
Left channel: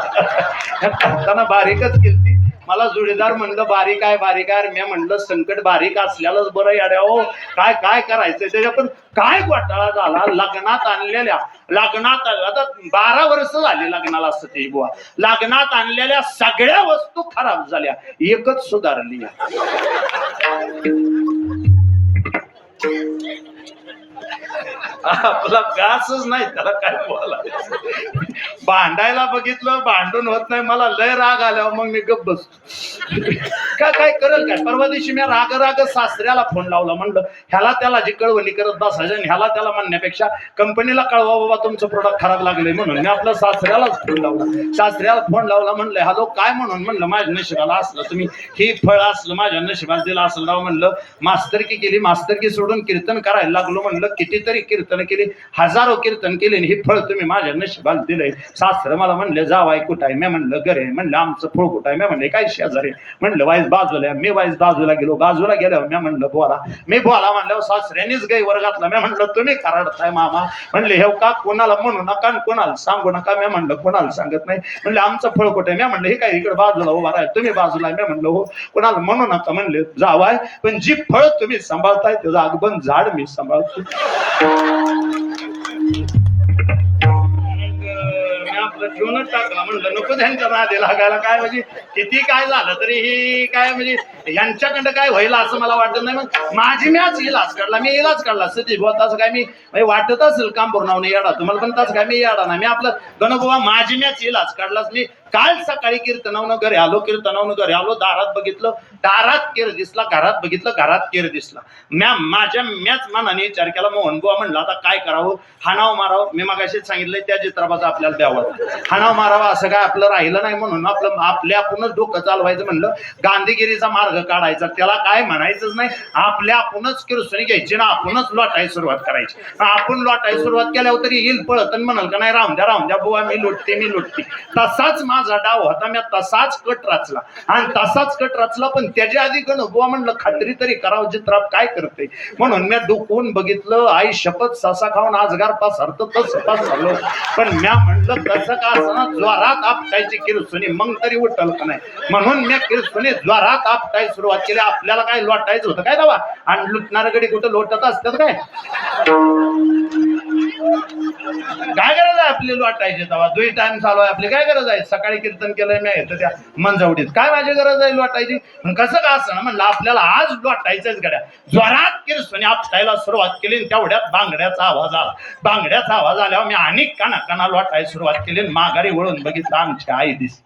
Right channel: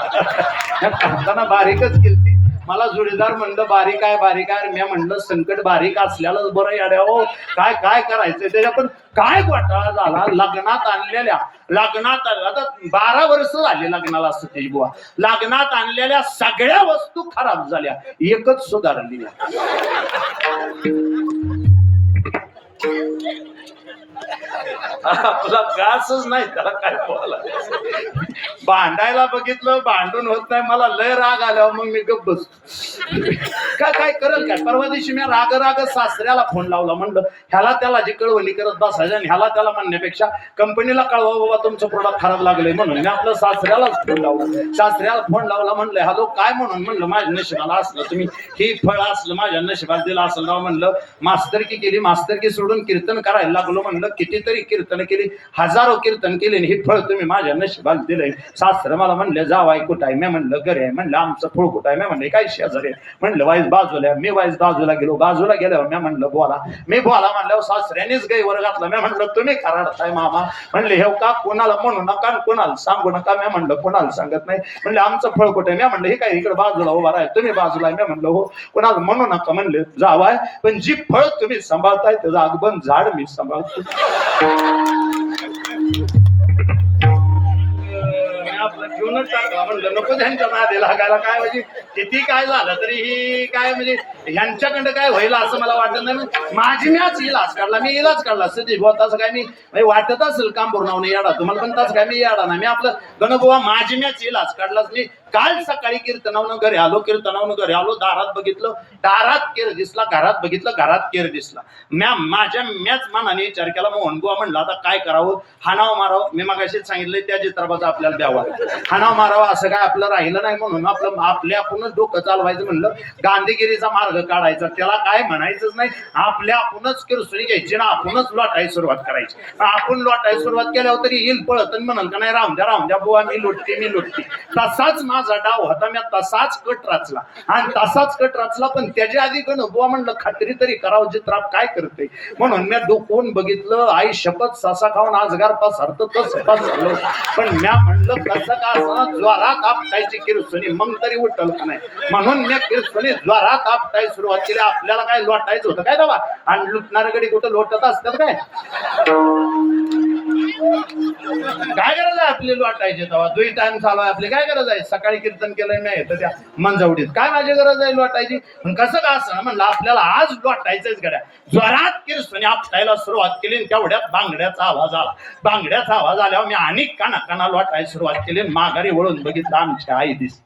करताना बारीकच केलती. मला जोडीदार म्हणलं बारीक आहे. मी म्हणलं संकट बारीक असल्यालाच बरं याड्या हो. काय करायचंय त्याच्या. पण काय घोटाळा झाला. लग्नात आता 12 वर्ष झाली लग्नाला सतीश बुवा. लग्नात आणलेल्या सगळ्या वस्तू खराब झाल्या, एकच सुधारली. आपला व्यासच नाही त्याला काय बोला. भांडायला बघितलं, भांडून होत नाही. मला लय राग आल्यावर मग मी गप्प बसतो. काय करेल काय? परवा दिवशी मी राग सासऱ्याला फोन लावला. म्हणलं ह्याला त्याला जी कळवणी करत बसायचं आणि ह्याला त्याला म्हणण्यापेक्षा कंपनीला कळवा बाबा तुमचं प्रोडक्ट खराब लागलंय म्हणून. मी आपलं सासऱ्यालाच फोन लावला. सासऱ्याला फोन लावला. म्हणलं हॅलो काय म्हणून? म्हणलं माझ्या नशिबाला असलं तुम्ही ही फळ असलं माझ्या नशिबाला दिलं असलं राव. म्हणलं मास्तरकी केली, मास्तरकी सोडून कीर्तन करायला लागलो. म्हणलं कितीतरी कीर्तन केली, हजारो कीर्तन केले, हे फळ तुम्ही माझ्या नशिबाला दिलंय. सासरं मला म्हणलं जावाय कुठं आहे? मी म्हणलं घरी आहे. म्हणलं आमचं फळ कुठं आहे? मी म्हणलं काय शेजारी. म्हणलं वाईस बाजूला मी वाईस बाजूला गेलो. बाजूला गेल्यावर मी म्हणलं बोला. मी बोला म्हणल्यावर सासऱ्यानेच गाईवर घातला. मी म्हणलं तुम्ही खराडताय मामा. म्हणले हे का कोणाला म्हणू नका आणि कोणाला सांगू नका. मी म्हणलं कोणाला सांगत नाही. म्हणले आमचं फळ कुठे. मी म्हणलं हे काय इकडे बाजूला उभा राहा तुम्ही बाजूला. मी म्हणलं हो कोणाला म्हणू नका. म्हणले जावाय पण जी फळ तुम्ही सांभाळताय त्याचं अगबन झाड मी सांभाळतो. आपलं ठेवूनच टाका. म्हणलं नको त्यांच्या नादी लागायला. काय म्हणजे किती काय झालं तरी ही काय म्हणजे यांच्याकडं काय होईल असं मला वाटत नाही. मग माझी मॅच इलाज काढला. मी इलाज काढला सती भाऊ. तसं काय मी वाटत असेल काम भरून येडा तुम्हाला पण तसं काय मी येडा नाही. मी आपलं गणोबा माझी मॅच इलाज काढलाच. मी काल सकाळी कीर्तनावनं घरी आलो. कीर्तनावनं घरी आलो. दारात बघितलं दारात केर दिसला. घरात बघितलं घरात केर दिसला. माझ्या मॅच मनाने विचार केला. मोहन बुवा म्हणलं आता काय करावं. हाणाव मारावं. मी मगाशीच सांगितलंय त्या चित्रापाचं आपल्याला द्यावं. हाणाव मारावं असं काय आपलं राहिलं नाही. म्हणून आपल्या आपणच डोकं चालवायचं म्हणलं. गांधीगिरीचा मार्ग काढायचा. त्याला काय म्हणायचंच नाही. आपल्या आपणच किरसुनी घ्यायची ना आपणच लोटायला सुरुवात करायची. आपण लोटायला सुरुवात केल्यावर तरी येईल पळत आणि म्हणाल का नाही राहून द्या बुवा मी लुटते. तसाच माझा डाव होता. मी तसाच कट रचला आणि तसाच कट रचला. पण त्याच्या आधी बुवा म्हणलं खात्री तरी करावं चित्राप काय करते. म्हणून मी डोकून बघितलं. आई शपथ ससा खाऊन आजगार पसरतो तसं पसरलं. पण म्या म्हणलं कसं का असं ज्वारात आपटायची किरसुनी मग तरी उठल का नाही. म्हणून मी किरसुनी ज्वारात आपटायला सुरुवात केली. आपल्याला काय लोटायचं होतं काय तेव्हा. आणि लुटणाऱ्या गडी कुठं लोटत असतात काय. काय गरज आहे आपली लोटायची तेव्हा. 2 टाइम चालू आहे आपली काय गरज आहे. सकाळी कीर्तन केलंय नाही तर त्या मंजवडीत काय माझी गरज आहे लोटायची. कसं का असं म्हणलं आपल्याला आज लोटायचंच गड्या. ज्वरात किरसुनी आपटायला सुरुवात केली. तेवढ्यात बांगड्याचा आवाज आला. बांगड्याचा आवाज आल्यावर मी अनेक काना लोटायला सुरुवात केली. माघारी वळून बघितलं आमची आई दिस.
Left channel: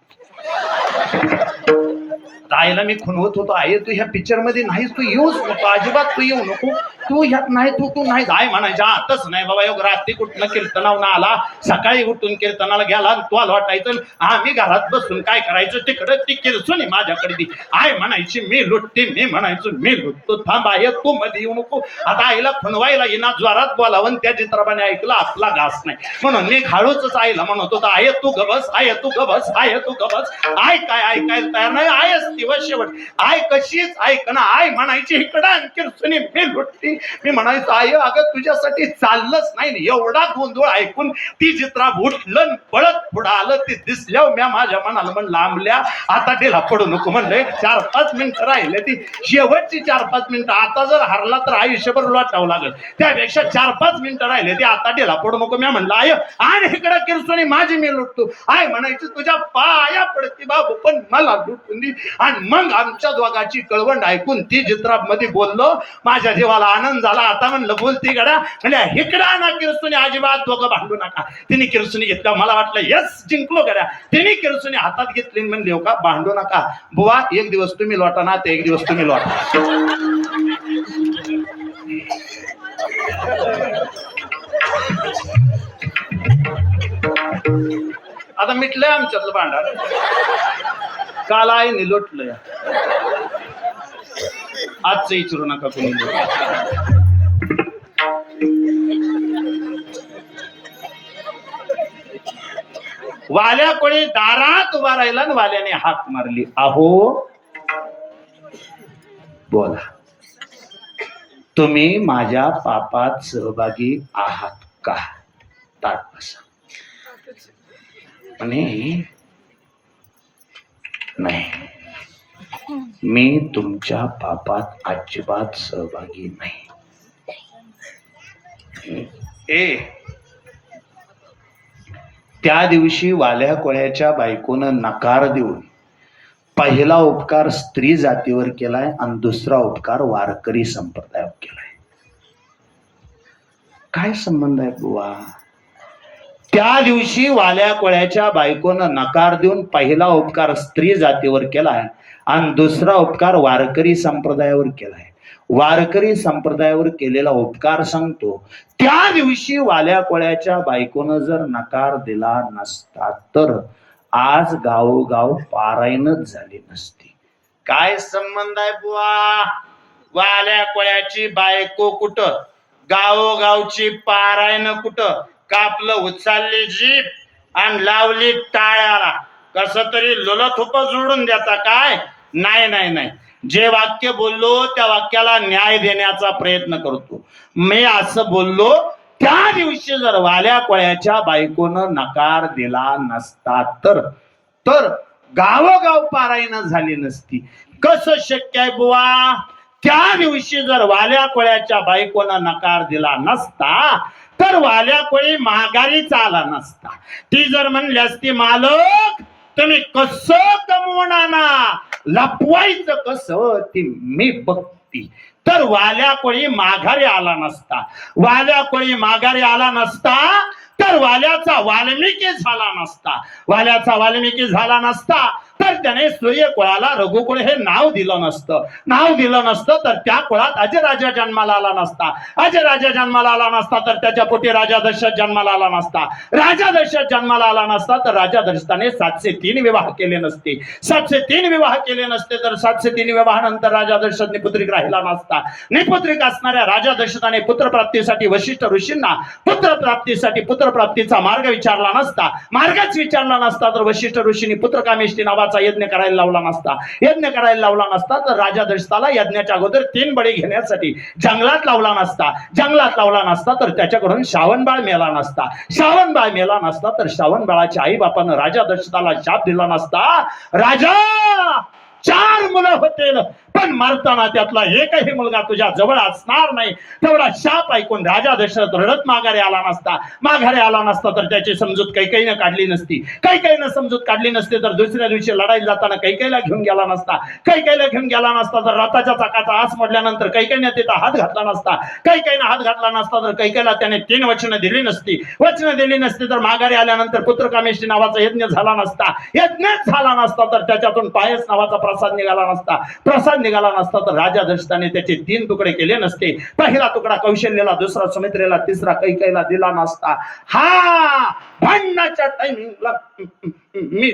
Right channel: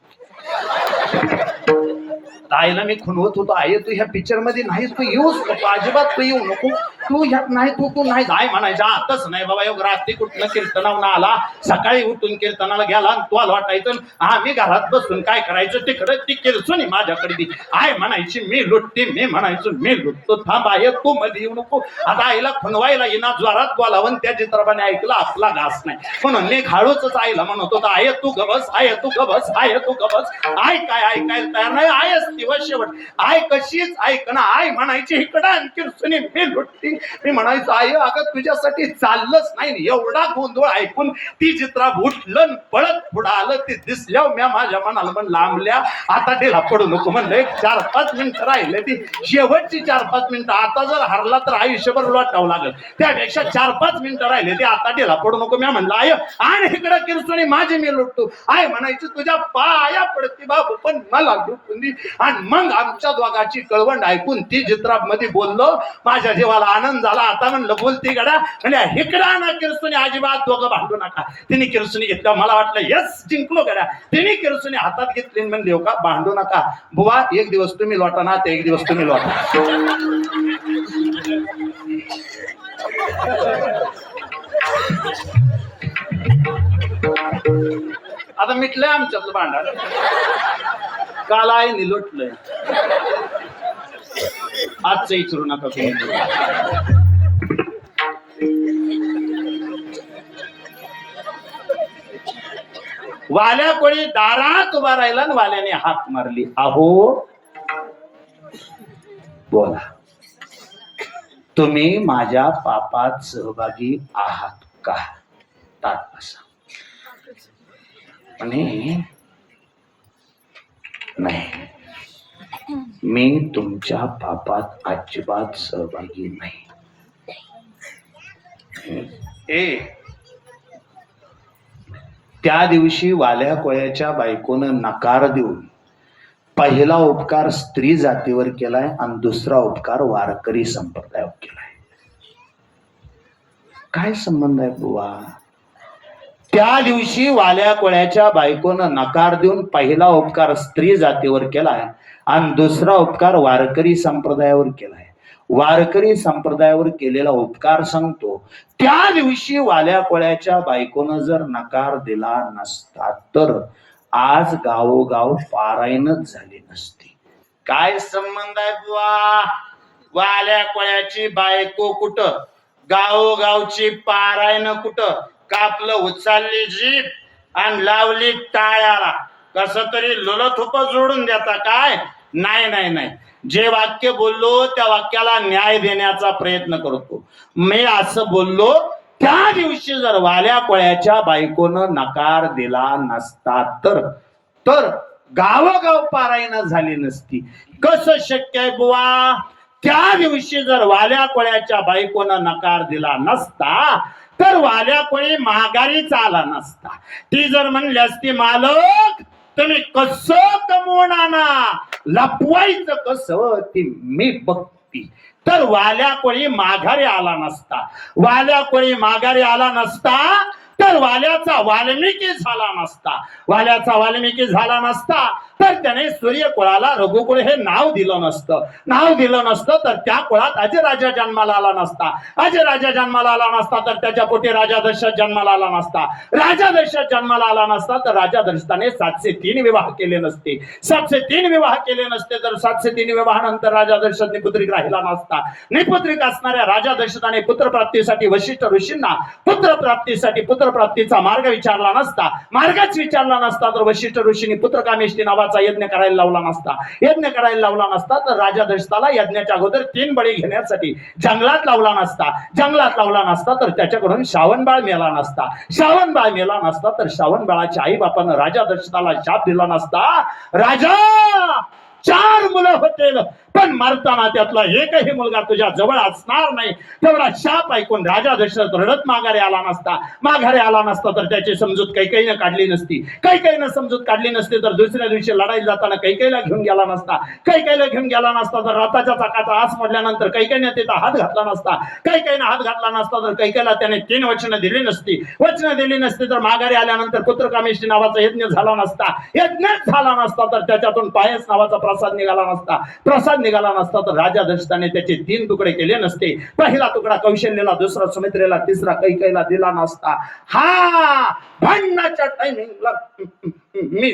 आईला मी खुणवत होतो. आई तू ह्या पिक्चर मध्ये नाहीस. तू येऊच नको अजिबात. तू येऊ नको. तू ह्यात नाही. तू नाही. आई म्हणायच्या आताच नाही बाबा. योग रात्री कुठलं कीर्तनावून आला. सकाळी उठून कीर्तनाला गेला. तू वाटायचं आम्ही घरात बसून काय करायचं. तिकडे ती किरसुनी माझ्याकडे दी. आई म्हणायची मी लुटते. मी म्हणायचो मी लुटतो. थांब आहे तू मध्ये येऊ नको. आता आईला खुणवायला येणार ज्वारात बोलावून त्या चित्रपाने ऐकलं आपला घास नाही. म्हणून मी खाळूच आईला म्हणत होता आहे तू गबस. आहे तू गबस. आहे तू गबस. आय काय ऐकायला तयार नाही. आय असती व शेवट आय कशीच ऐक ना. आय म्हणायची इकडं किरसुनी मी लुटती. मी म्हणायचो आई अगं तुझ्यासाठी चाललंच नाही. एवढा गोंधळ ऐकून ती चित्रा उठलं पळत पुढं आलं. ते दिसल्यावर म्या माझ्या मनाला म्हणलं आंबल्या आता ढिला पडू नको. म्हणलं 4-5 मिनिटं राहिले. ती शेवटची 4-5 मिनिटं. आता जर हरला तर आयुष्यभर लोटावं लागल. त्यापेक्षा 4-5 मिनिटं राहिले. ते आता ढिला पडू नको. मी म्हणलं आय आणि इकडं किरसुनी माझी मी लुटतो. आय म्हणायची तुझ्या पाया पडती बाबू पण मला लुटून दी. आणि मग आमच्या दोघांची कळवंड ऐकून ती चित्रामध्ये बोललो. माझ्या जीवाला आनंद झाला. आता म्हणलं बोलती गडा. म्हणजे इकडा ना किरसुनी अजिबात दोघं भांडू नका. तिने किरसुनी घेतला. मला वाटलं यस जिंकलो गड्या. तिने किरसुनी हातात घेतली म्हणली हो का भांडू नका बुवा. एक दिवस तुम्ही लोटा ना ते एक दिवस तुम्ही लोटा. आता मिटलंय आमच्यातलं भांडार. काल आईने लोटलंय. आजचं विचारू नका कोणी. वाल्या कोणी दारात उभा राहिला आणि वाल्याने हाक मारली. अहो बोला तुम्ही माझ्या पापात सहभागी आहात का. ताट बसा. आणि नाही मी तुमच्या पापात अजिबात सहभागी नाही. त्या दिवशी वाल्या कोळ्याच्या बायकोनं नकार देऊन पहिला उपकार स्त्री जातीवर केलाय आणि दुसरा उपकार वारकरी संप्रदायावर केलाय. काय संबंध आहे बुवा. त्या दिवशी वाल्या कोळ्याच्या बायकोनं नकार देऊन पहिला उपकार स्त्री जातीवर केलाय आणि दुसरा उपकार वारकरी संप्रदायावर केलाय. वारकरी संप्रदायावर केलेला उपकार सांगतो. त्या दिवशी वाल्या कोळ्याच्या बायकोनं जर नकार दिला नसता तर आज गावोगाव पारायणच झाली नसती. काय संबंध आहे बुवा. वाल्या कोळ्याची बायको कुठं गावोगावची पारायण कुठं. कापलं उचलली जीभ आणि लावली टाळ्याला. कस तरी लुलथुप जोडून देता काय. नाही नाही नाही, जे वाक्य बोललो त्या वाक्याला न्याय देण्याचा प्रयत्न करतो. मी असं बोललो, त्या दिवशी जर वाल्या कोळ्याच्या बायकोनं नकार दिला नसता तर गावोगाव पारायण झाली नसती. कसं शक्य आहे बुवा? त्या दिवशी जर वाल्या कोळ्याच्या बायकोनं नकार दिला नसता तर वाल्या कोळी माघारीच आला नसता. ती जर म्हणली असती, मालक तुम्ही कसं कमवून आणा, लपवायचं कसं ती मी बघती, तर वाल्या कोळी माघारी आला नसता. वाल्या कोळी माघारी आला नसता तर वाल्याचा वाल्मिकी झाला नसता. वाल्याचा वाल्मिकी झाला नसता तर त्याने सूर्यकुळाला रघुकुळ हे नाव दिलं नसतं. नाव दिलं नसतं तर त्या कुळात अजराजा जन्माला आला नसता. अजराजा जन्माला आला नसता तर त्याच्या पोटी राजा दशरथ जन्माला आला नसता. राजा दशरथ जन्माला आला नसता तर राजा दशरथाने 703 विवाह केले नसते. 703 विवाह केले नसते तर 703 विवाहानंतर राजा दशरथने पुत्रिक राहिला नसता. निपुत्रिक असणाऱ्या राजा दशरथाने पुत्रप्राप्तीसाठी वशिष्ठ ऋषींना पुत्रप्राप्तीचा मार्ग विचारला नसता. मार्गच विचारला नसता तर वशिष्ठ ऋषींनी पुत्रकामेष्टी नावाचा यज्ञ करायला लावला नसता. यज्ञ करायला लावला नसता तर राजा दशरथाला यज्ञाच्या अगोदर 3 बळी घेण्यासाठी जंगलात लावला नसता. जंगलात लावला नसता तर त्याच्याकडून श्रावणबाळ मेला नसता. श्रावणबाळ मेला नसता तर श्रावणबाळाच्या आई बापानं राजा दशरथाला शाप दिला नसता. राजा 4 मुलं होतील पण मरताना त्यातला एकही मुलगा तुझ्या जवळ असणार नाही. तेवढा शाप ऐकून राजा दशरथ रडत माघारी आला नसता. माघारी आला नसता तर त्याची समजूत कैकेयीनं काढली नसती. कैकेयीनं समजूत काढली नसती तर दुसऱ्या दिवशी लढाईला जाताना कैकेयीला घेऊन गेला नसता. कैकेयीला घेऊन गेला नसता तर रथाच्या चाकाचा आस मोडल्यानंतर कैकेयीने तिथं हात घातला नसता. कैकेयीने हात घातला नसता तर कैकेयीला त्याने 3 वचनं दिली नसती. वचनं दिली नसती तर माघारी आल्यानंतर पुत्रकामेष्टी नावाचा यज्ञ झाला नसता. यज्ञच झाला नसता तर त्याच्यातून पायस नावाचा प्रसाद निघाला नसता. प्रसाद निघाला नसता तर राजा दशरथाने त्याचे 3 तुकडे केले नसते. पहिला तुकडा कौशल्याला, दुसरा सुमित्रेला, तिसरा कैकेयीला दिला नसता. हा भांडणाच्या टायमिंगला मी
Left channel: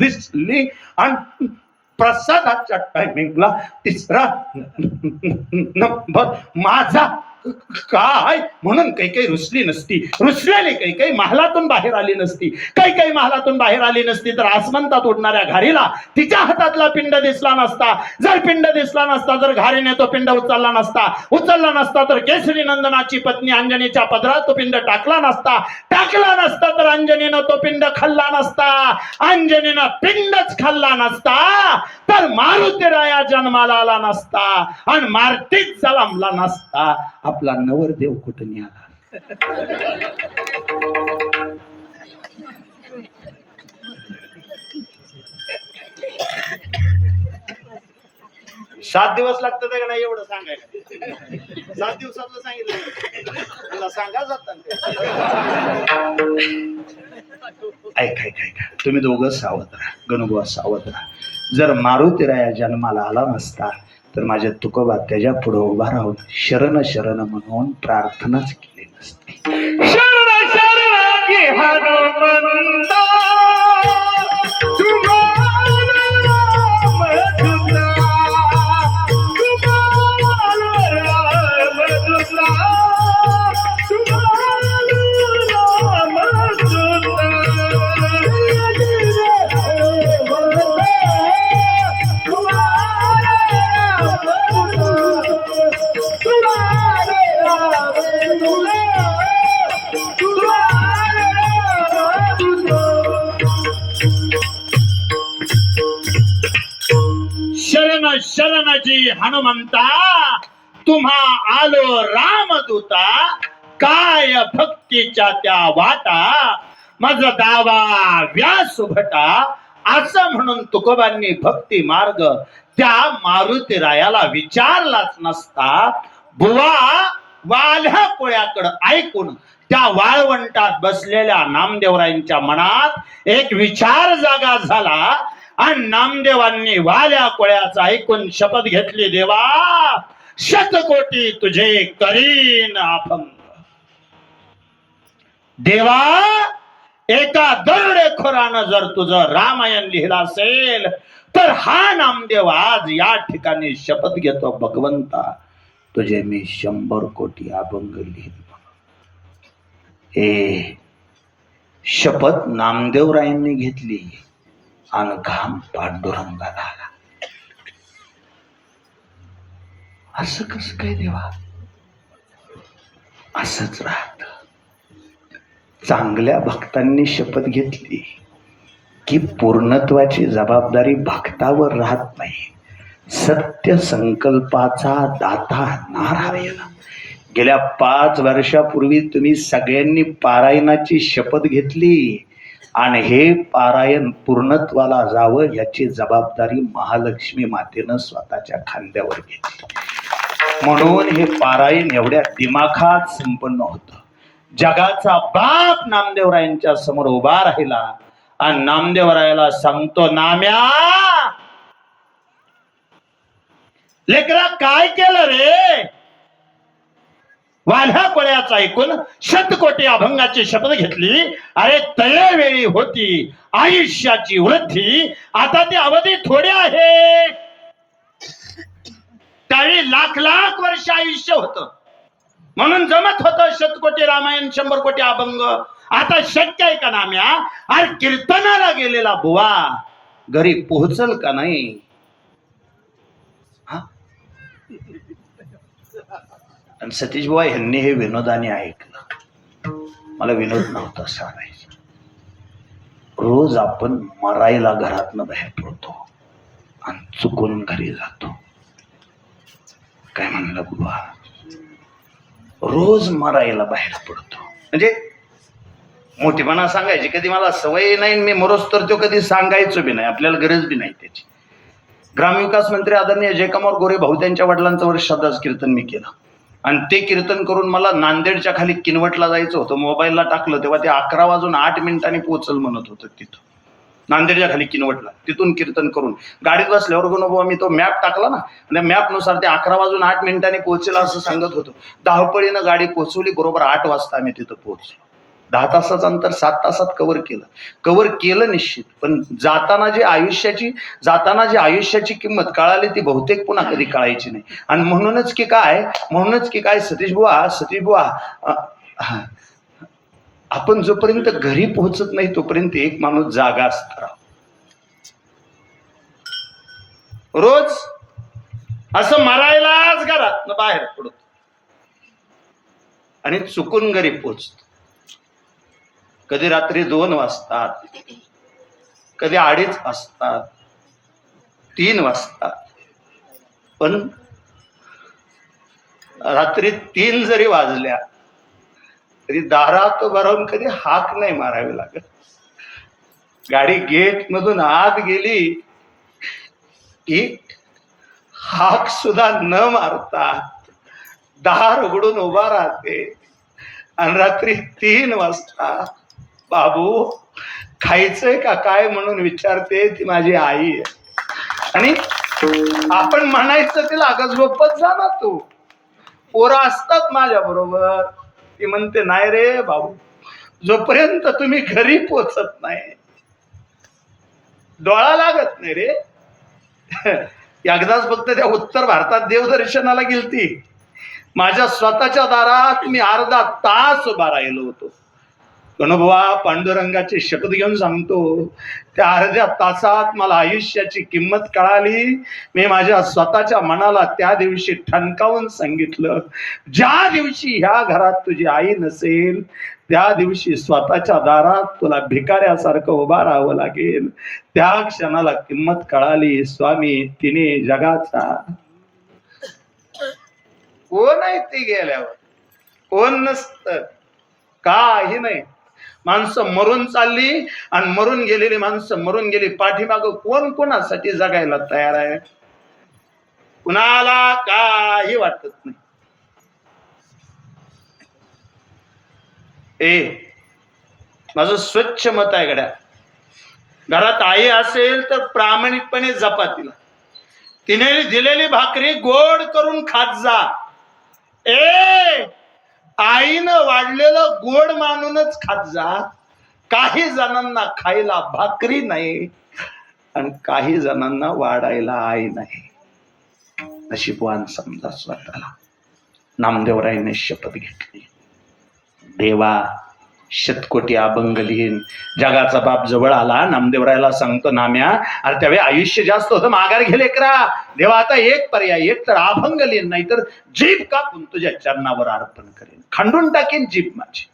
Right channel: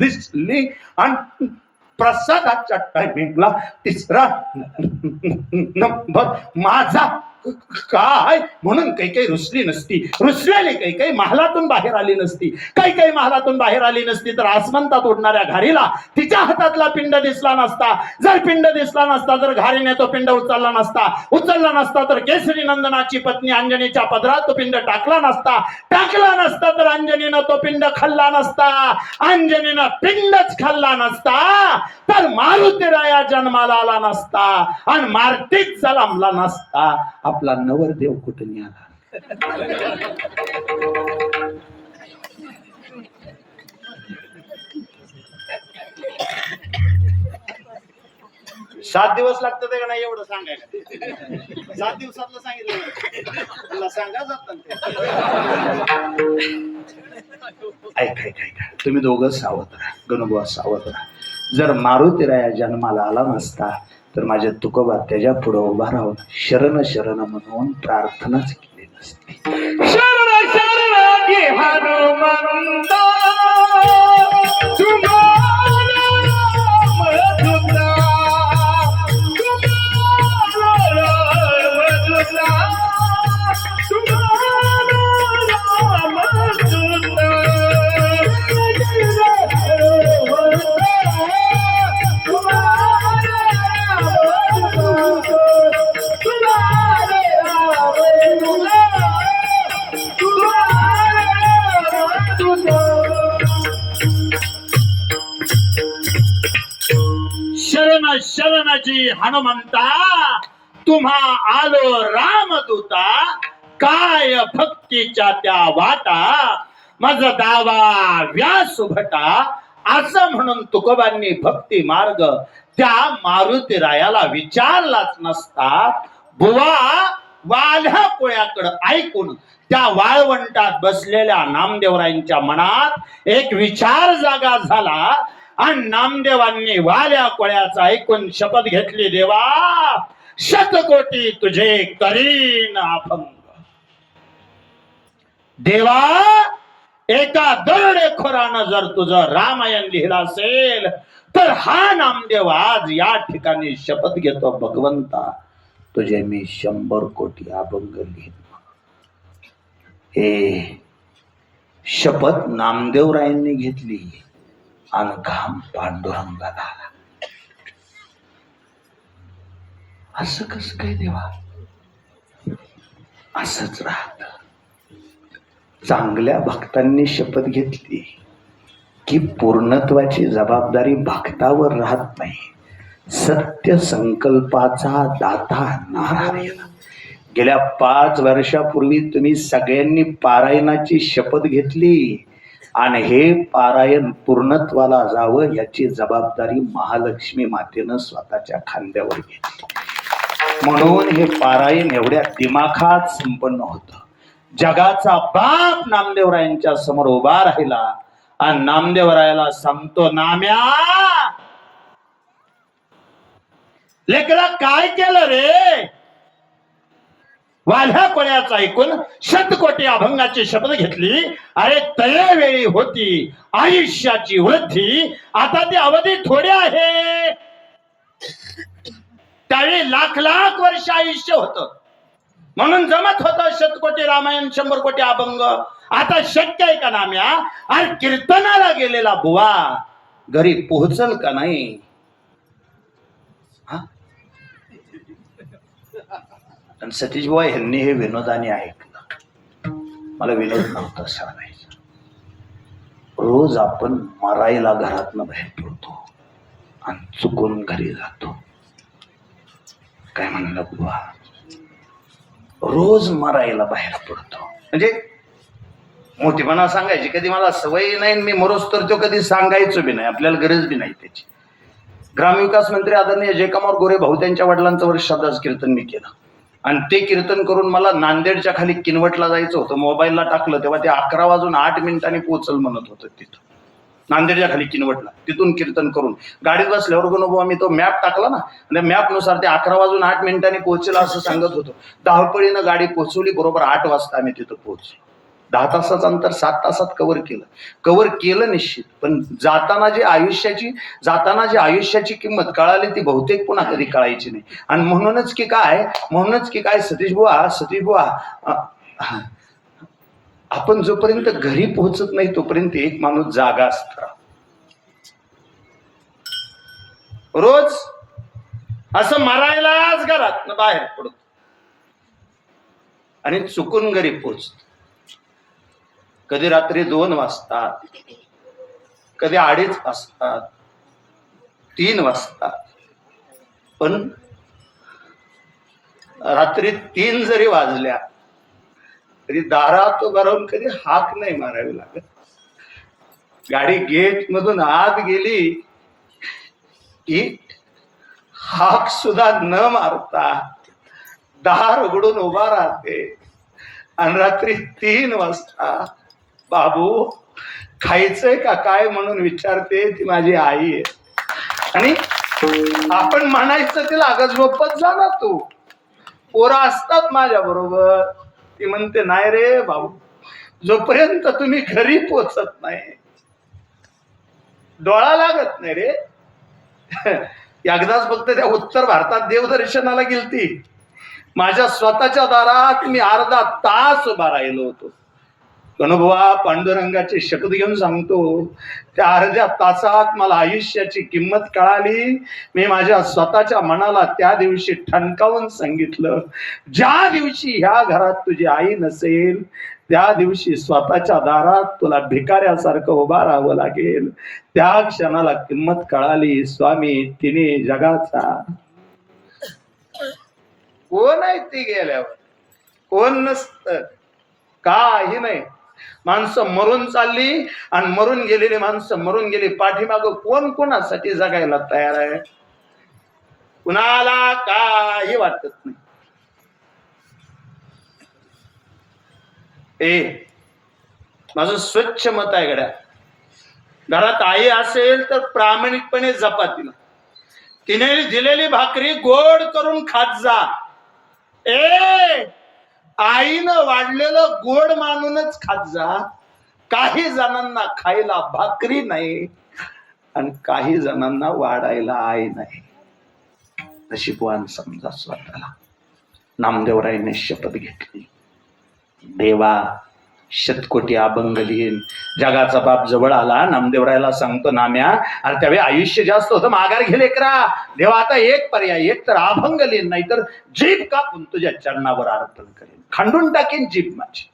दिसली आणि प्रसादाच्या टायमिंगला तिसरा नंबर माझा काय म्हणून कैकेयी रुसली नसती. रुसलेली कैकेयी महालातून बाहेर आली नसती. कैकेयी महालातून बाहेर आली नसती तर आसमंतात उडणाऱ्या घारीला तिच्या हातातला पिंड दिसला नसता. जर पिंड दिसला नसता तर घारीने तो पिंड उचलला नसता. उचलला नसता तर केसरी नंदनाची पत्नी अंजनीच्या पदरात तो पिंड टाकला नसता. टाकला नसता तर अंजनीनं तो पिंड खाल्ला नसता. अंजनीनं पिंडच खाल्ला नसता तर मारुतीराया जन्माला आला नसता आणि मारुतीच जन्मला नसता. आपला नवरदेव कुठं निघाला. 7 दिवस लागतं का नाही एवढं सांगायला? 7 दिवसातलं सांगितलं सांगा जात. ऐका तुम्ही दोघं सावध राहा. गणुबुवा सावध राहा. जर मारुतीराया जन्माला आला नसता तर माझ्या तुकोबा त्याच्या पुढे उभा राहून शरण शरण म्हणून प्रार्थनाच केली नसती. शरण शरण की हनुमंता तुम्हाला राम दूता, तुम्हाला राम दूता, तुम्हाला राम दूता. शरण शरणजी हनुमंता तुम्हा आलो रामदूता, काय भक्तीच्या त्या वाटा मज दावा व्यास भटा. असं म्हणून तुकोबांनी भक्ती मार्ग त्या मारुतीरायाला विचारलाच नसता. बुवा वाल्या कोळ्याकडं ऐकून त्या वाळवंटात बसलेल्या नामदेवरायांच्या मनात एक विचार जागा झाला आणि नामदेवांनी वाल्या कोळ्याचा ऐकून शपथ घेतली, देवा शतकोटी तुझे करीन अभंग. देवा एका दरोडेखोरानं जर तुझं रामायण लिहिलं असेल तर हा नामदेव आज या ठिकाणी शपथ घेतो, भगवंता तुझे मी 100 कोटी अभंग लिहिन. हे शपथ नामदेवरायांनी घेतली. आणि घाम पांडुरंगाला आला. असं कसं काय देवा? असंच राहत. चांगल्या भक्तांनी शपथ घेतली की पूर्णत्वाची जबाबदारी भक्तावर राहत नाही. सत्य संकल्पाचा दाता नारायण. गेल्या 5 वर्षापूर्वी तुम्ही सगळ्यांनी पारायणाची शपथ घेतली आणि हे पारायण पूर्णत्वाला जावं याची जबाबदारी महालक्ष्मी मातेनं स्वतःच्या खांद्यावर घेतली. म्हणून हे पारायण एवढ्या दिमाखात संपन्न होतं. जगाचा बाप नामदेवरायांच्या समोर उभा राहिला आणि नामदेवरायाला सांगतो, नाम्या लेकरा काय केलं रे? वाल्ह्या कोऱ्याचं ऐकून शतकोटी अभंगाची शपथ घेतली. अरे तयवेळी होती आयुष्याची वृद्धी, आता ती अवधी थोडी आहे. त्यावेळी लाख लाख वर्ष आयुष्य होतं म्हणून जमत होतं शतकोटी रामायण 100 कोटी अभंग. आता शक्य आहे का नाम्या? अरे कीर्तनाला गेलेला बुवा घरी पोहोचल का नाही? आणि सतीश बुवा यांनी हे विनोदाने ऐकलं. मला विनोद नव्हता सांगायचा. रोज आपण मरायला घरातनं बाहेर पडतो आणि चुकून घरी जातो. काय म्हणलं बुवा? रोज मरायला बाहेर पडतो. म्हणजे मोठीपणा सांगायची कधी मला सवय नाही. मी मरोच तर तो कधी सांगायचो बी नाही. आपल्याला गरज बी नाही त्याची. ग्रामविकास मंत्री आदरणीय जयकमार गोरे भाऊ त्यांच्या वडिलांचं वर्ष श्राद्धाचं कीर्तन मी केलं आणि ते कीर्तन करून मला नांदेडच्या खाली किनवटला जायचं होतं. मोबाईलला टाकलं तेव्हा ते 11:08 पोहोचल म्हणत होतं. तिथं नांदेडच्या खाली किनवटला तिथून कीर्तन करून गाडीत बसल्यावर गुणोबा मी तो मॅप टाकला ना, त्या मॅपनुसार ते 11:08 पोहोचेल असं सांगत होतं. धावपळीनं गाडी पोहोचवली. बरोबर 8 वाजता आम्ही तिथं पोहोचलो. 10 तासाचं अंतर 7 तासात कव्हर केलं निश्चित. पण जाताना जी आयुष्याची किंमत कळाली ती बहुतेक पुन्हा कधी कळायची नाही. आणि म्हणूनच की काय सतीश बुवा आपण जोपर्यंत घरी पोहोचत नाही तोपर्यंत एक माणूस जागा असतो. रोज असं मरायलाच घरात बाहेर पडतो आणि चुकून घरी पोहोचतो. कधी रात्री 2 वाजतात, कधी 2:30 वाजतात, 3 वाजतात. पण रात्री 3 जरी वाजल्या तरी दारात भरून कधी हाक नाही मारावी लागत. गाडी गेट मधून आत गेली की हाक सुद्धा न मारता दार उघडून उभा राहते आणि रात्री 3 वाजता बाबू खायचंय का काय म्हणून विचारते. ती माझी आई आहे. आणि आपण म्हणायचं तिला अगं झोपत जा ना तू, पोरं असतात माझ्या बरोबर. ती म्हणते नाही रे बाबू, जोपर्यंत तुम्ही घरी पोचत नाही डोळा लागत नाही रे. एकदाच फक्त त्या उत्तर भारतात देवदर्शनाला गेलती. माझ्या स्वतःच्या दारात मी अर्धा तास उभा राहिलो होतो. गणोबा पांडुरंगाची शपथ घेऊन सांगतो, त्या अर्ध्या तासात मला आयुष्याची किंमत कळाली. मी माझ्या स्वतःच्या मनाला त्या दिवशी ठणकावून सांगितलं, ज्या दिवशी ह्या घरात तुझी आई नसेल त्या दिवशी स्वतःच्या दारात तुला भिकाऱ्यासारखं उभा राहावं लागेल. त्या क्षणाला किंमत कळाली. स्वामी तिने जगाचा कोण आहे ती गेल्यावर? कोण नसतं, काही नाही. माणसं मरून चालली आणि मरून गेलेली माणसं मरून गेली. पाठीमागं कोण कोणासाठी जगायला तयार आहे? कुणाला काही वाटत नाही. माझं स्वच्छ मत आहे गड्या, घरात आई असेल तर प्रामाणिकपणे जपा तिला. तिने दिलेली भाकरी गोड करून खात जा. आईनं वाढलेलं गोड मानूनच खात जा. काही जणांना खायला भाकरी नाही आणि काही जणांना वाढायला आई नाही. नशीबवान समजा स्वतःला. नामदेवरायांनी शपथ घेतली, देवा शतकोटी अभंग लिहीन. जगाचा बाप जवळ आला, नामदेवरायला सांगतो, नाम्या अरे त्यावेळी आयुष्य जास्त होतं, माघार घे लेकरा. देवा आता एक पर्याय, एक तर अभंग लिहीन, नाहीतर जीभ कापून तुझ्या चरणावर अर्पण करेन, खंडून टाकीन जीभ माझी.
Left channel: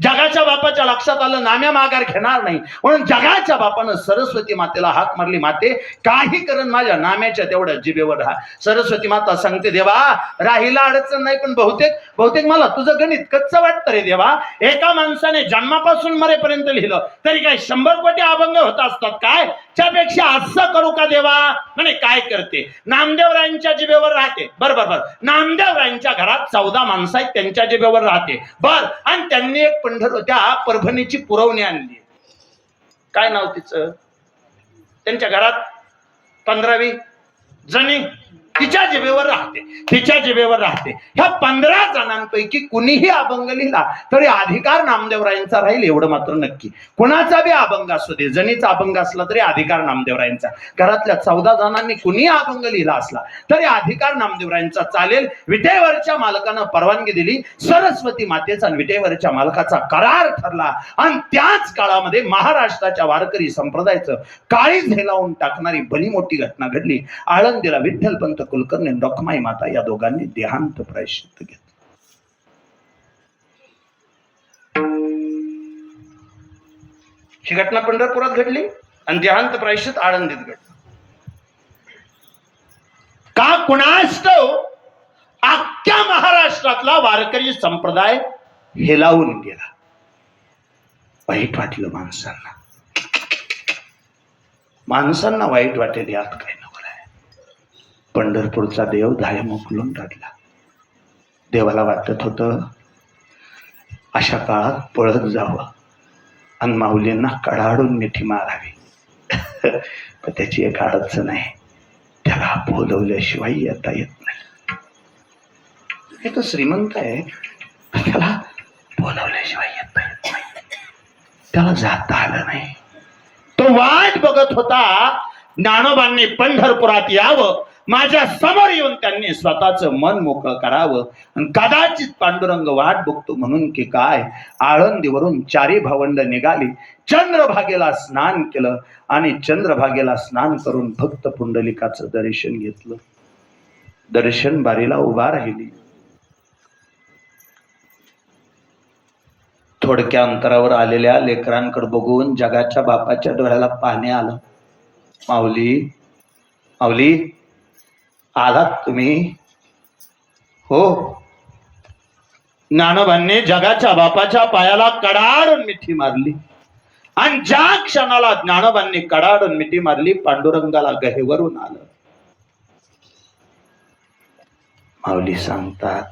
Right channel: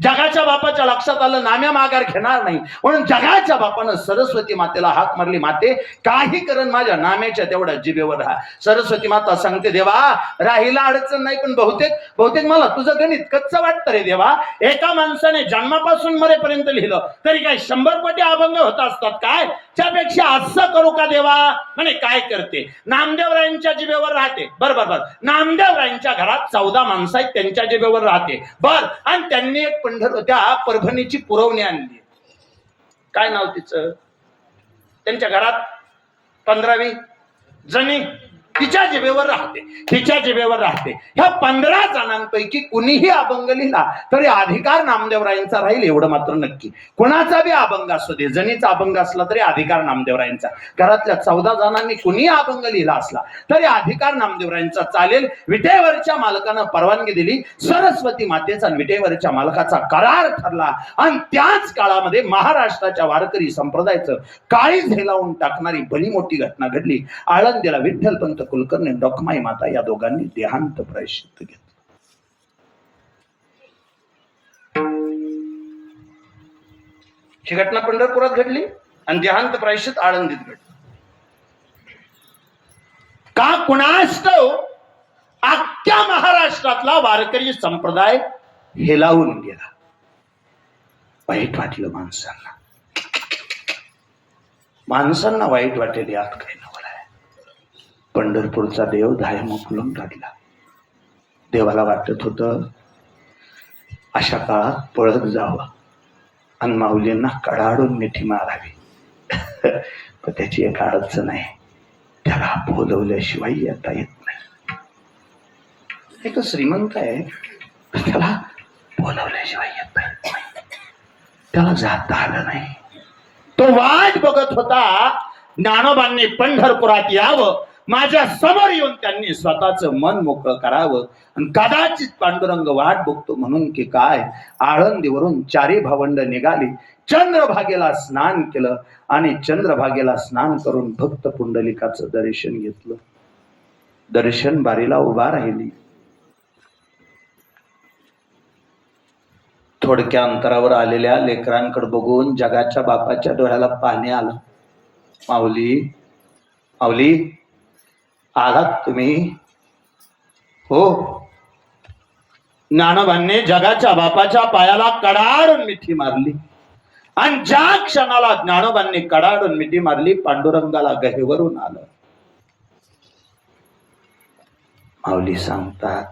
जगाच्या बापाच्या लक्षात आलं नाम्या माघार घेणार नाही, म्हणून जगाच्या बापानं सरस्वती मातेला हाक मारली, माते काही करण माझ्या नाम्याच्या तेवढ्या जिभेवर राहा. सरस्वती माता सांगते, देवा राहिला अडचण नाही, पण बहुतेक मला तुझं गणित कच्चं वाटतं रे देवा. एका माणसाने जन्मापासून मरेपर्यंत लिहिलं तरी काय 100 कोटी अभंग होत असतात काय? त्यापेक्षा असं करू का देवा? म्हणे काय करते, नामदेवरायांच्या जिभेवर राहते. बर नामदेवरायांच्या घरात 14 माणसं आहेत, त्यांच्या जिभेवर राहते. बर, आणि त्यांनी एक त्या परभणीची पुरवणी आणली. काय नाव तिचं? त्यांच्या घरात 15-20 जणी तिच्या जिभेवर राहते. ह्या 15 जणांपैकी कुणीही अभंग लिहिला तरी अधिकार नामदेवरायांचा राहील, एवढं मात्र नक्की. कुणाचा बी अभंग असू दे, जणीचा अभंग असला तरी अधिकार नामदेवरायांचा. घरातल्या 14 जणांनी कुणीही अभंग लिहिला असला तरी अधिकार नामदेवरायांचा चालेल. विटेवरच्या मालकानं परवानगी दिली, सरस्वती मातेचा आणि विटेवरच्या मालकाचा करार ठरला. आणि त्याच काळामध्ये महाराष्ट्राच्या वारकरी संप्रदायाचं काळीज हेलावून टाकणारी भली मोठी घटना घडली. आळंदीला विठ्ठलपंत कुलकर्णी, रखमाई माता या दोघांनी देहांत प्रायश्चित्त घेतलं. ही घटना पंढरपुरात घडली आणि देहांत प्रायश्चित्त आळंदीत घडलं. का कुणास ठाऊक अख्ख्या महाराष्ट्रातला वारकरी संप्रदाय हेलावून गेला. वाईट वाटलं माणसांना वाईट वाटेल यात काही नवल आहे. पंढरपूरचा देव धायम उकलून काढला. देवाला वाटत होतं अशा काळात पळत जावं आणि माऊलींना कडाडून मिठी मारावी. पण त्याची एक अडचण आहे, त्याला बोलवल्याशिवाय येता येत नाही. हे तर श्रीमंत आहे, त्याला बोलवल्याशिवाय येता येत नाही, त्याला जाता आलं नाही. तो वाट बघत होता ज्ञानोबांनी पंढरपुरात यावं, माझ्या समोर येऊन त्यांनी स्वतःचं मन मोकळं करावं. आणि कदाचित पांडुरंग वाट बघतो म्हणून की काय, आळंदीवरून 4 भावंड निघाली, चंद्रभागेला स्नान केलं आणि चंद्रभागेला स्नान करून भक्त पुंडलिकाचं दर्शन घेतलं. दर्शन बारीला उभा राहिली. थोडक्या अंतरावर आलेल्या लेकरांकडे बघून जगाच्या बापाच्या डोळ्याला पाणी आलं. माऊली आलात तुम्ही? हो. ज्ञानोबांनी जगाच्या बापाच्या पायाला कडाडून मिठी मारली आणि ज्या क्षणाला ज्ञानोबांनी कडाडून मिठी मारली, पांडुरंगाला गहेवरून आलं. माऊली सांगतात,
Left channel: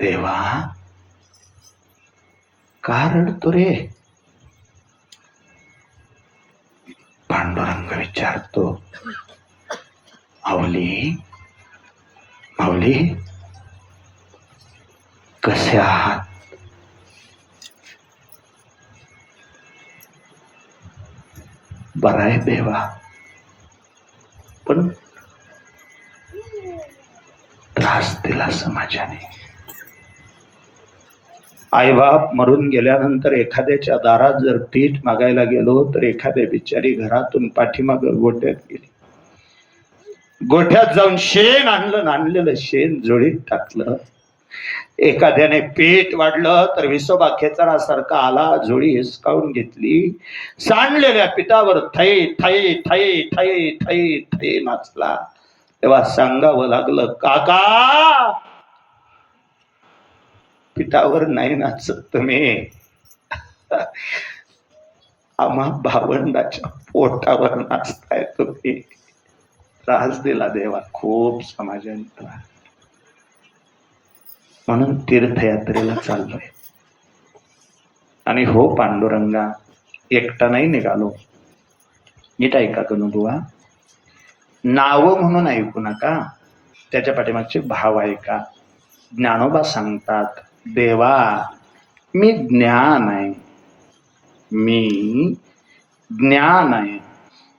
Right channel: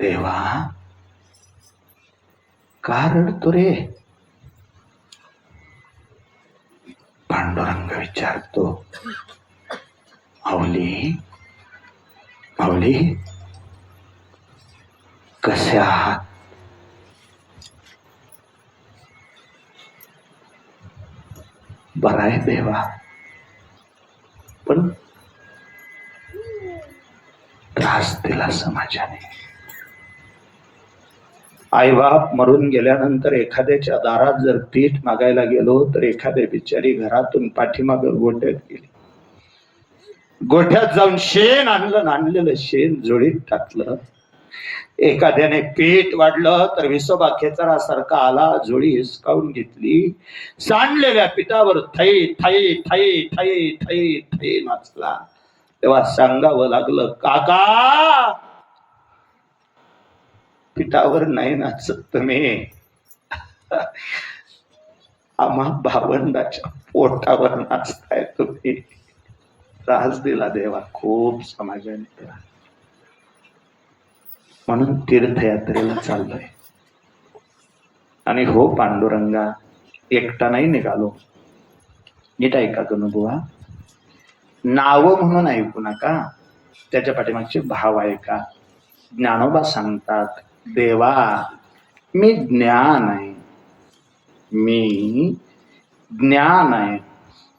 देवा का रडतो रे? पांडुरंग विचारतो, माऊली कसे आहात? बरं आहे देवा, पण त्रास दिला समाजाने. आईबाप मरून गेल्यानंतर एखाद्याच्या दारात जर पीठ मागायला गेलो तर एखाद्या बिचारी घरातून पाठीमाग गोठ्यात गेली. गोठ्यात जाऊन शेण आणलं, आणलेलं शेण जोडीत टाकलं. एखाद्याने पीठ वाढलं तर विसोबा खेचरासारखा आला, जोडी हिसकावून घेतली. सांडलेल्या पिठावर थै थै थै थै थै थै नाचला. तेव्हा सांगावं लागलं, काका पिठावर नाही नाचत तुम्ही, आम्हा भावंडाच्या पोटावर नाचताय तुम्ही. त्रास दिला देवा, खूप समाजाने त्रास. म्हणून तीर्थयात्रेला चाललोय. आणि हो पांडुरंगा, एकटा नाही निघालो. नीट ऐका तुम्ही बुवा, नाव म्हणून ऐकू नका, त्याच्या पाठीमागचे भाव ऐका. ज्ञानोबा सांगतात, देवा मी ज्ञान आहे,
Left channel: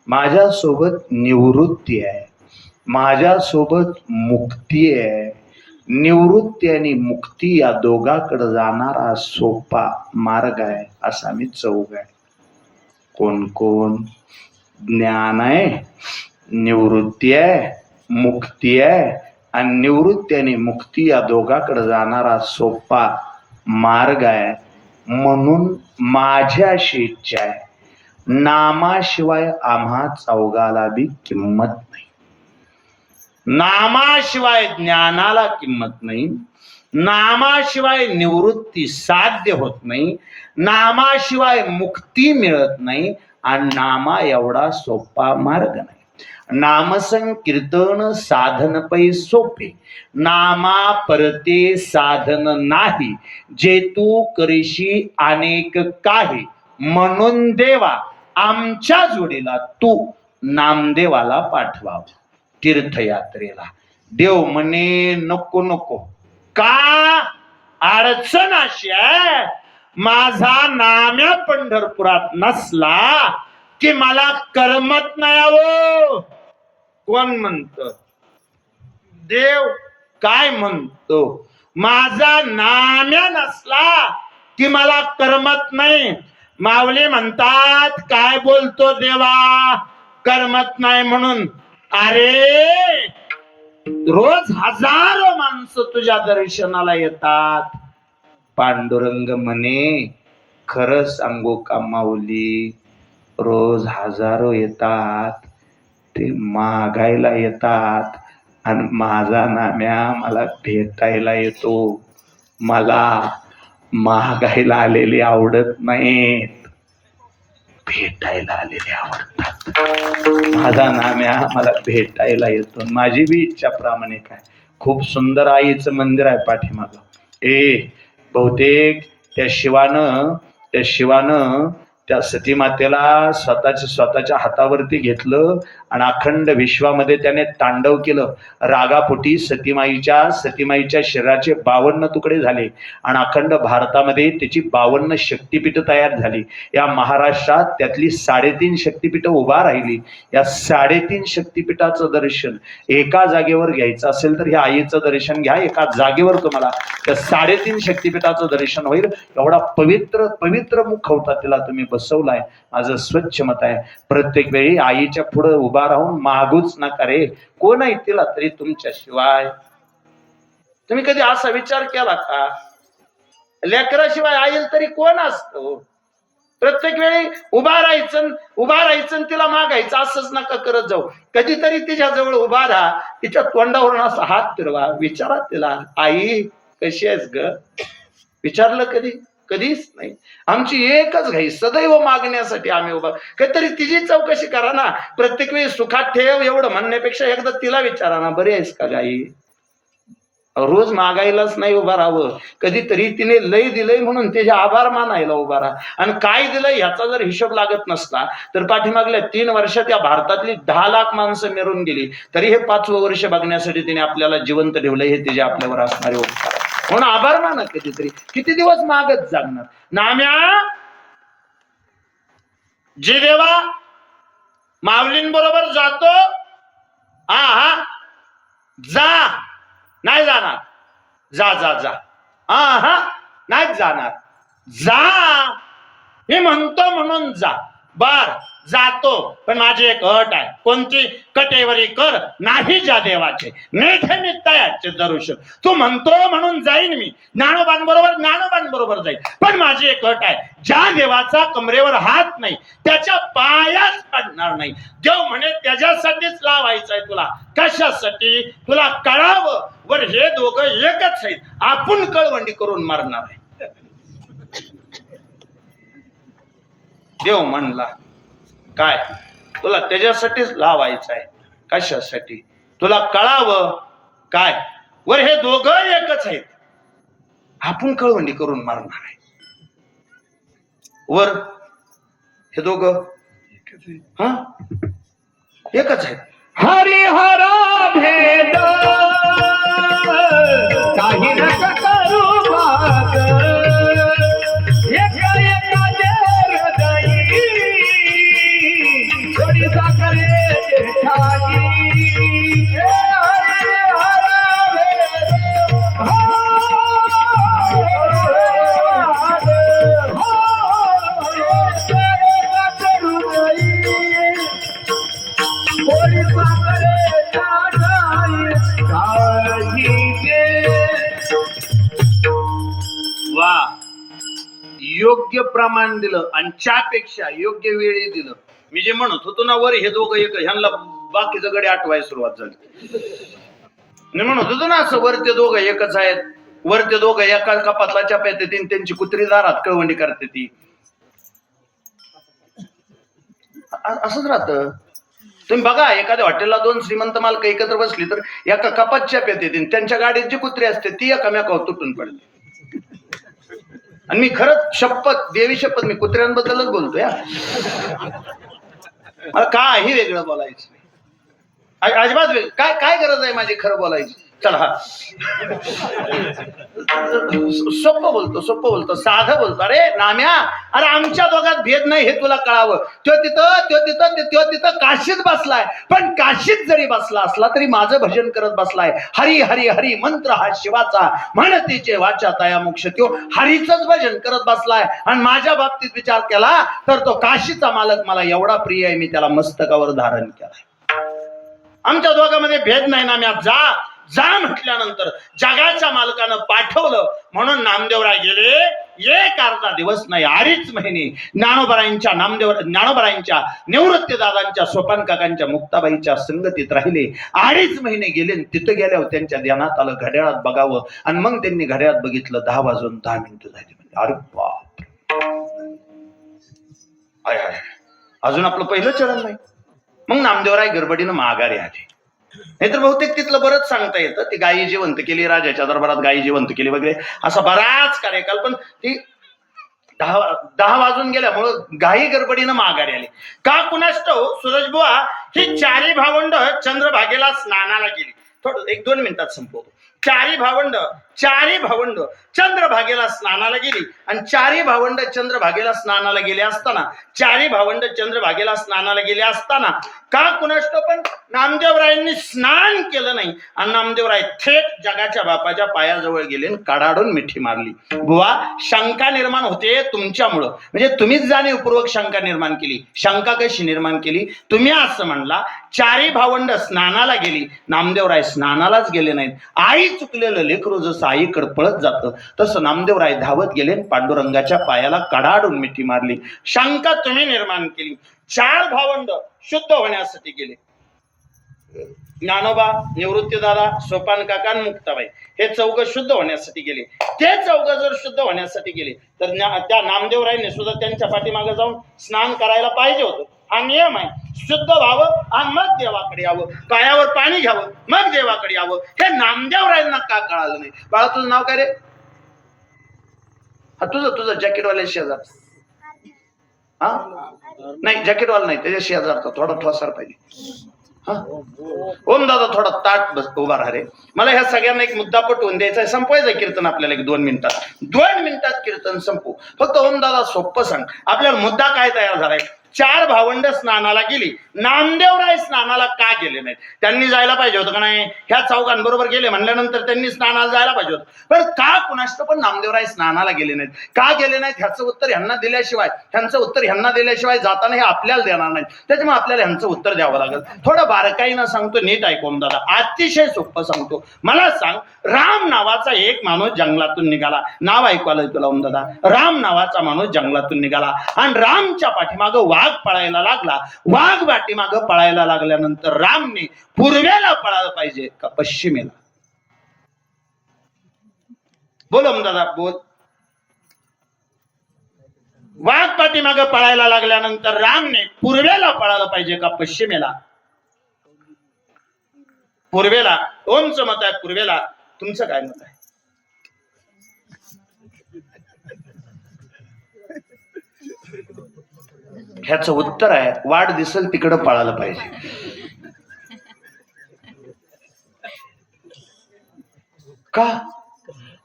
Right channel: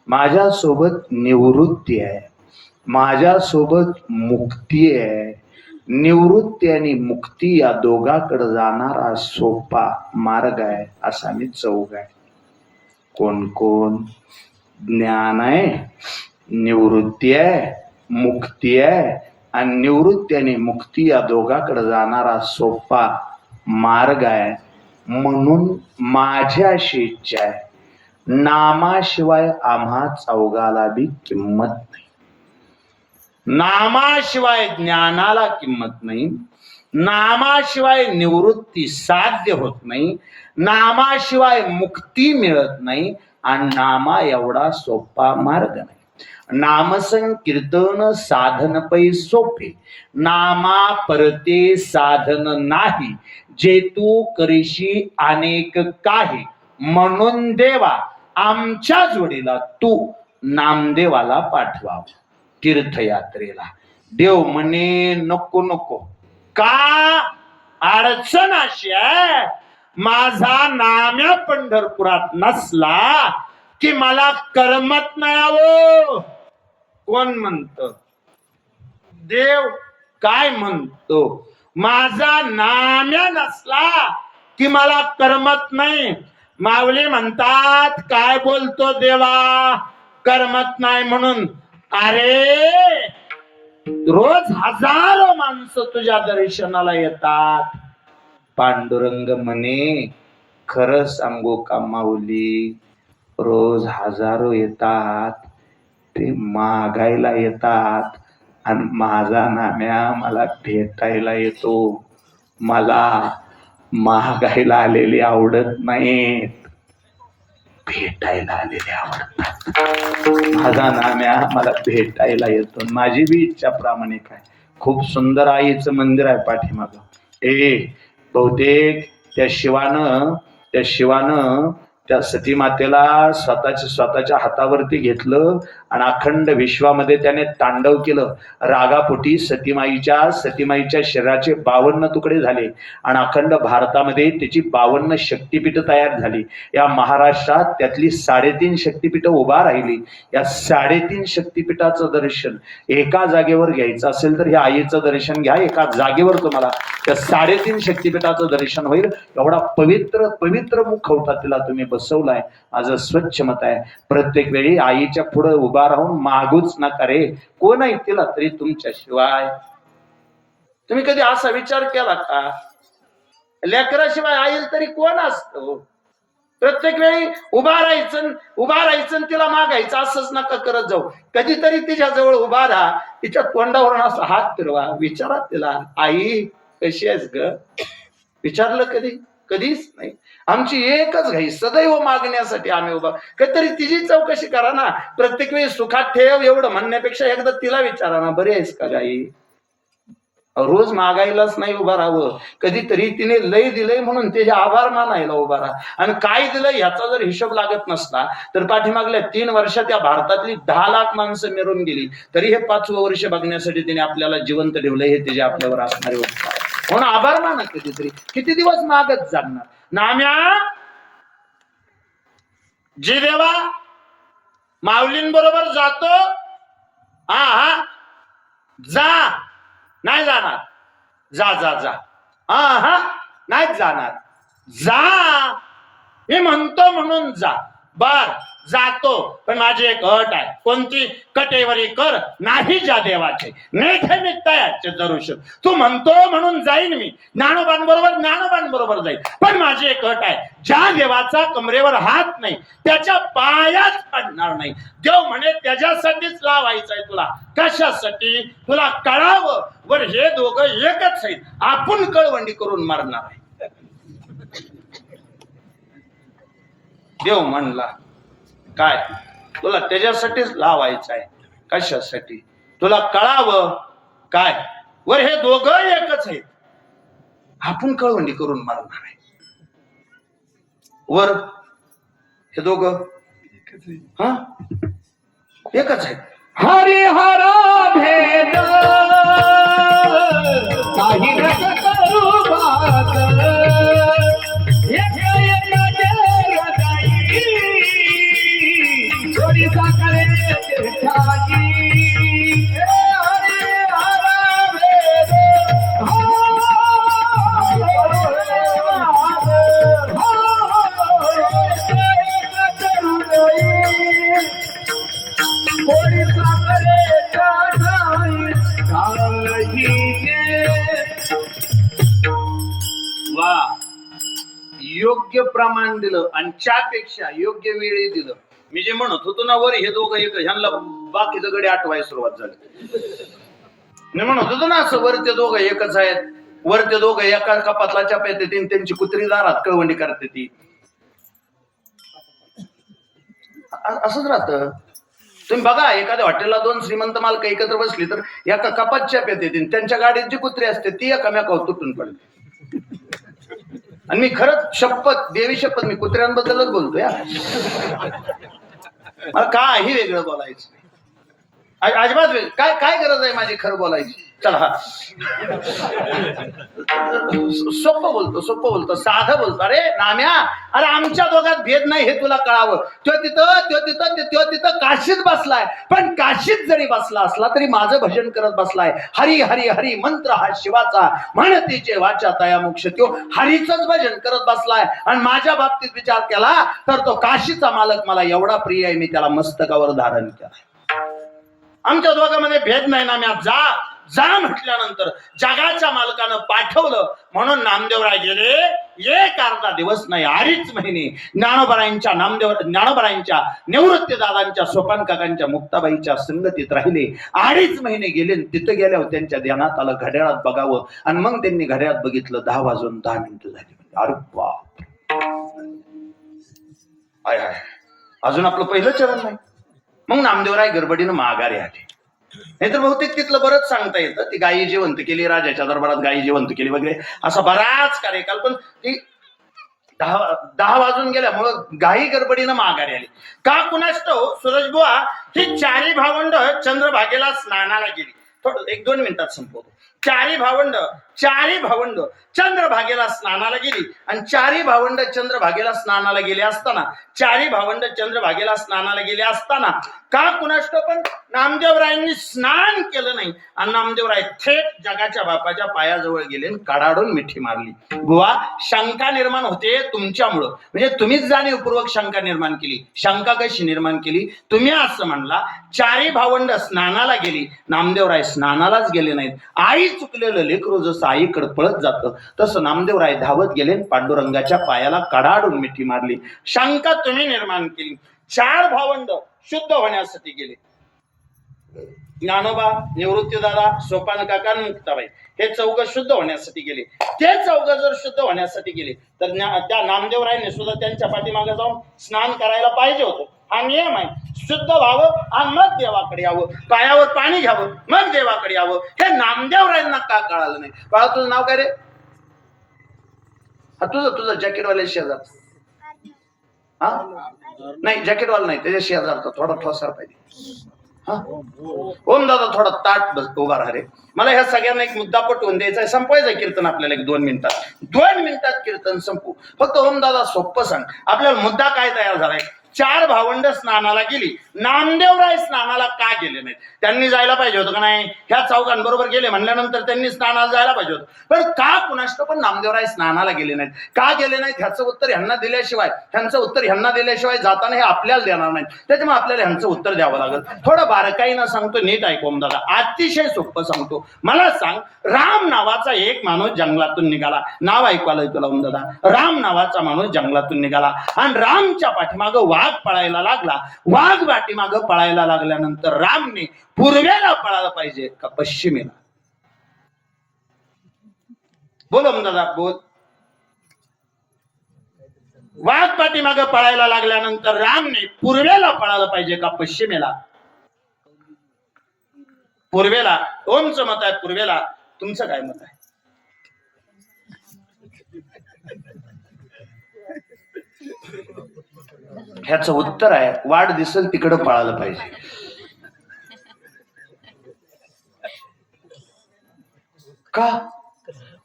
माझ्यासोबत निवृत्ती आहे, माझ्यासोबत मुक्ती आहे, निवृत्ती आणि मुक्ती या दोघाकडे जाणारा सोपा मार्ग आहे. असा मी चौघ आहे. कोण कोण? ज्ञान आहे, निवृत्ती आहे, मुक्ती आहे, आणि निवृत्ती आणि मुक्ती या दोघाकडे जाणारा सोपा मार्ग आहे. म्हणून माझी अशी इच्छा आहे, नामाशिवाय आम्हा चौघाला बी किंमत नाही. नामाशिवाय ज्ञानाला किंमत नाही, नामाशिवाय निवृत्ती साध्य होत नाही, नामाशिवाय मुक्ती मिळत नाही, आणि नामा एवढा सोपा मार्ग नाही. नामसंकीर्तन साधन पै सोपे, नामा परते साधन नाही, जे तू करीशी अनेक काही. म्हणून देवा आमच्या जोडीला तू नामदेवाला पाठवा तीर्थयात्रेला. देव म्हणे नको नको. का? अडचण अशी आहे, माझा नाम्या पंढरपुरात नसला की मला करमत नाही. आवो कोण म्हणत? देव काय म्हणतो? माझा नाम्या नसला की मला करमत नाही. माऊली म्हणतात काय बोलतो देवा, करमत नाही म्हणून. अरे रोज हजारो माणसं तुझ्या दर्शनाला येतात. पांडुरंग म्हणे खरं सांगू का माऊली, रोज हजारो येतात, ते मागायला येतात, आणि माझा नाम्या मला भेटायला येतो. मला मागायला आलेली आवडत नाहीत, भेटायला आलेले आवडतात. माझा नाम्या मला भेटायला येतो. माझी बी इच्छा प्रामाणिक आहे. खूप सुंदर आईचं मंदिर आहे पाठीमागं. बहुतेक त्या शिवानं त्या सती मातेला स्वतःच्या हातावरती घेतलं आणि अखंड विश्वामध्ये त्याने तांडव केलं. रागापोटी सतीमाईच्या शरीराचे 52 तुकडे झाले आणि अखंड भारतामध्ये त्याची 52 शक्तिपीठं तयार झाली. या महाराष्ट्रात त्यातली 3.5 शक्तिपीठं उभा राहिली. या 3.5 शक्तिपीठाचं दर्शन एका जागेवर घ्यायचं असेल तर ह्या आईचं दर्शन घ्या. एका जागेवर तुम्हाला त्या 3.5 शक्तिपीठाचं दर्शन होईल. एवढा पवित्र मुख होता तिला तुम्ही बसवलाय. माझं स्वच्छ मत आहे, प्रत्येक वेळी आईच्या पुढे उभा राहून मागूच नका रे. कोण आहे तिला तरी तुमच्याशिवाय? तुम्ही कधी असा विचार केला का? लेकराशिवाय आईल तरी कोण असतो? प्रत्येक वेळी उभा राहायचं तिला मागायचं असंच नका करत जाऊ. कधीतरी तिच्या जवळ उभा राहा, तिच्या तोंडावरून असा हात फिरवा, विचारा तिला आई कशी आहेस ग? विचारलं कधी? कधीच नाही. आमची एकच घाई, सदैव मागण्यासाठी आम्ही उभा. कधीतरी तिची चौकशी करा ना. प्रत्येक वेळी सुखात ठेव एवढं म्हणण्यापेक्षा एकदा तिला विचारा ना, बरी आहेस का गाई? रोज मागायलाच नाही उभा राहावं. कधीतरी तिने लय दिलंय म्हणून त्याचे आभार मानायला उभा राहा. आणि काय दिलं ह्याचा जर हिशोब लागत नसला तर पाठीमागल्या 3 वर्षात या भारतातली 10 लाख माणसं मिळून गेली, तरी हे 5वं वर्ष बघण्यासाठी तिने आपल्याला जिवंत ठेवलंय. हे त्याचे आपल्यावर असणारे उपकार. म्हणून आभार माना. कधीतरी किती दिवस मागत जाणार? नाम्या जे देवा माऊलींबरोबर जातो, हा जा. नाही जाणार? जा. हा नाही जाणार. जा मी म्हणतो म्हणून जा. बर जातो, पण माझी एक अट आहे. कोणती? कटेवरी कर नाही ज्या देवाचे, नेथे मी तयाचे दर्शन. तू म्हणतो म्हणून जाईन मी ज्ञानोबांबरोबर जाईन, पण माझी एक अट आहे. ज्या देवाचा कमरेवर हात नाही त्याच्या पायाच पडणार नाही. देव म्हणे त्याच्यासाठीच लावायचं आहे तुला. कशासाठी? तुला कळावं वर हे दोघं एकच आहेत. आपण कळवंडी करून मारणार आहे. देव म्हणला काय? तुला त्याच्यासाठीच लावायचं आहे. कशासाठी? तुला कळावं काय वर हे दोघं एकच आहेत. आपण कळवंडी करून मारणार आहे. वर हे दोघं एकच आहेत. हरिहर भेद काही नका करू भाग, एका हृदयी थोडी साखरे ठाकी. हरिहर भेद योग्य प्रमाण दिलं आणि चहापेक्षा योग्य वेळी दिलं. मी जे म्हणत होतो ना वर हे दोघं एक ह्यांना बाकीचं गडी आठवायला सुरुवात झाली. मी म्हणत होतो ना असं वर ते दोघं एकच आहेत, वर ते दोघं एका कपातला चाप्यात येते त्यांची कुत्री दारात कळवंडी करते ती. असंच राहतं. तुम्ही बघा एखाद्या हॉटेलला दोन श्रीमंत मालक एकत्र बसली तर एका कपात चाप्यात येते, त्यांच्या गाडीत जी कुत्री असते ती एकामेकावर तुटून पडते. आणि मी खरंच शपथ देवी शपथ मी कुत्र्यांबद्दलच बोलतोय. मला काही वेगळं बोलायचं नाही, अजिबात वेगळं. काय काय गरज आहे माझी खरं बोलायची. चला सोपं बोलतो साधं बोलतो. अरे नाम्या, अरे आमच्या दोघात भेद नाही हे तुला कळावं. तो तिथं काशीत बसलाय, पण काशीत जरी बसला असला तरी माझं भजन करत बसलाय. हरी हरी हरी मंत्र हा शिवाचा, म्हणतीचे वाचा तया मोक्ष. तो हरीच भजन करत बसलाय आणि माझ्या बाबतीत विचार केला तर तो काशीचा मालक मला एवढा प्रिय आहे, मी त्याला मस्तकावर धारण केलाय. आमच्या दोघांमध्ये भेद नाही. नाम्या जा म्हटल्यानंतर जगाच्या मालकानं पाठवलं म्हणून नामदेवराय गेले. एक अर्धा दिवस नाही, 2.5 महिने ज्ञानोबरायांच्या निवृत्ती दादांच्या सोपान काकांच्या मुक्ताबाईच्या संगतीत राहिले. 2.5 महिने गेले. तिथं गेल्यावर त्यांच्या ध्यानात आलं घड्याळात बघावं आणि मग त्यांनी घड्याळात बघितलं 10 वाजून 10 मिनिटं झाली. अरे बाप, अजून आपलं पहिलं चरण नाही. मग नामदेवराय गडबडीनं माघारी आले. नाहीतर बहुतेक तिथलं बरंच सांगता येतं. ती गायी जिवंत केली, राजाच्या दरबारात गायी जिवंत केली वगैरे असा बराच कार्यकाल. पण ती 10 वाजून गेल्यामुळं गायी गडबडीनं माघारी आली. का कुणास ठाऊक सूरजबुवा ही 4 भावंड चंद्रभागेला स्नानाला गेली. थोडं 1-2 मिनिटात संपवतो. 4 भावंड चंद्रभागेला स्नानाला गेली आणि 4 भावंड चंद्रभागेला स्नानाला गेले असताना 4 भावंड चंद्रभागेला स्नानाला गेले असताना का कुणाष्ट पण नामदेवरायांनी स्नान केलं नाही आणि नामदेवराय थेट जगाच्या बापाच्या पायाजवळ गेले आणि कडाडून मिठी मारली. बुवा, शंका निर्माण होते तुमच्यामुळं, म्हणजे तुम्हीच जाणीवपूर्वक शंका निर्माण केली. शंका कशी निर्माण केली? तुम्ही असं म्हणला 4 भावंड स्नानाला गेली, नामदेवराय स्नानालाच गेले नाहीत. आई चुकलेलं लेकरू जसं आईकडे पळत जातं तसं नामदेवराय धावत गेले, पांडुरंगाच्या पायाला कडाडून मिठी मारली. शंका तुम्ही निर्माण केली. 4 भावंड शुद्ध होण्यासाठी गेले. ज्ञानोबा, निवृत्तीदादा, सोपान काका, मुक्ताबाई हे 4 शुद्ध होण्यासाठी गेले. ते 4 जर शुद्ध होण्यासाठी गेले तर त्या नामदेवरायने सुद्धा त्यांच्या पाठीमागे जाऊन स्नान करायला पाहिजे होतं. हा नियम आहे. शुद्ध व्हावं आणि मग देवाकडे यावं, पायावर पाणी घ्यावं मग देवाकडे यावं. हे नामदेवरायांना का कळालं नाही? बाळा, तुझं नाव काय रे? हा तुझं जॅकेटवाल्या शेजार. हा नाही, जॅकेटवाला नाही, त्याच्या शेजारचा थोडा ठोसार पाहिजे. हा ओम दादा थोडा ताट बस उभा राहा रे. मला ह्या सगळ्यांना एक मुद्दा पटवून द्यायचा आहे. संपवायचं कीर्तन आपल्याला 2 मिनिटात कीर्तन संपू. फक्त ओम दादा सोपं सांग, आपल्याला मुद्दा काय तयार झालाय. 4 भावंड स्नानाला गेली, नामदेवराय स्नानाला का गेले नाहीत? त्यांनी जायला पाहिजे होतं का नाही? ह्या 4 बरोबर गेले म्हणल्यानंतर त्यांनी स्नानाला जायला पाहिजे होतं. पण का कुणाष्ट पण नामदेवराय स्नानाला गेले नाहीत? का गेले नाहीत ह्याचं उत्तर ह्यांना दिल्याशिवाय जाताना हे आपल्याला देणार नाहीत. त्याच्यामुळे आपल्याला ह्यांचं उत्तर द्यावं लागेल. थोडं बारकाईनं सांगतो, नीट ऐकून दादा, अतिशय सोपं सांगतो. मला सांग, राम नावाचा एक माणूस जंगलातून निघाला. नाव ऐकू आलं तुला ओम दादा? राम नावाचा माणूस जंगलातून निघाला आणि रामच्या पाठीमागं वाघ पळायला लागला. वाघ पाठीमागं पळायला लागल्यानंतर रामने पूर्वेला पळायला पाहिजे का पश्चिमेला? बोल ओम दादा, बोल. वाघ पाठीमागं पळायला लागल्यानंतर रामने पूर्वेला पळायला पाहिजे का पश्चिमेला? पूर्वेला. ओमचं मत आहे पूर्वेला. तुमचं काय मत आहे? ह्याचं उत्तर आहे वाट दिसेल तिकडं पळायला पाहिजे. का?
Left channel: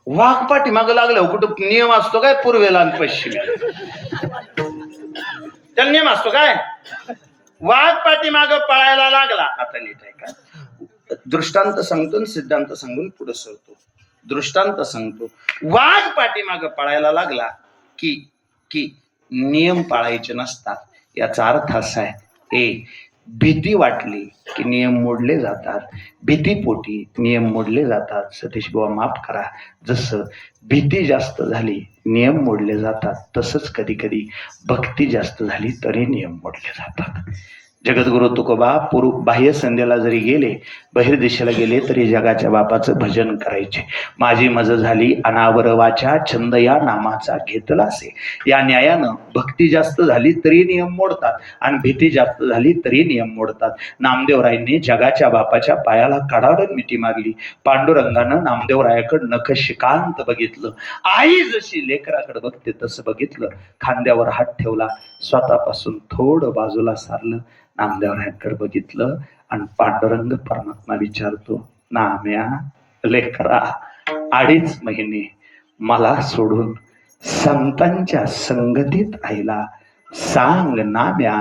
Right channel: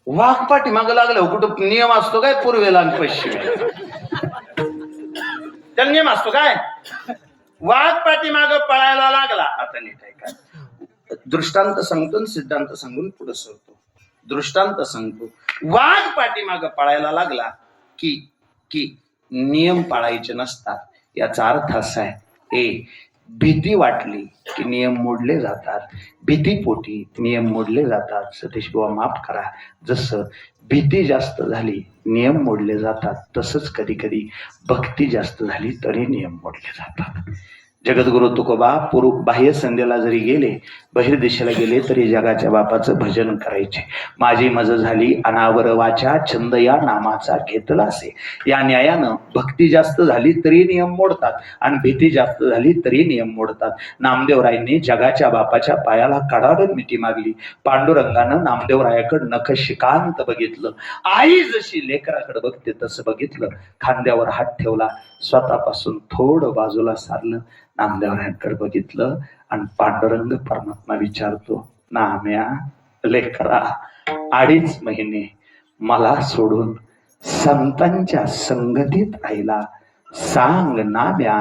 वाघ पाठीमागं लागलं कुठं नियम असतो काय पूर्वेला आणि पश्चिमेला? त्याला नियम असतो काय? वाघ पाठीमागं पळायला लागला. आता नीट आहे का? दृष्टांत सांगतो, सिद्धांत सांगून पुढे सरतो. दृष्टांत सांगतो. वाघ पाठीमागं पळायला लागला की नियम पाळायचे नसतात. याचा अर्थ असा आहे, भीती वाटली की नियम मोडले जातात, भीतीपोटी नियम मोडले जातात. सतीश बुवा माफ करा, जसं भीती जास्त झाली नियम मोडले जातात, तसंच कधी कधी भक्ती जास्त झाली तरी नियम मोडले जातात. जगद्गुरु तुकोबा बाह्य संध्येला जरी गेले, बहिर्देशाला गेले तरी जगाच्या बापाचं भजन करायचे. माझी मज झाली अनावर वाचा, छंद या नामाचा घेतला असे. या न्यायानं भक्ती जास्त झाली तरी नियम मोडतात आणि भीती जास्त झाली तरी नियम मोडतात. नामदेवरायांनी जगाच्या बापाच्या पायाला कडाडून मिठी मागली. पांडुरंगानं नामदेवरायाकडे नखशिकांत बघितलं. आई जशी लेकराकडे बघते तसं बघितलं. खांद्यावर हात ठेवला, स्वतःपासून थोडं बाजूला सारलं, नामदेवरायांकडे बघितलं आणि पांडुरंग परमात्मा विचारतो, नाम्या लेकरा, 2.5 महिने मला सोडून संतांच्या संगतीत राहिला. सांग नाम्या,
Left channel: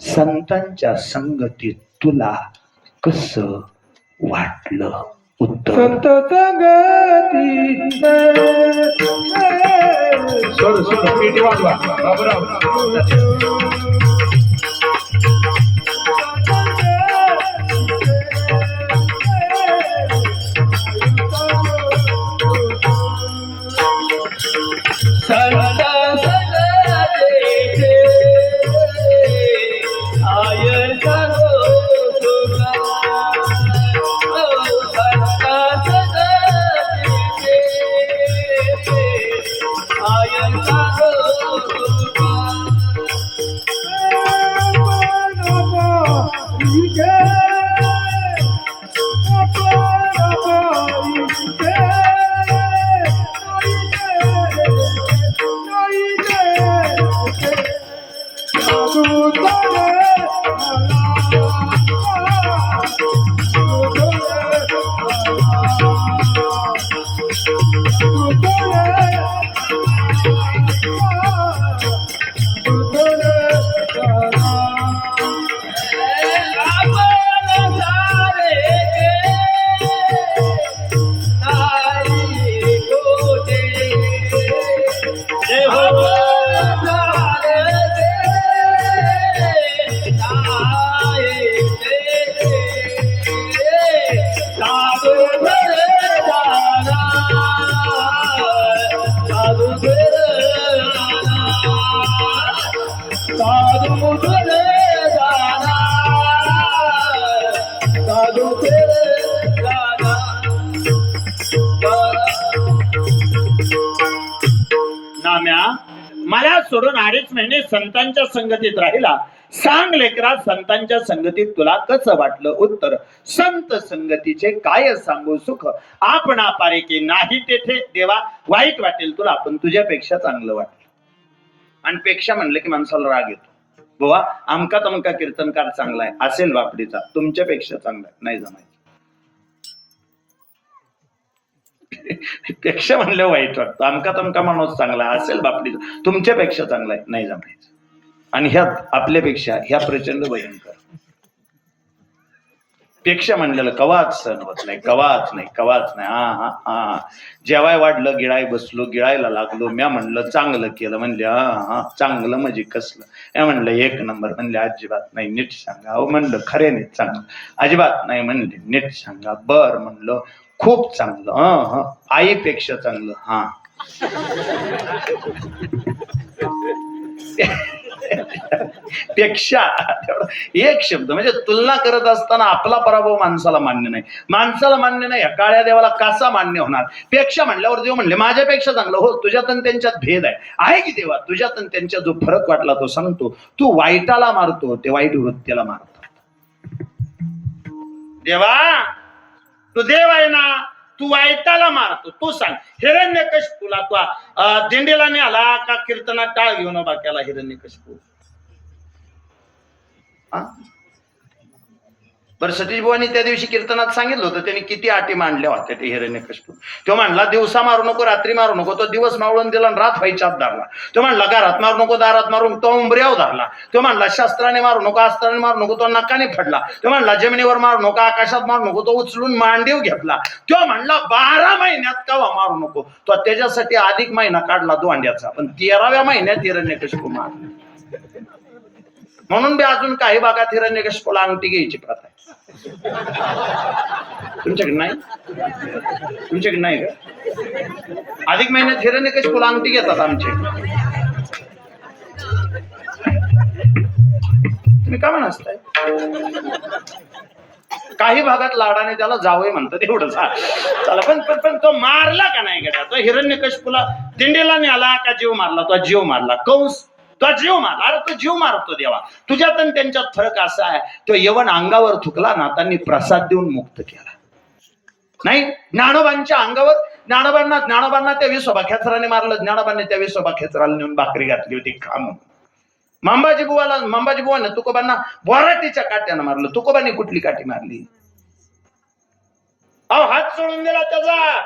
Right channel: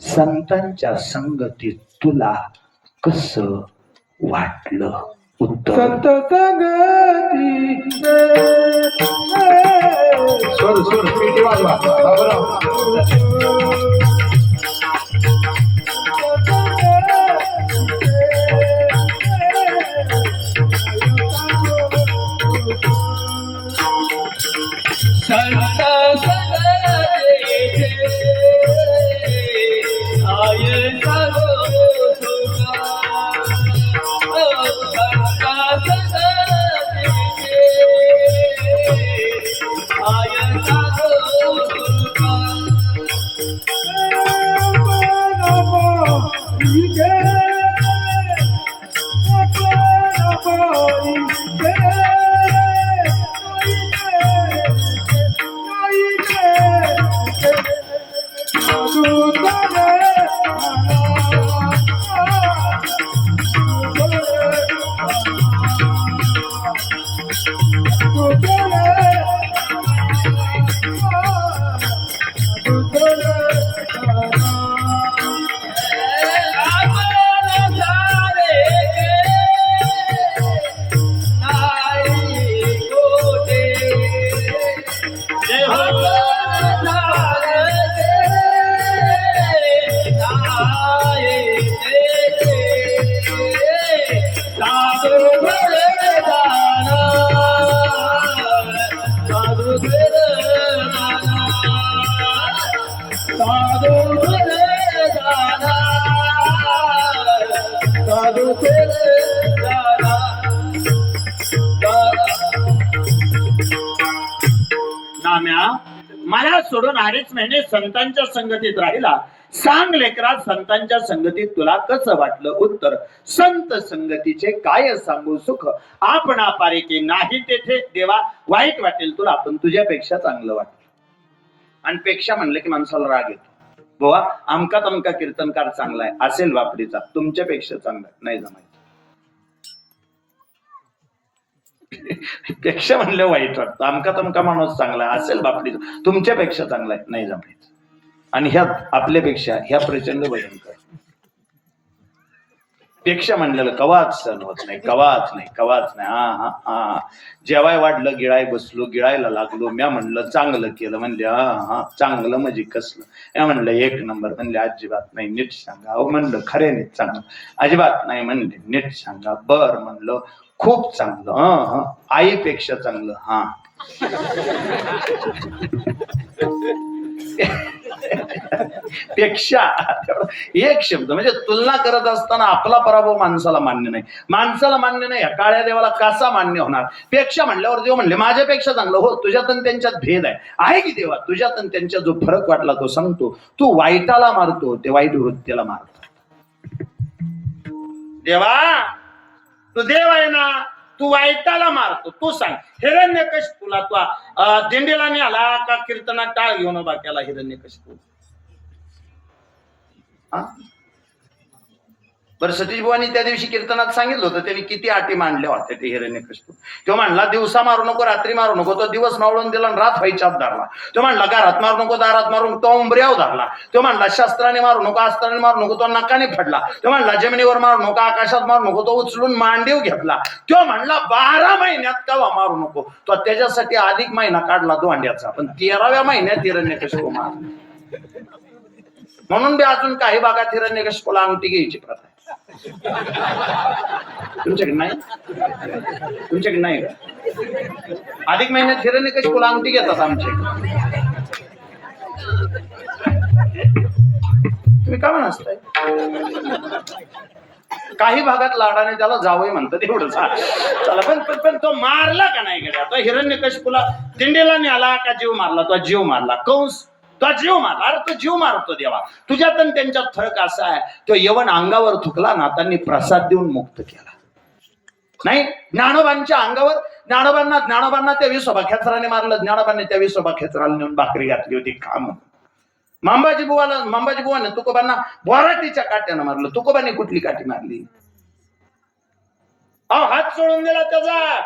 संतांच्या संगतीत तुला कसं वाटलं? उत्तर संत संगती सोड सोड पेटी वाजवा बाबूराव. संत सगळेचे आय सगो तुका, संत सगळेचे आय सगो तुका. नाम्या, मला सोडून 2.5 महिने संतांच्या संगतीत राहिला. सांग लेकरा, संतांच्या संगतीत तुला कसं वाटलं? उत्तर, संत संगतीचे काय सांगू सुख, आपणा पारेके नाही तेथे. देवा, वाईट वाटेल तुला पण तुझ्यापेक्षा चांगलं वाटेल. आणि पेक्षा म्हणलं की माणसाला राग येतो. बुवा आमका तमका कीर्तनकार चांगला आहे असेल बापडीचा, तुमच्यापेक्षा चांगला नाही जमायचं. पेक्षा म्हणलं वाईट वाटतं. आमका तमका माणूस चांगला असेल बापडीचा, तुमच्यापेक्षा चांगला आहे नाही जमायचं. आणि ह्यात आपल्यापेक्षा ह्या प्रचंड भयंकर. पेक्षा म्हणलेलं कवाच सण होत नाही, कवाच नाही, कवाच नाही. हा हा हा जेवाय वाढलं, गिळाय बसलो, गिळायला लागलो. म्या म्हणलं चांगलं केलं, म्हणले हा हा चांगलं म्हणजे कसलं. या म्हणलं 1 नंबर, म्हणले अजिबात नाही, नीट सांगा. अहो म्हणलं खरे नाही चांगलं, अजिबात नाही म्हणले, नीट सांगा. बर म्हणलं खूप चांगलं, ह आईपेक्षा चांगलं. हा पेक्षा एक शब्द म्हणजे तुलना करत असताना आपला पराभव माणसाला मान्य नाही. माणसाला मान्य नाही, काळ्या देवाला कसा मान्य होणार? पेक्षा म्हणल्यावर देव म्हणले माझ्यापेक्षा चांगलं. हो, तुझ्यात आणि त्यांच्यात भेद आहे की देवा? तुझ्यात आणि त्यांच्यात जो फरक वाटला तो सांगतो. तू वाईटाला मारतो, ते वाईट वृत्तीला मारतो. देवा तू देव आहे ना, तू वाईटाला मारतो. तू सांग, हिरण्यकशिपूला तू दिंडीला मिळाला का कीर्तनात टाळ घेऊन उभा केला हिरण्यकशिपू? बरं, सतीश बुवांनी त्या दिवशी कीर्तनात सांगितलं होतं त्यांनी किती अटी मांडल्या होत्या ते हिरण्यकशिपू. तो म्हणला दिवसा मारू नको, रात्री मारू नको. तो दिवस मावळून दिला, रात व्हायच्या आत धरला. तो म्हणला घरात मारू नको, दारात मारू नको. तो उंबऱ्यावर धरला. तो म्हणला शस्त्राने मारू नको, अस्त्राने मारू नको. तो नकाने फडला. तो म्हणला जमिनीवर मारू नको, आकाशात मारू नको. तो उचलून मांडीव घेतला. तो म्हणला 12 महिन्यात कवा मारू नको. तो त्याच्यासाठी अधिक महिना काढला दोंड्याचा, पण 13व्या महिन्यात हिरण्यकशिपू मारला. म्हणून बी अजून काही भागात हिरण्यकशिपूला अंगठी घ्यायची प्रथा आहे. तुमच्याकडे नाही? तुमच्याकडे नाही का? अधिक महिन्यात हिरण्यकशिपूला अंगठी घेतात आमचे. तुम्ही का म्हणताय? काही भागात लाडाने त्याला जावई म्हणतात एवढंच. चला पण तो मारला का नाही गेला? तो हिरण्यकशिपूला दिंडीला नेला का जीव मारला? तो जीव मारला. कंस तो जीव मारला. अरे तो जीव मारतो देवा. तुझ्यात आणि त्यांच्यात फरक असा आहे, तो यवन अंगावर थुकला ना त्यांनी प्रसाद देऊन मुक्त केला. नाही ज्ञानोबांच्या अंगावर ज्ञानोबांना त्या विसोबा खेचराने मारलं. ज्ञानोबांनी त्या विसोबा खेचराला नेऊन भाकरी घातली होती खा म्हणून. मंबाजी बुवाने तुकोबांना बोराटीच्या काट्यानं मारलं. तुकोबांनी कुठली काठी मारली? अहो हात सोडून दिला त्याचा.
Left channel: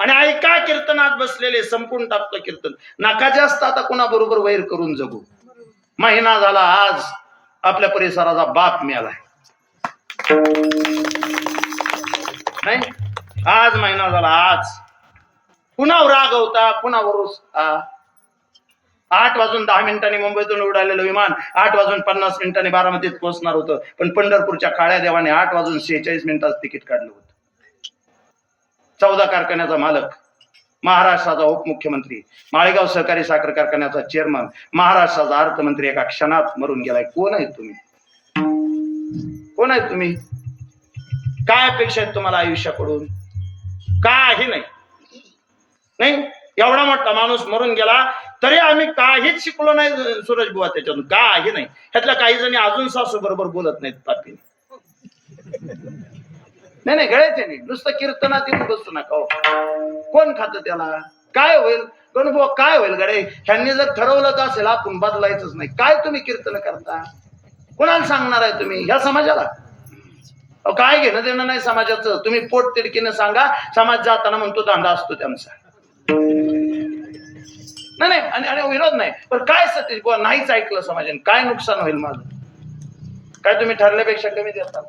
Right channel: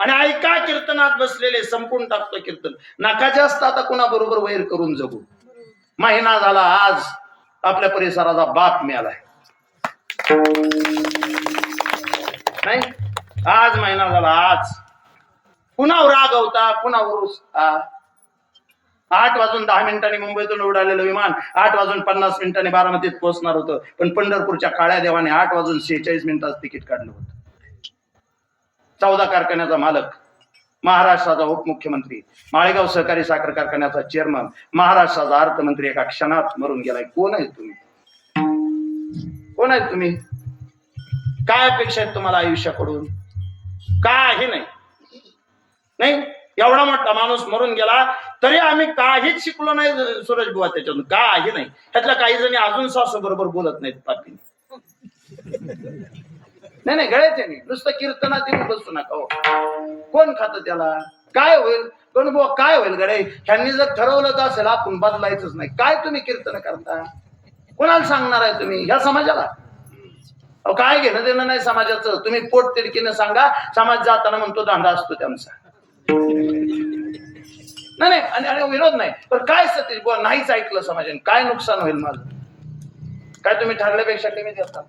आणि ऐका कीर्तनात बसलेले संपून टाकतो कीर्तन. नका जास्त आता कुणाबरोबर वैर करून जगू. महिना झाला आज आपल्या परिसराचा बाप मिळालाय. नाही आज महिना झाला. आज पुन्हा रागवता पुन्हा 8:10 मुंबईतून उडालेलं विमान 8:50 बारामतीत पोहोचणार होतं. पण पंढरपूरच्या काळ्या देवाने 8:46 तिकीट काढलं होतं. 14 कारखान्याचा मालक, महाराष्ट्राचा उपमुख्यमंत्री, माळेगाव सहकारी साखर कारखान्याचा चेअरमन, महाराष्ट्राचा अर्थमंत्री एका क्षणात मरून गेलाय. कोण आहेत तुम्ही? कोण आहेत तुम्ही? काय अपेक्षा आहेत तुम्हाला आयुष्याकडून? काही नाही. एवढा मोठा माणूस मरून गेला तरी आम्ही काहीच शिकलो नाही सूरज बुवा त्याच्यातून. काही नाही. त्यातल्या काही जणी अजून सासू बरोबर बोलत नाहीत पापीने. नाही गळ्याचे नाही. नुसतं कीर्तनात येऊन बसू नका. कोण खातं त्याला? काय होईल? कोण बुवा काय होईल गडे? ह्यांनी जर ठरवलं असेल आपण बदलायचंच नाही. काय तुम्ही कीर्तन करता? कोणाला सांगणार आहे तुम्ही? ह्या समाजाला काय घेणं देणं नाही समाजाचं. तुम्ही पोट तिडकीनं सांगा. समाज जाताना म्हणतो दांडा असतो त्यांचा. नाही आणि विरोध नाही. पण काय सतीश बुवा नाहीच ऐकलं समाजाने काय नुकसान होईल माझं? काय तुम्ही ठरल्यापेक्षा कमी देता?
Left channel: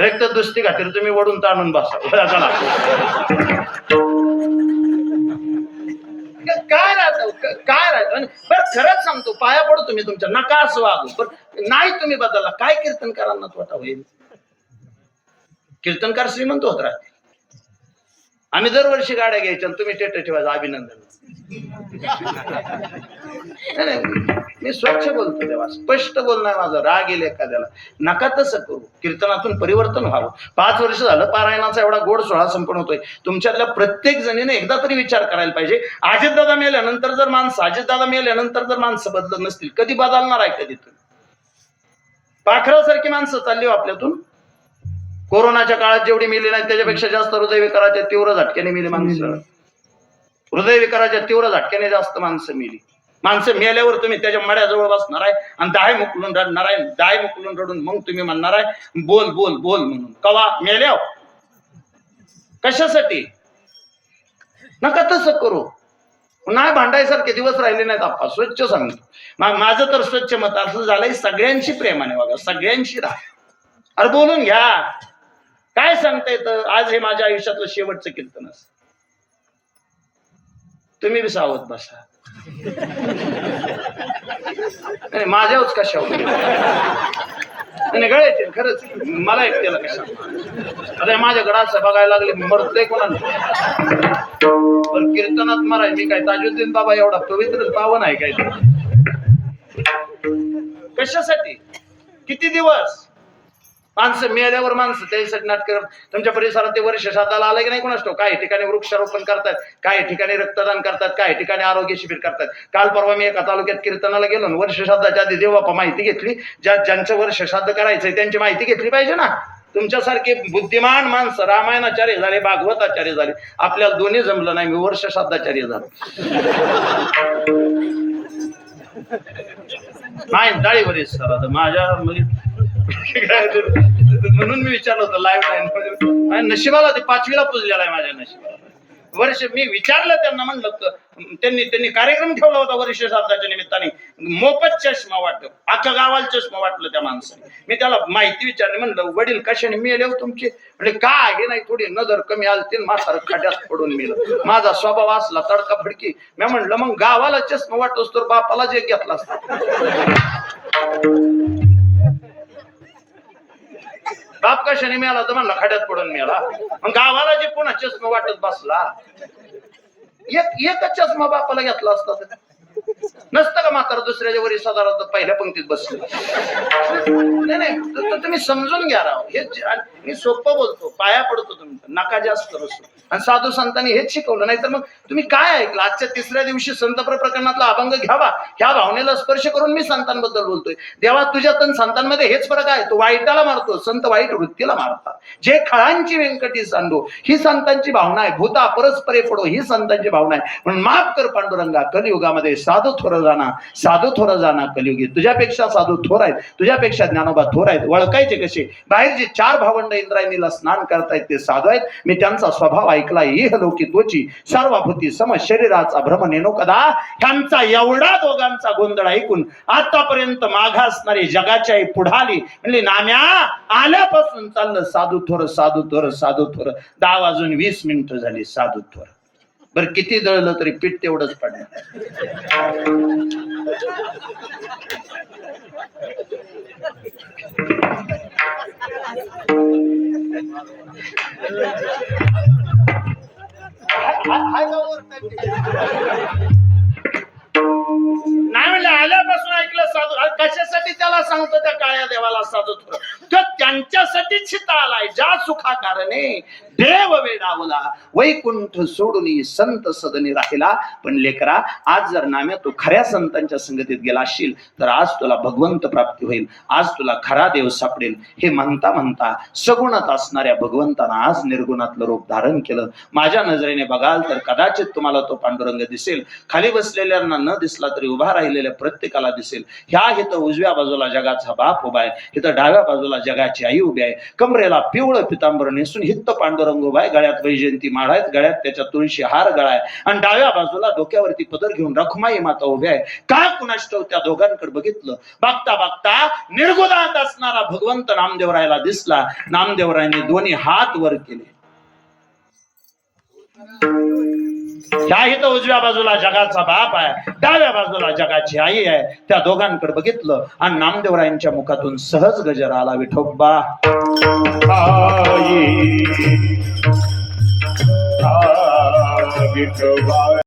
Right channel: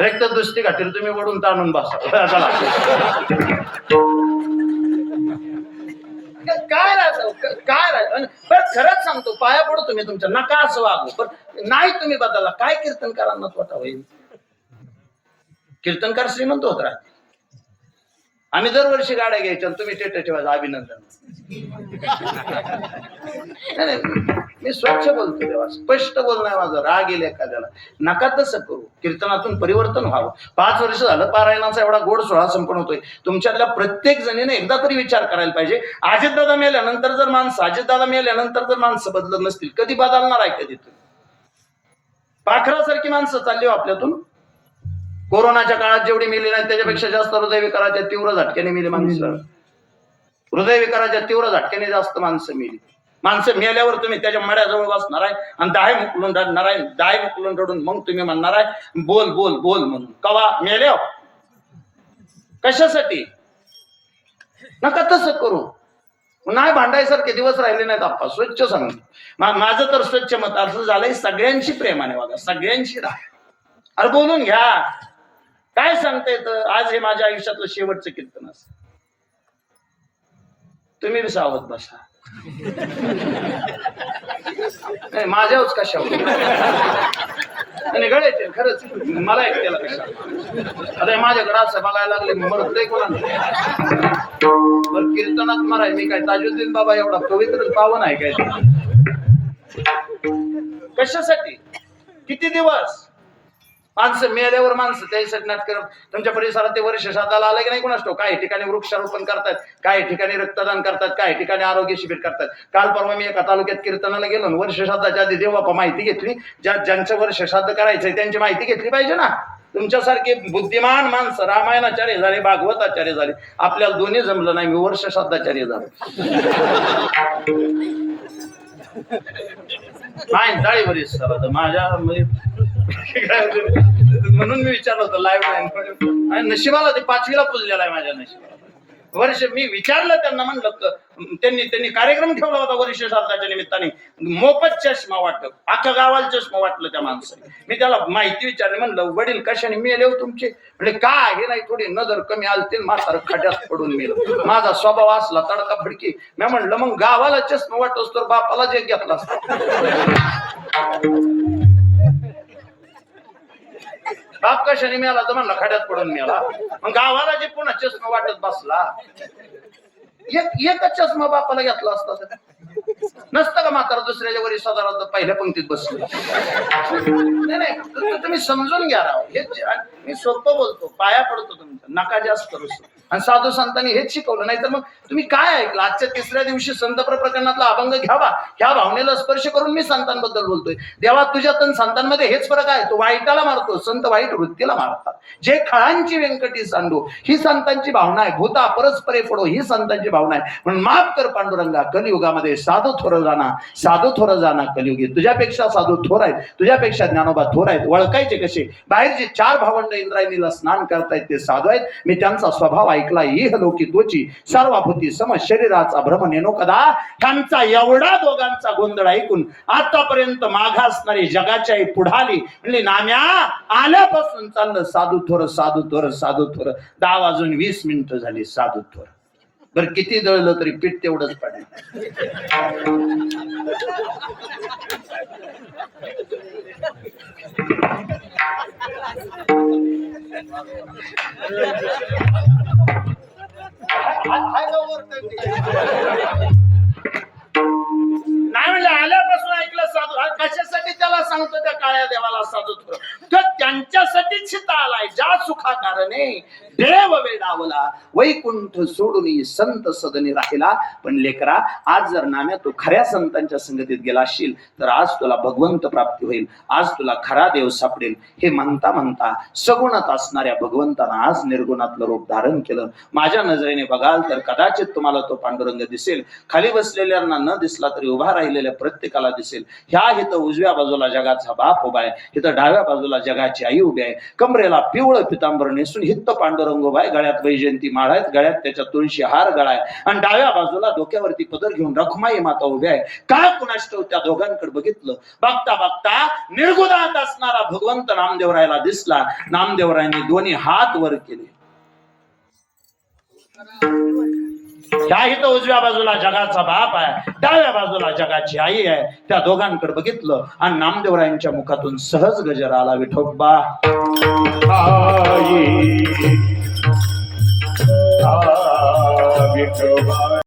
एक तर दुसरी घातील तुम्ही वडून ताणून बसा. काय राहत बरं खरंच सांगतो पाया पडतो तुम्ही तुमच्या. नका असं वागू. पण नाही तुम्ही बदलला काय कीर्तनकारांना स्वतः होईल? कीर्तनकार श्रीमंत होत राहते. आम्ही दरवर्षी गाड्या घ्यायच्या तुम्ही टेट ठेवायचं अभिनंदन. नाही मी स्वच्छ बोलतो देवा. स्पष्ट बोलणार. माझा राग येईल एखाद्याला. नका तसं करू. कीर्तनातून परिवर्तन व्हावं. 5 वर्ष झालं पारायणाचा एवढा गोड सोहळा संपन्न होतोय. तुमच्यातल्या प्रत्येक जणीने एकदा तरी विचार करायला पाहिजे. अजितदादा मेल्यानंतर जर माणसं बदलत नसतील कधी बदलणार आहे? कधी तुम्ही पाखरासारखी माणसं चालली हो आपल्यातून. कोरोनाच्या काळात जेवढी मेली नाही त्याच्यापेक्षा जास्त हृदयविकाराच्या तीव्र झटक्याने मेली माणसं. हृदयविकाराच्या तीव्र झटक्याने जास्त माणसं मेली. माणसं मेल्यावर तुम्ही त्याच्या मड्याजवळ बसणार आहे आणि दाय मुकलून रडणार आहे. दाय मुकलून रडून मग तुम्ही म्हणणार आहे बोल बोल बोल म्हणून. कवा मेल्या? कशासाठी? नका तसं करू. नाही भांडायसारखे दिवस राहिले नाहीत आप्पा. स्वच्छ सांगतो. माझं तर स्वच्छ मत असं झालंय सगळ्यांशी प्रेमाने वागा. सगळ्यांशी राहा. अरे बोलून घ्या. काय सांगता येतं? आज हे माझ्या आयुष्यातलं शेवटचं कीर्तन असं. तुम्ही बी सावध बसा. नाही माझ्याच कशा गळ्याचे खरंच मला एक त्याला कशा. आता माझ्याकडे असं बघायला लागले मरतय कोणाला कीर्तनात माराय. मी काय ताजुद्दीन बाबा एवढा पवित्र पावन आहे काय? कशासाठी? किती दिवस माणसं मेल्यावर माणसं त्यासाठी नाटक. तुमच्या परिसरात ते वर्ष श्राद्धाला आलं की नाही कोणाच ठाऊक. काही ठिकाणी वृक्षारोपण करतात, काही ठिकाणी रक्तदान करतात, काही ठिकाणी आरोग्य शिबिर करतात. काल परवा मी एका तालुक्यात कीर्तनाला गेलो. वर्ष श्राद्धाच्या आधी देवबापा माहिती घेतली. ज्यांचं वर्ष श्राद्ध करायचंय त्यांची माहिती घेतली पाहिजे ना. तुमच्यासारखे बुद्धिमान माणसं रामायणाचार्य झाले, भागवताचार्य झाले. आपल्याला दोन्ही जमलं नाही. मी वर्ष श्राद्धाचार्य झालो. नाही डाळी बरीच सर आता माझ्या म्हणून मी विचारलं होतं लाईव्ह. नशिबाला ते 5वीला पुजलेला आहे माझ्या नशिबाला. वर्ष मी विचारलं त्यांना म्हणलं त्यांनी कार्यक्रम ठेवला होता वर्ष श्राद्धाच्या निमित्ताने. मोफत चष्मा वाटत, अख्ख्या गावाला चष्मा वाटलं त्या माणसाने. मी त्याला माहिती विचारली, म्हणलं वडील कशाने मेले हो तुमचे? म्हणजे काय हे नाही, थोडी नजर कमी आलती, म्हातार खड्यात पडून मेलं. माझा स्वभाव असला तडका फडकी. मी म्हणलं मग गावाला चष्मा वाटतोस तर बापाला जे घेतला असता. बाप कशाने मिळाला तर म्हणला खड्यात पडून मिळाला. मग गावाला जे पुन्हा चष्मा वाटत बसला, एकच चष्मा बापाला घेतला असता तर नसतं का म्हातारा दुसऱ्याच्या वरी साधारण पहिल्या पंक्तीत बसलं. नाही तुम्ही समजून घ्या राव. हे मी सोपं बोलतो, पाया पडतो तुमचं, नका जास्त बसतो. आणि साधू संतांनी हेच शिकवलं. नाही तर मग तुम्ही काय ऐकलं? आजच्या तिसऱ्या दिवशी संत प्रकरणातला अभंग घ्यावा, ह्या भावनेला स्पर्श करून मी संतांबद्दल बोलतोय. देवा तुझ्या तन संतांमध्ये हेच फरक आहे. तो वाईटाला मारतो, संत वाईट वृत्तीला मारतात. जे खळांची व्यंकटी सांडो ही संतांची भावना आहे. भूता परस्परे पडो ही संतांची भावना आहे. म्हणून माफ कर पांडुरंगा, कलियुगामध्ये साधू थोर जाना, साधू थोर जाना कलियुगी. तुझ्यापेक्षा साधू थोर आहेत, तुझ्यापेक्षा ज्ञानोबा थोर आहेत. ओळखायचे कसे? बाहेर जे 4 भावंड इंद्रायणीला स्नान करतायत ते साधू आहेत. मी त्यांचा स्वभाव ऐकला. इह लोकी तोची सर्वाभूती सम शरीराचा भ्रम नेनो कदा. त्यांचा एवढा दोघांचा गोंधळ ऐकून आतापर्यंत मागासणारी जगाच्या पुढाली म्हणजे नाम्या आल्यापासून चाललं साधू थोर साधू थोर साधू थोर. 10 वाजून 20 मिनिटं झाली साधू थोर. बरं किती दळलं तरी पीठ तेवढंच पडणार. नाही म्हणजे आल्यापासून ऐकलं साधू. कशासाठी त्याला सांगतो त्या काळ्या देवाला साधू थोर? तो त्यांच्यासाठीच आलाय. ज्या सुखा कारणे देव वेडावला, वैकुंठ सोडून संत सदनी राहिला. पण लेकरा, आज जर नाम्या तू खऱ्या संतांच्या संगतीत गेला असशील तर आज तुला भगवंत प्राप्ती होईल. आज तुला खरा देव सापडेल. हे म्हणता म्हणता सगुणात असणाऱ्या भगवंतानं आज निर्गुणातलं रूप धारण केलं. माझ्या नजरेने बघाल तर कदाचित तुम्हाला तो पांडुरंग दिसेल. खाली बसलेल्यांना न दिसला तरी उभा राहिलेल्या प्रत्येकाला दिसेल. ह्या इथं उजव्या बाजूला जगाचा बाप उभा आहे, इथं डाव्या बाजूला जगाची आई उभी आहे. कमरेला पिवळं पितांबर नेसून हित्त पांडुरंग उभा आहे. गळ्यात वैजयंती माळ आहेत, गळ्यात त्याच्या तुळशी हार गळा आहे. आणि डाव्या बाजूला डोक्यावरती पदर घेऊन रखमाई माता उभ्या आहे. काय कुणाष्टव त्या दोघांकडे बघितलं. बघता बघता निर्गुणात असणारा भगवंत नामदेवरायला दिसला. नामदेवरायने दोन्ही हात वर केले. ह्या इथं उजव्या बाजूला जगाचा बाप आहे, डाव्या बाजूला जगाची आई आहे. त्या दोघांकडे बघितलं आणि नामदेवरायांच्या मुखातून सहज गजर आला. विठोबा विठोबा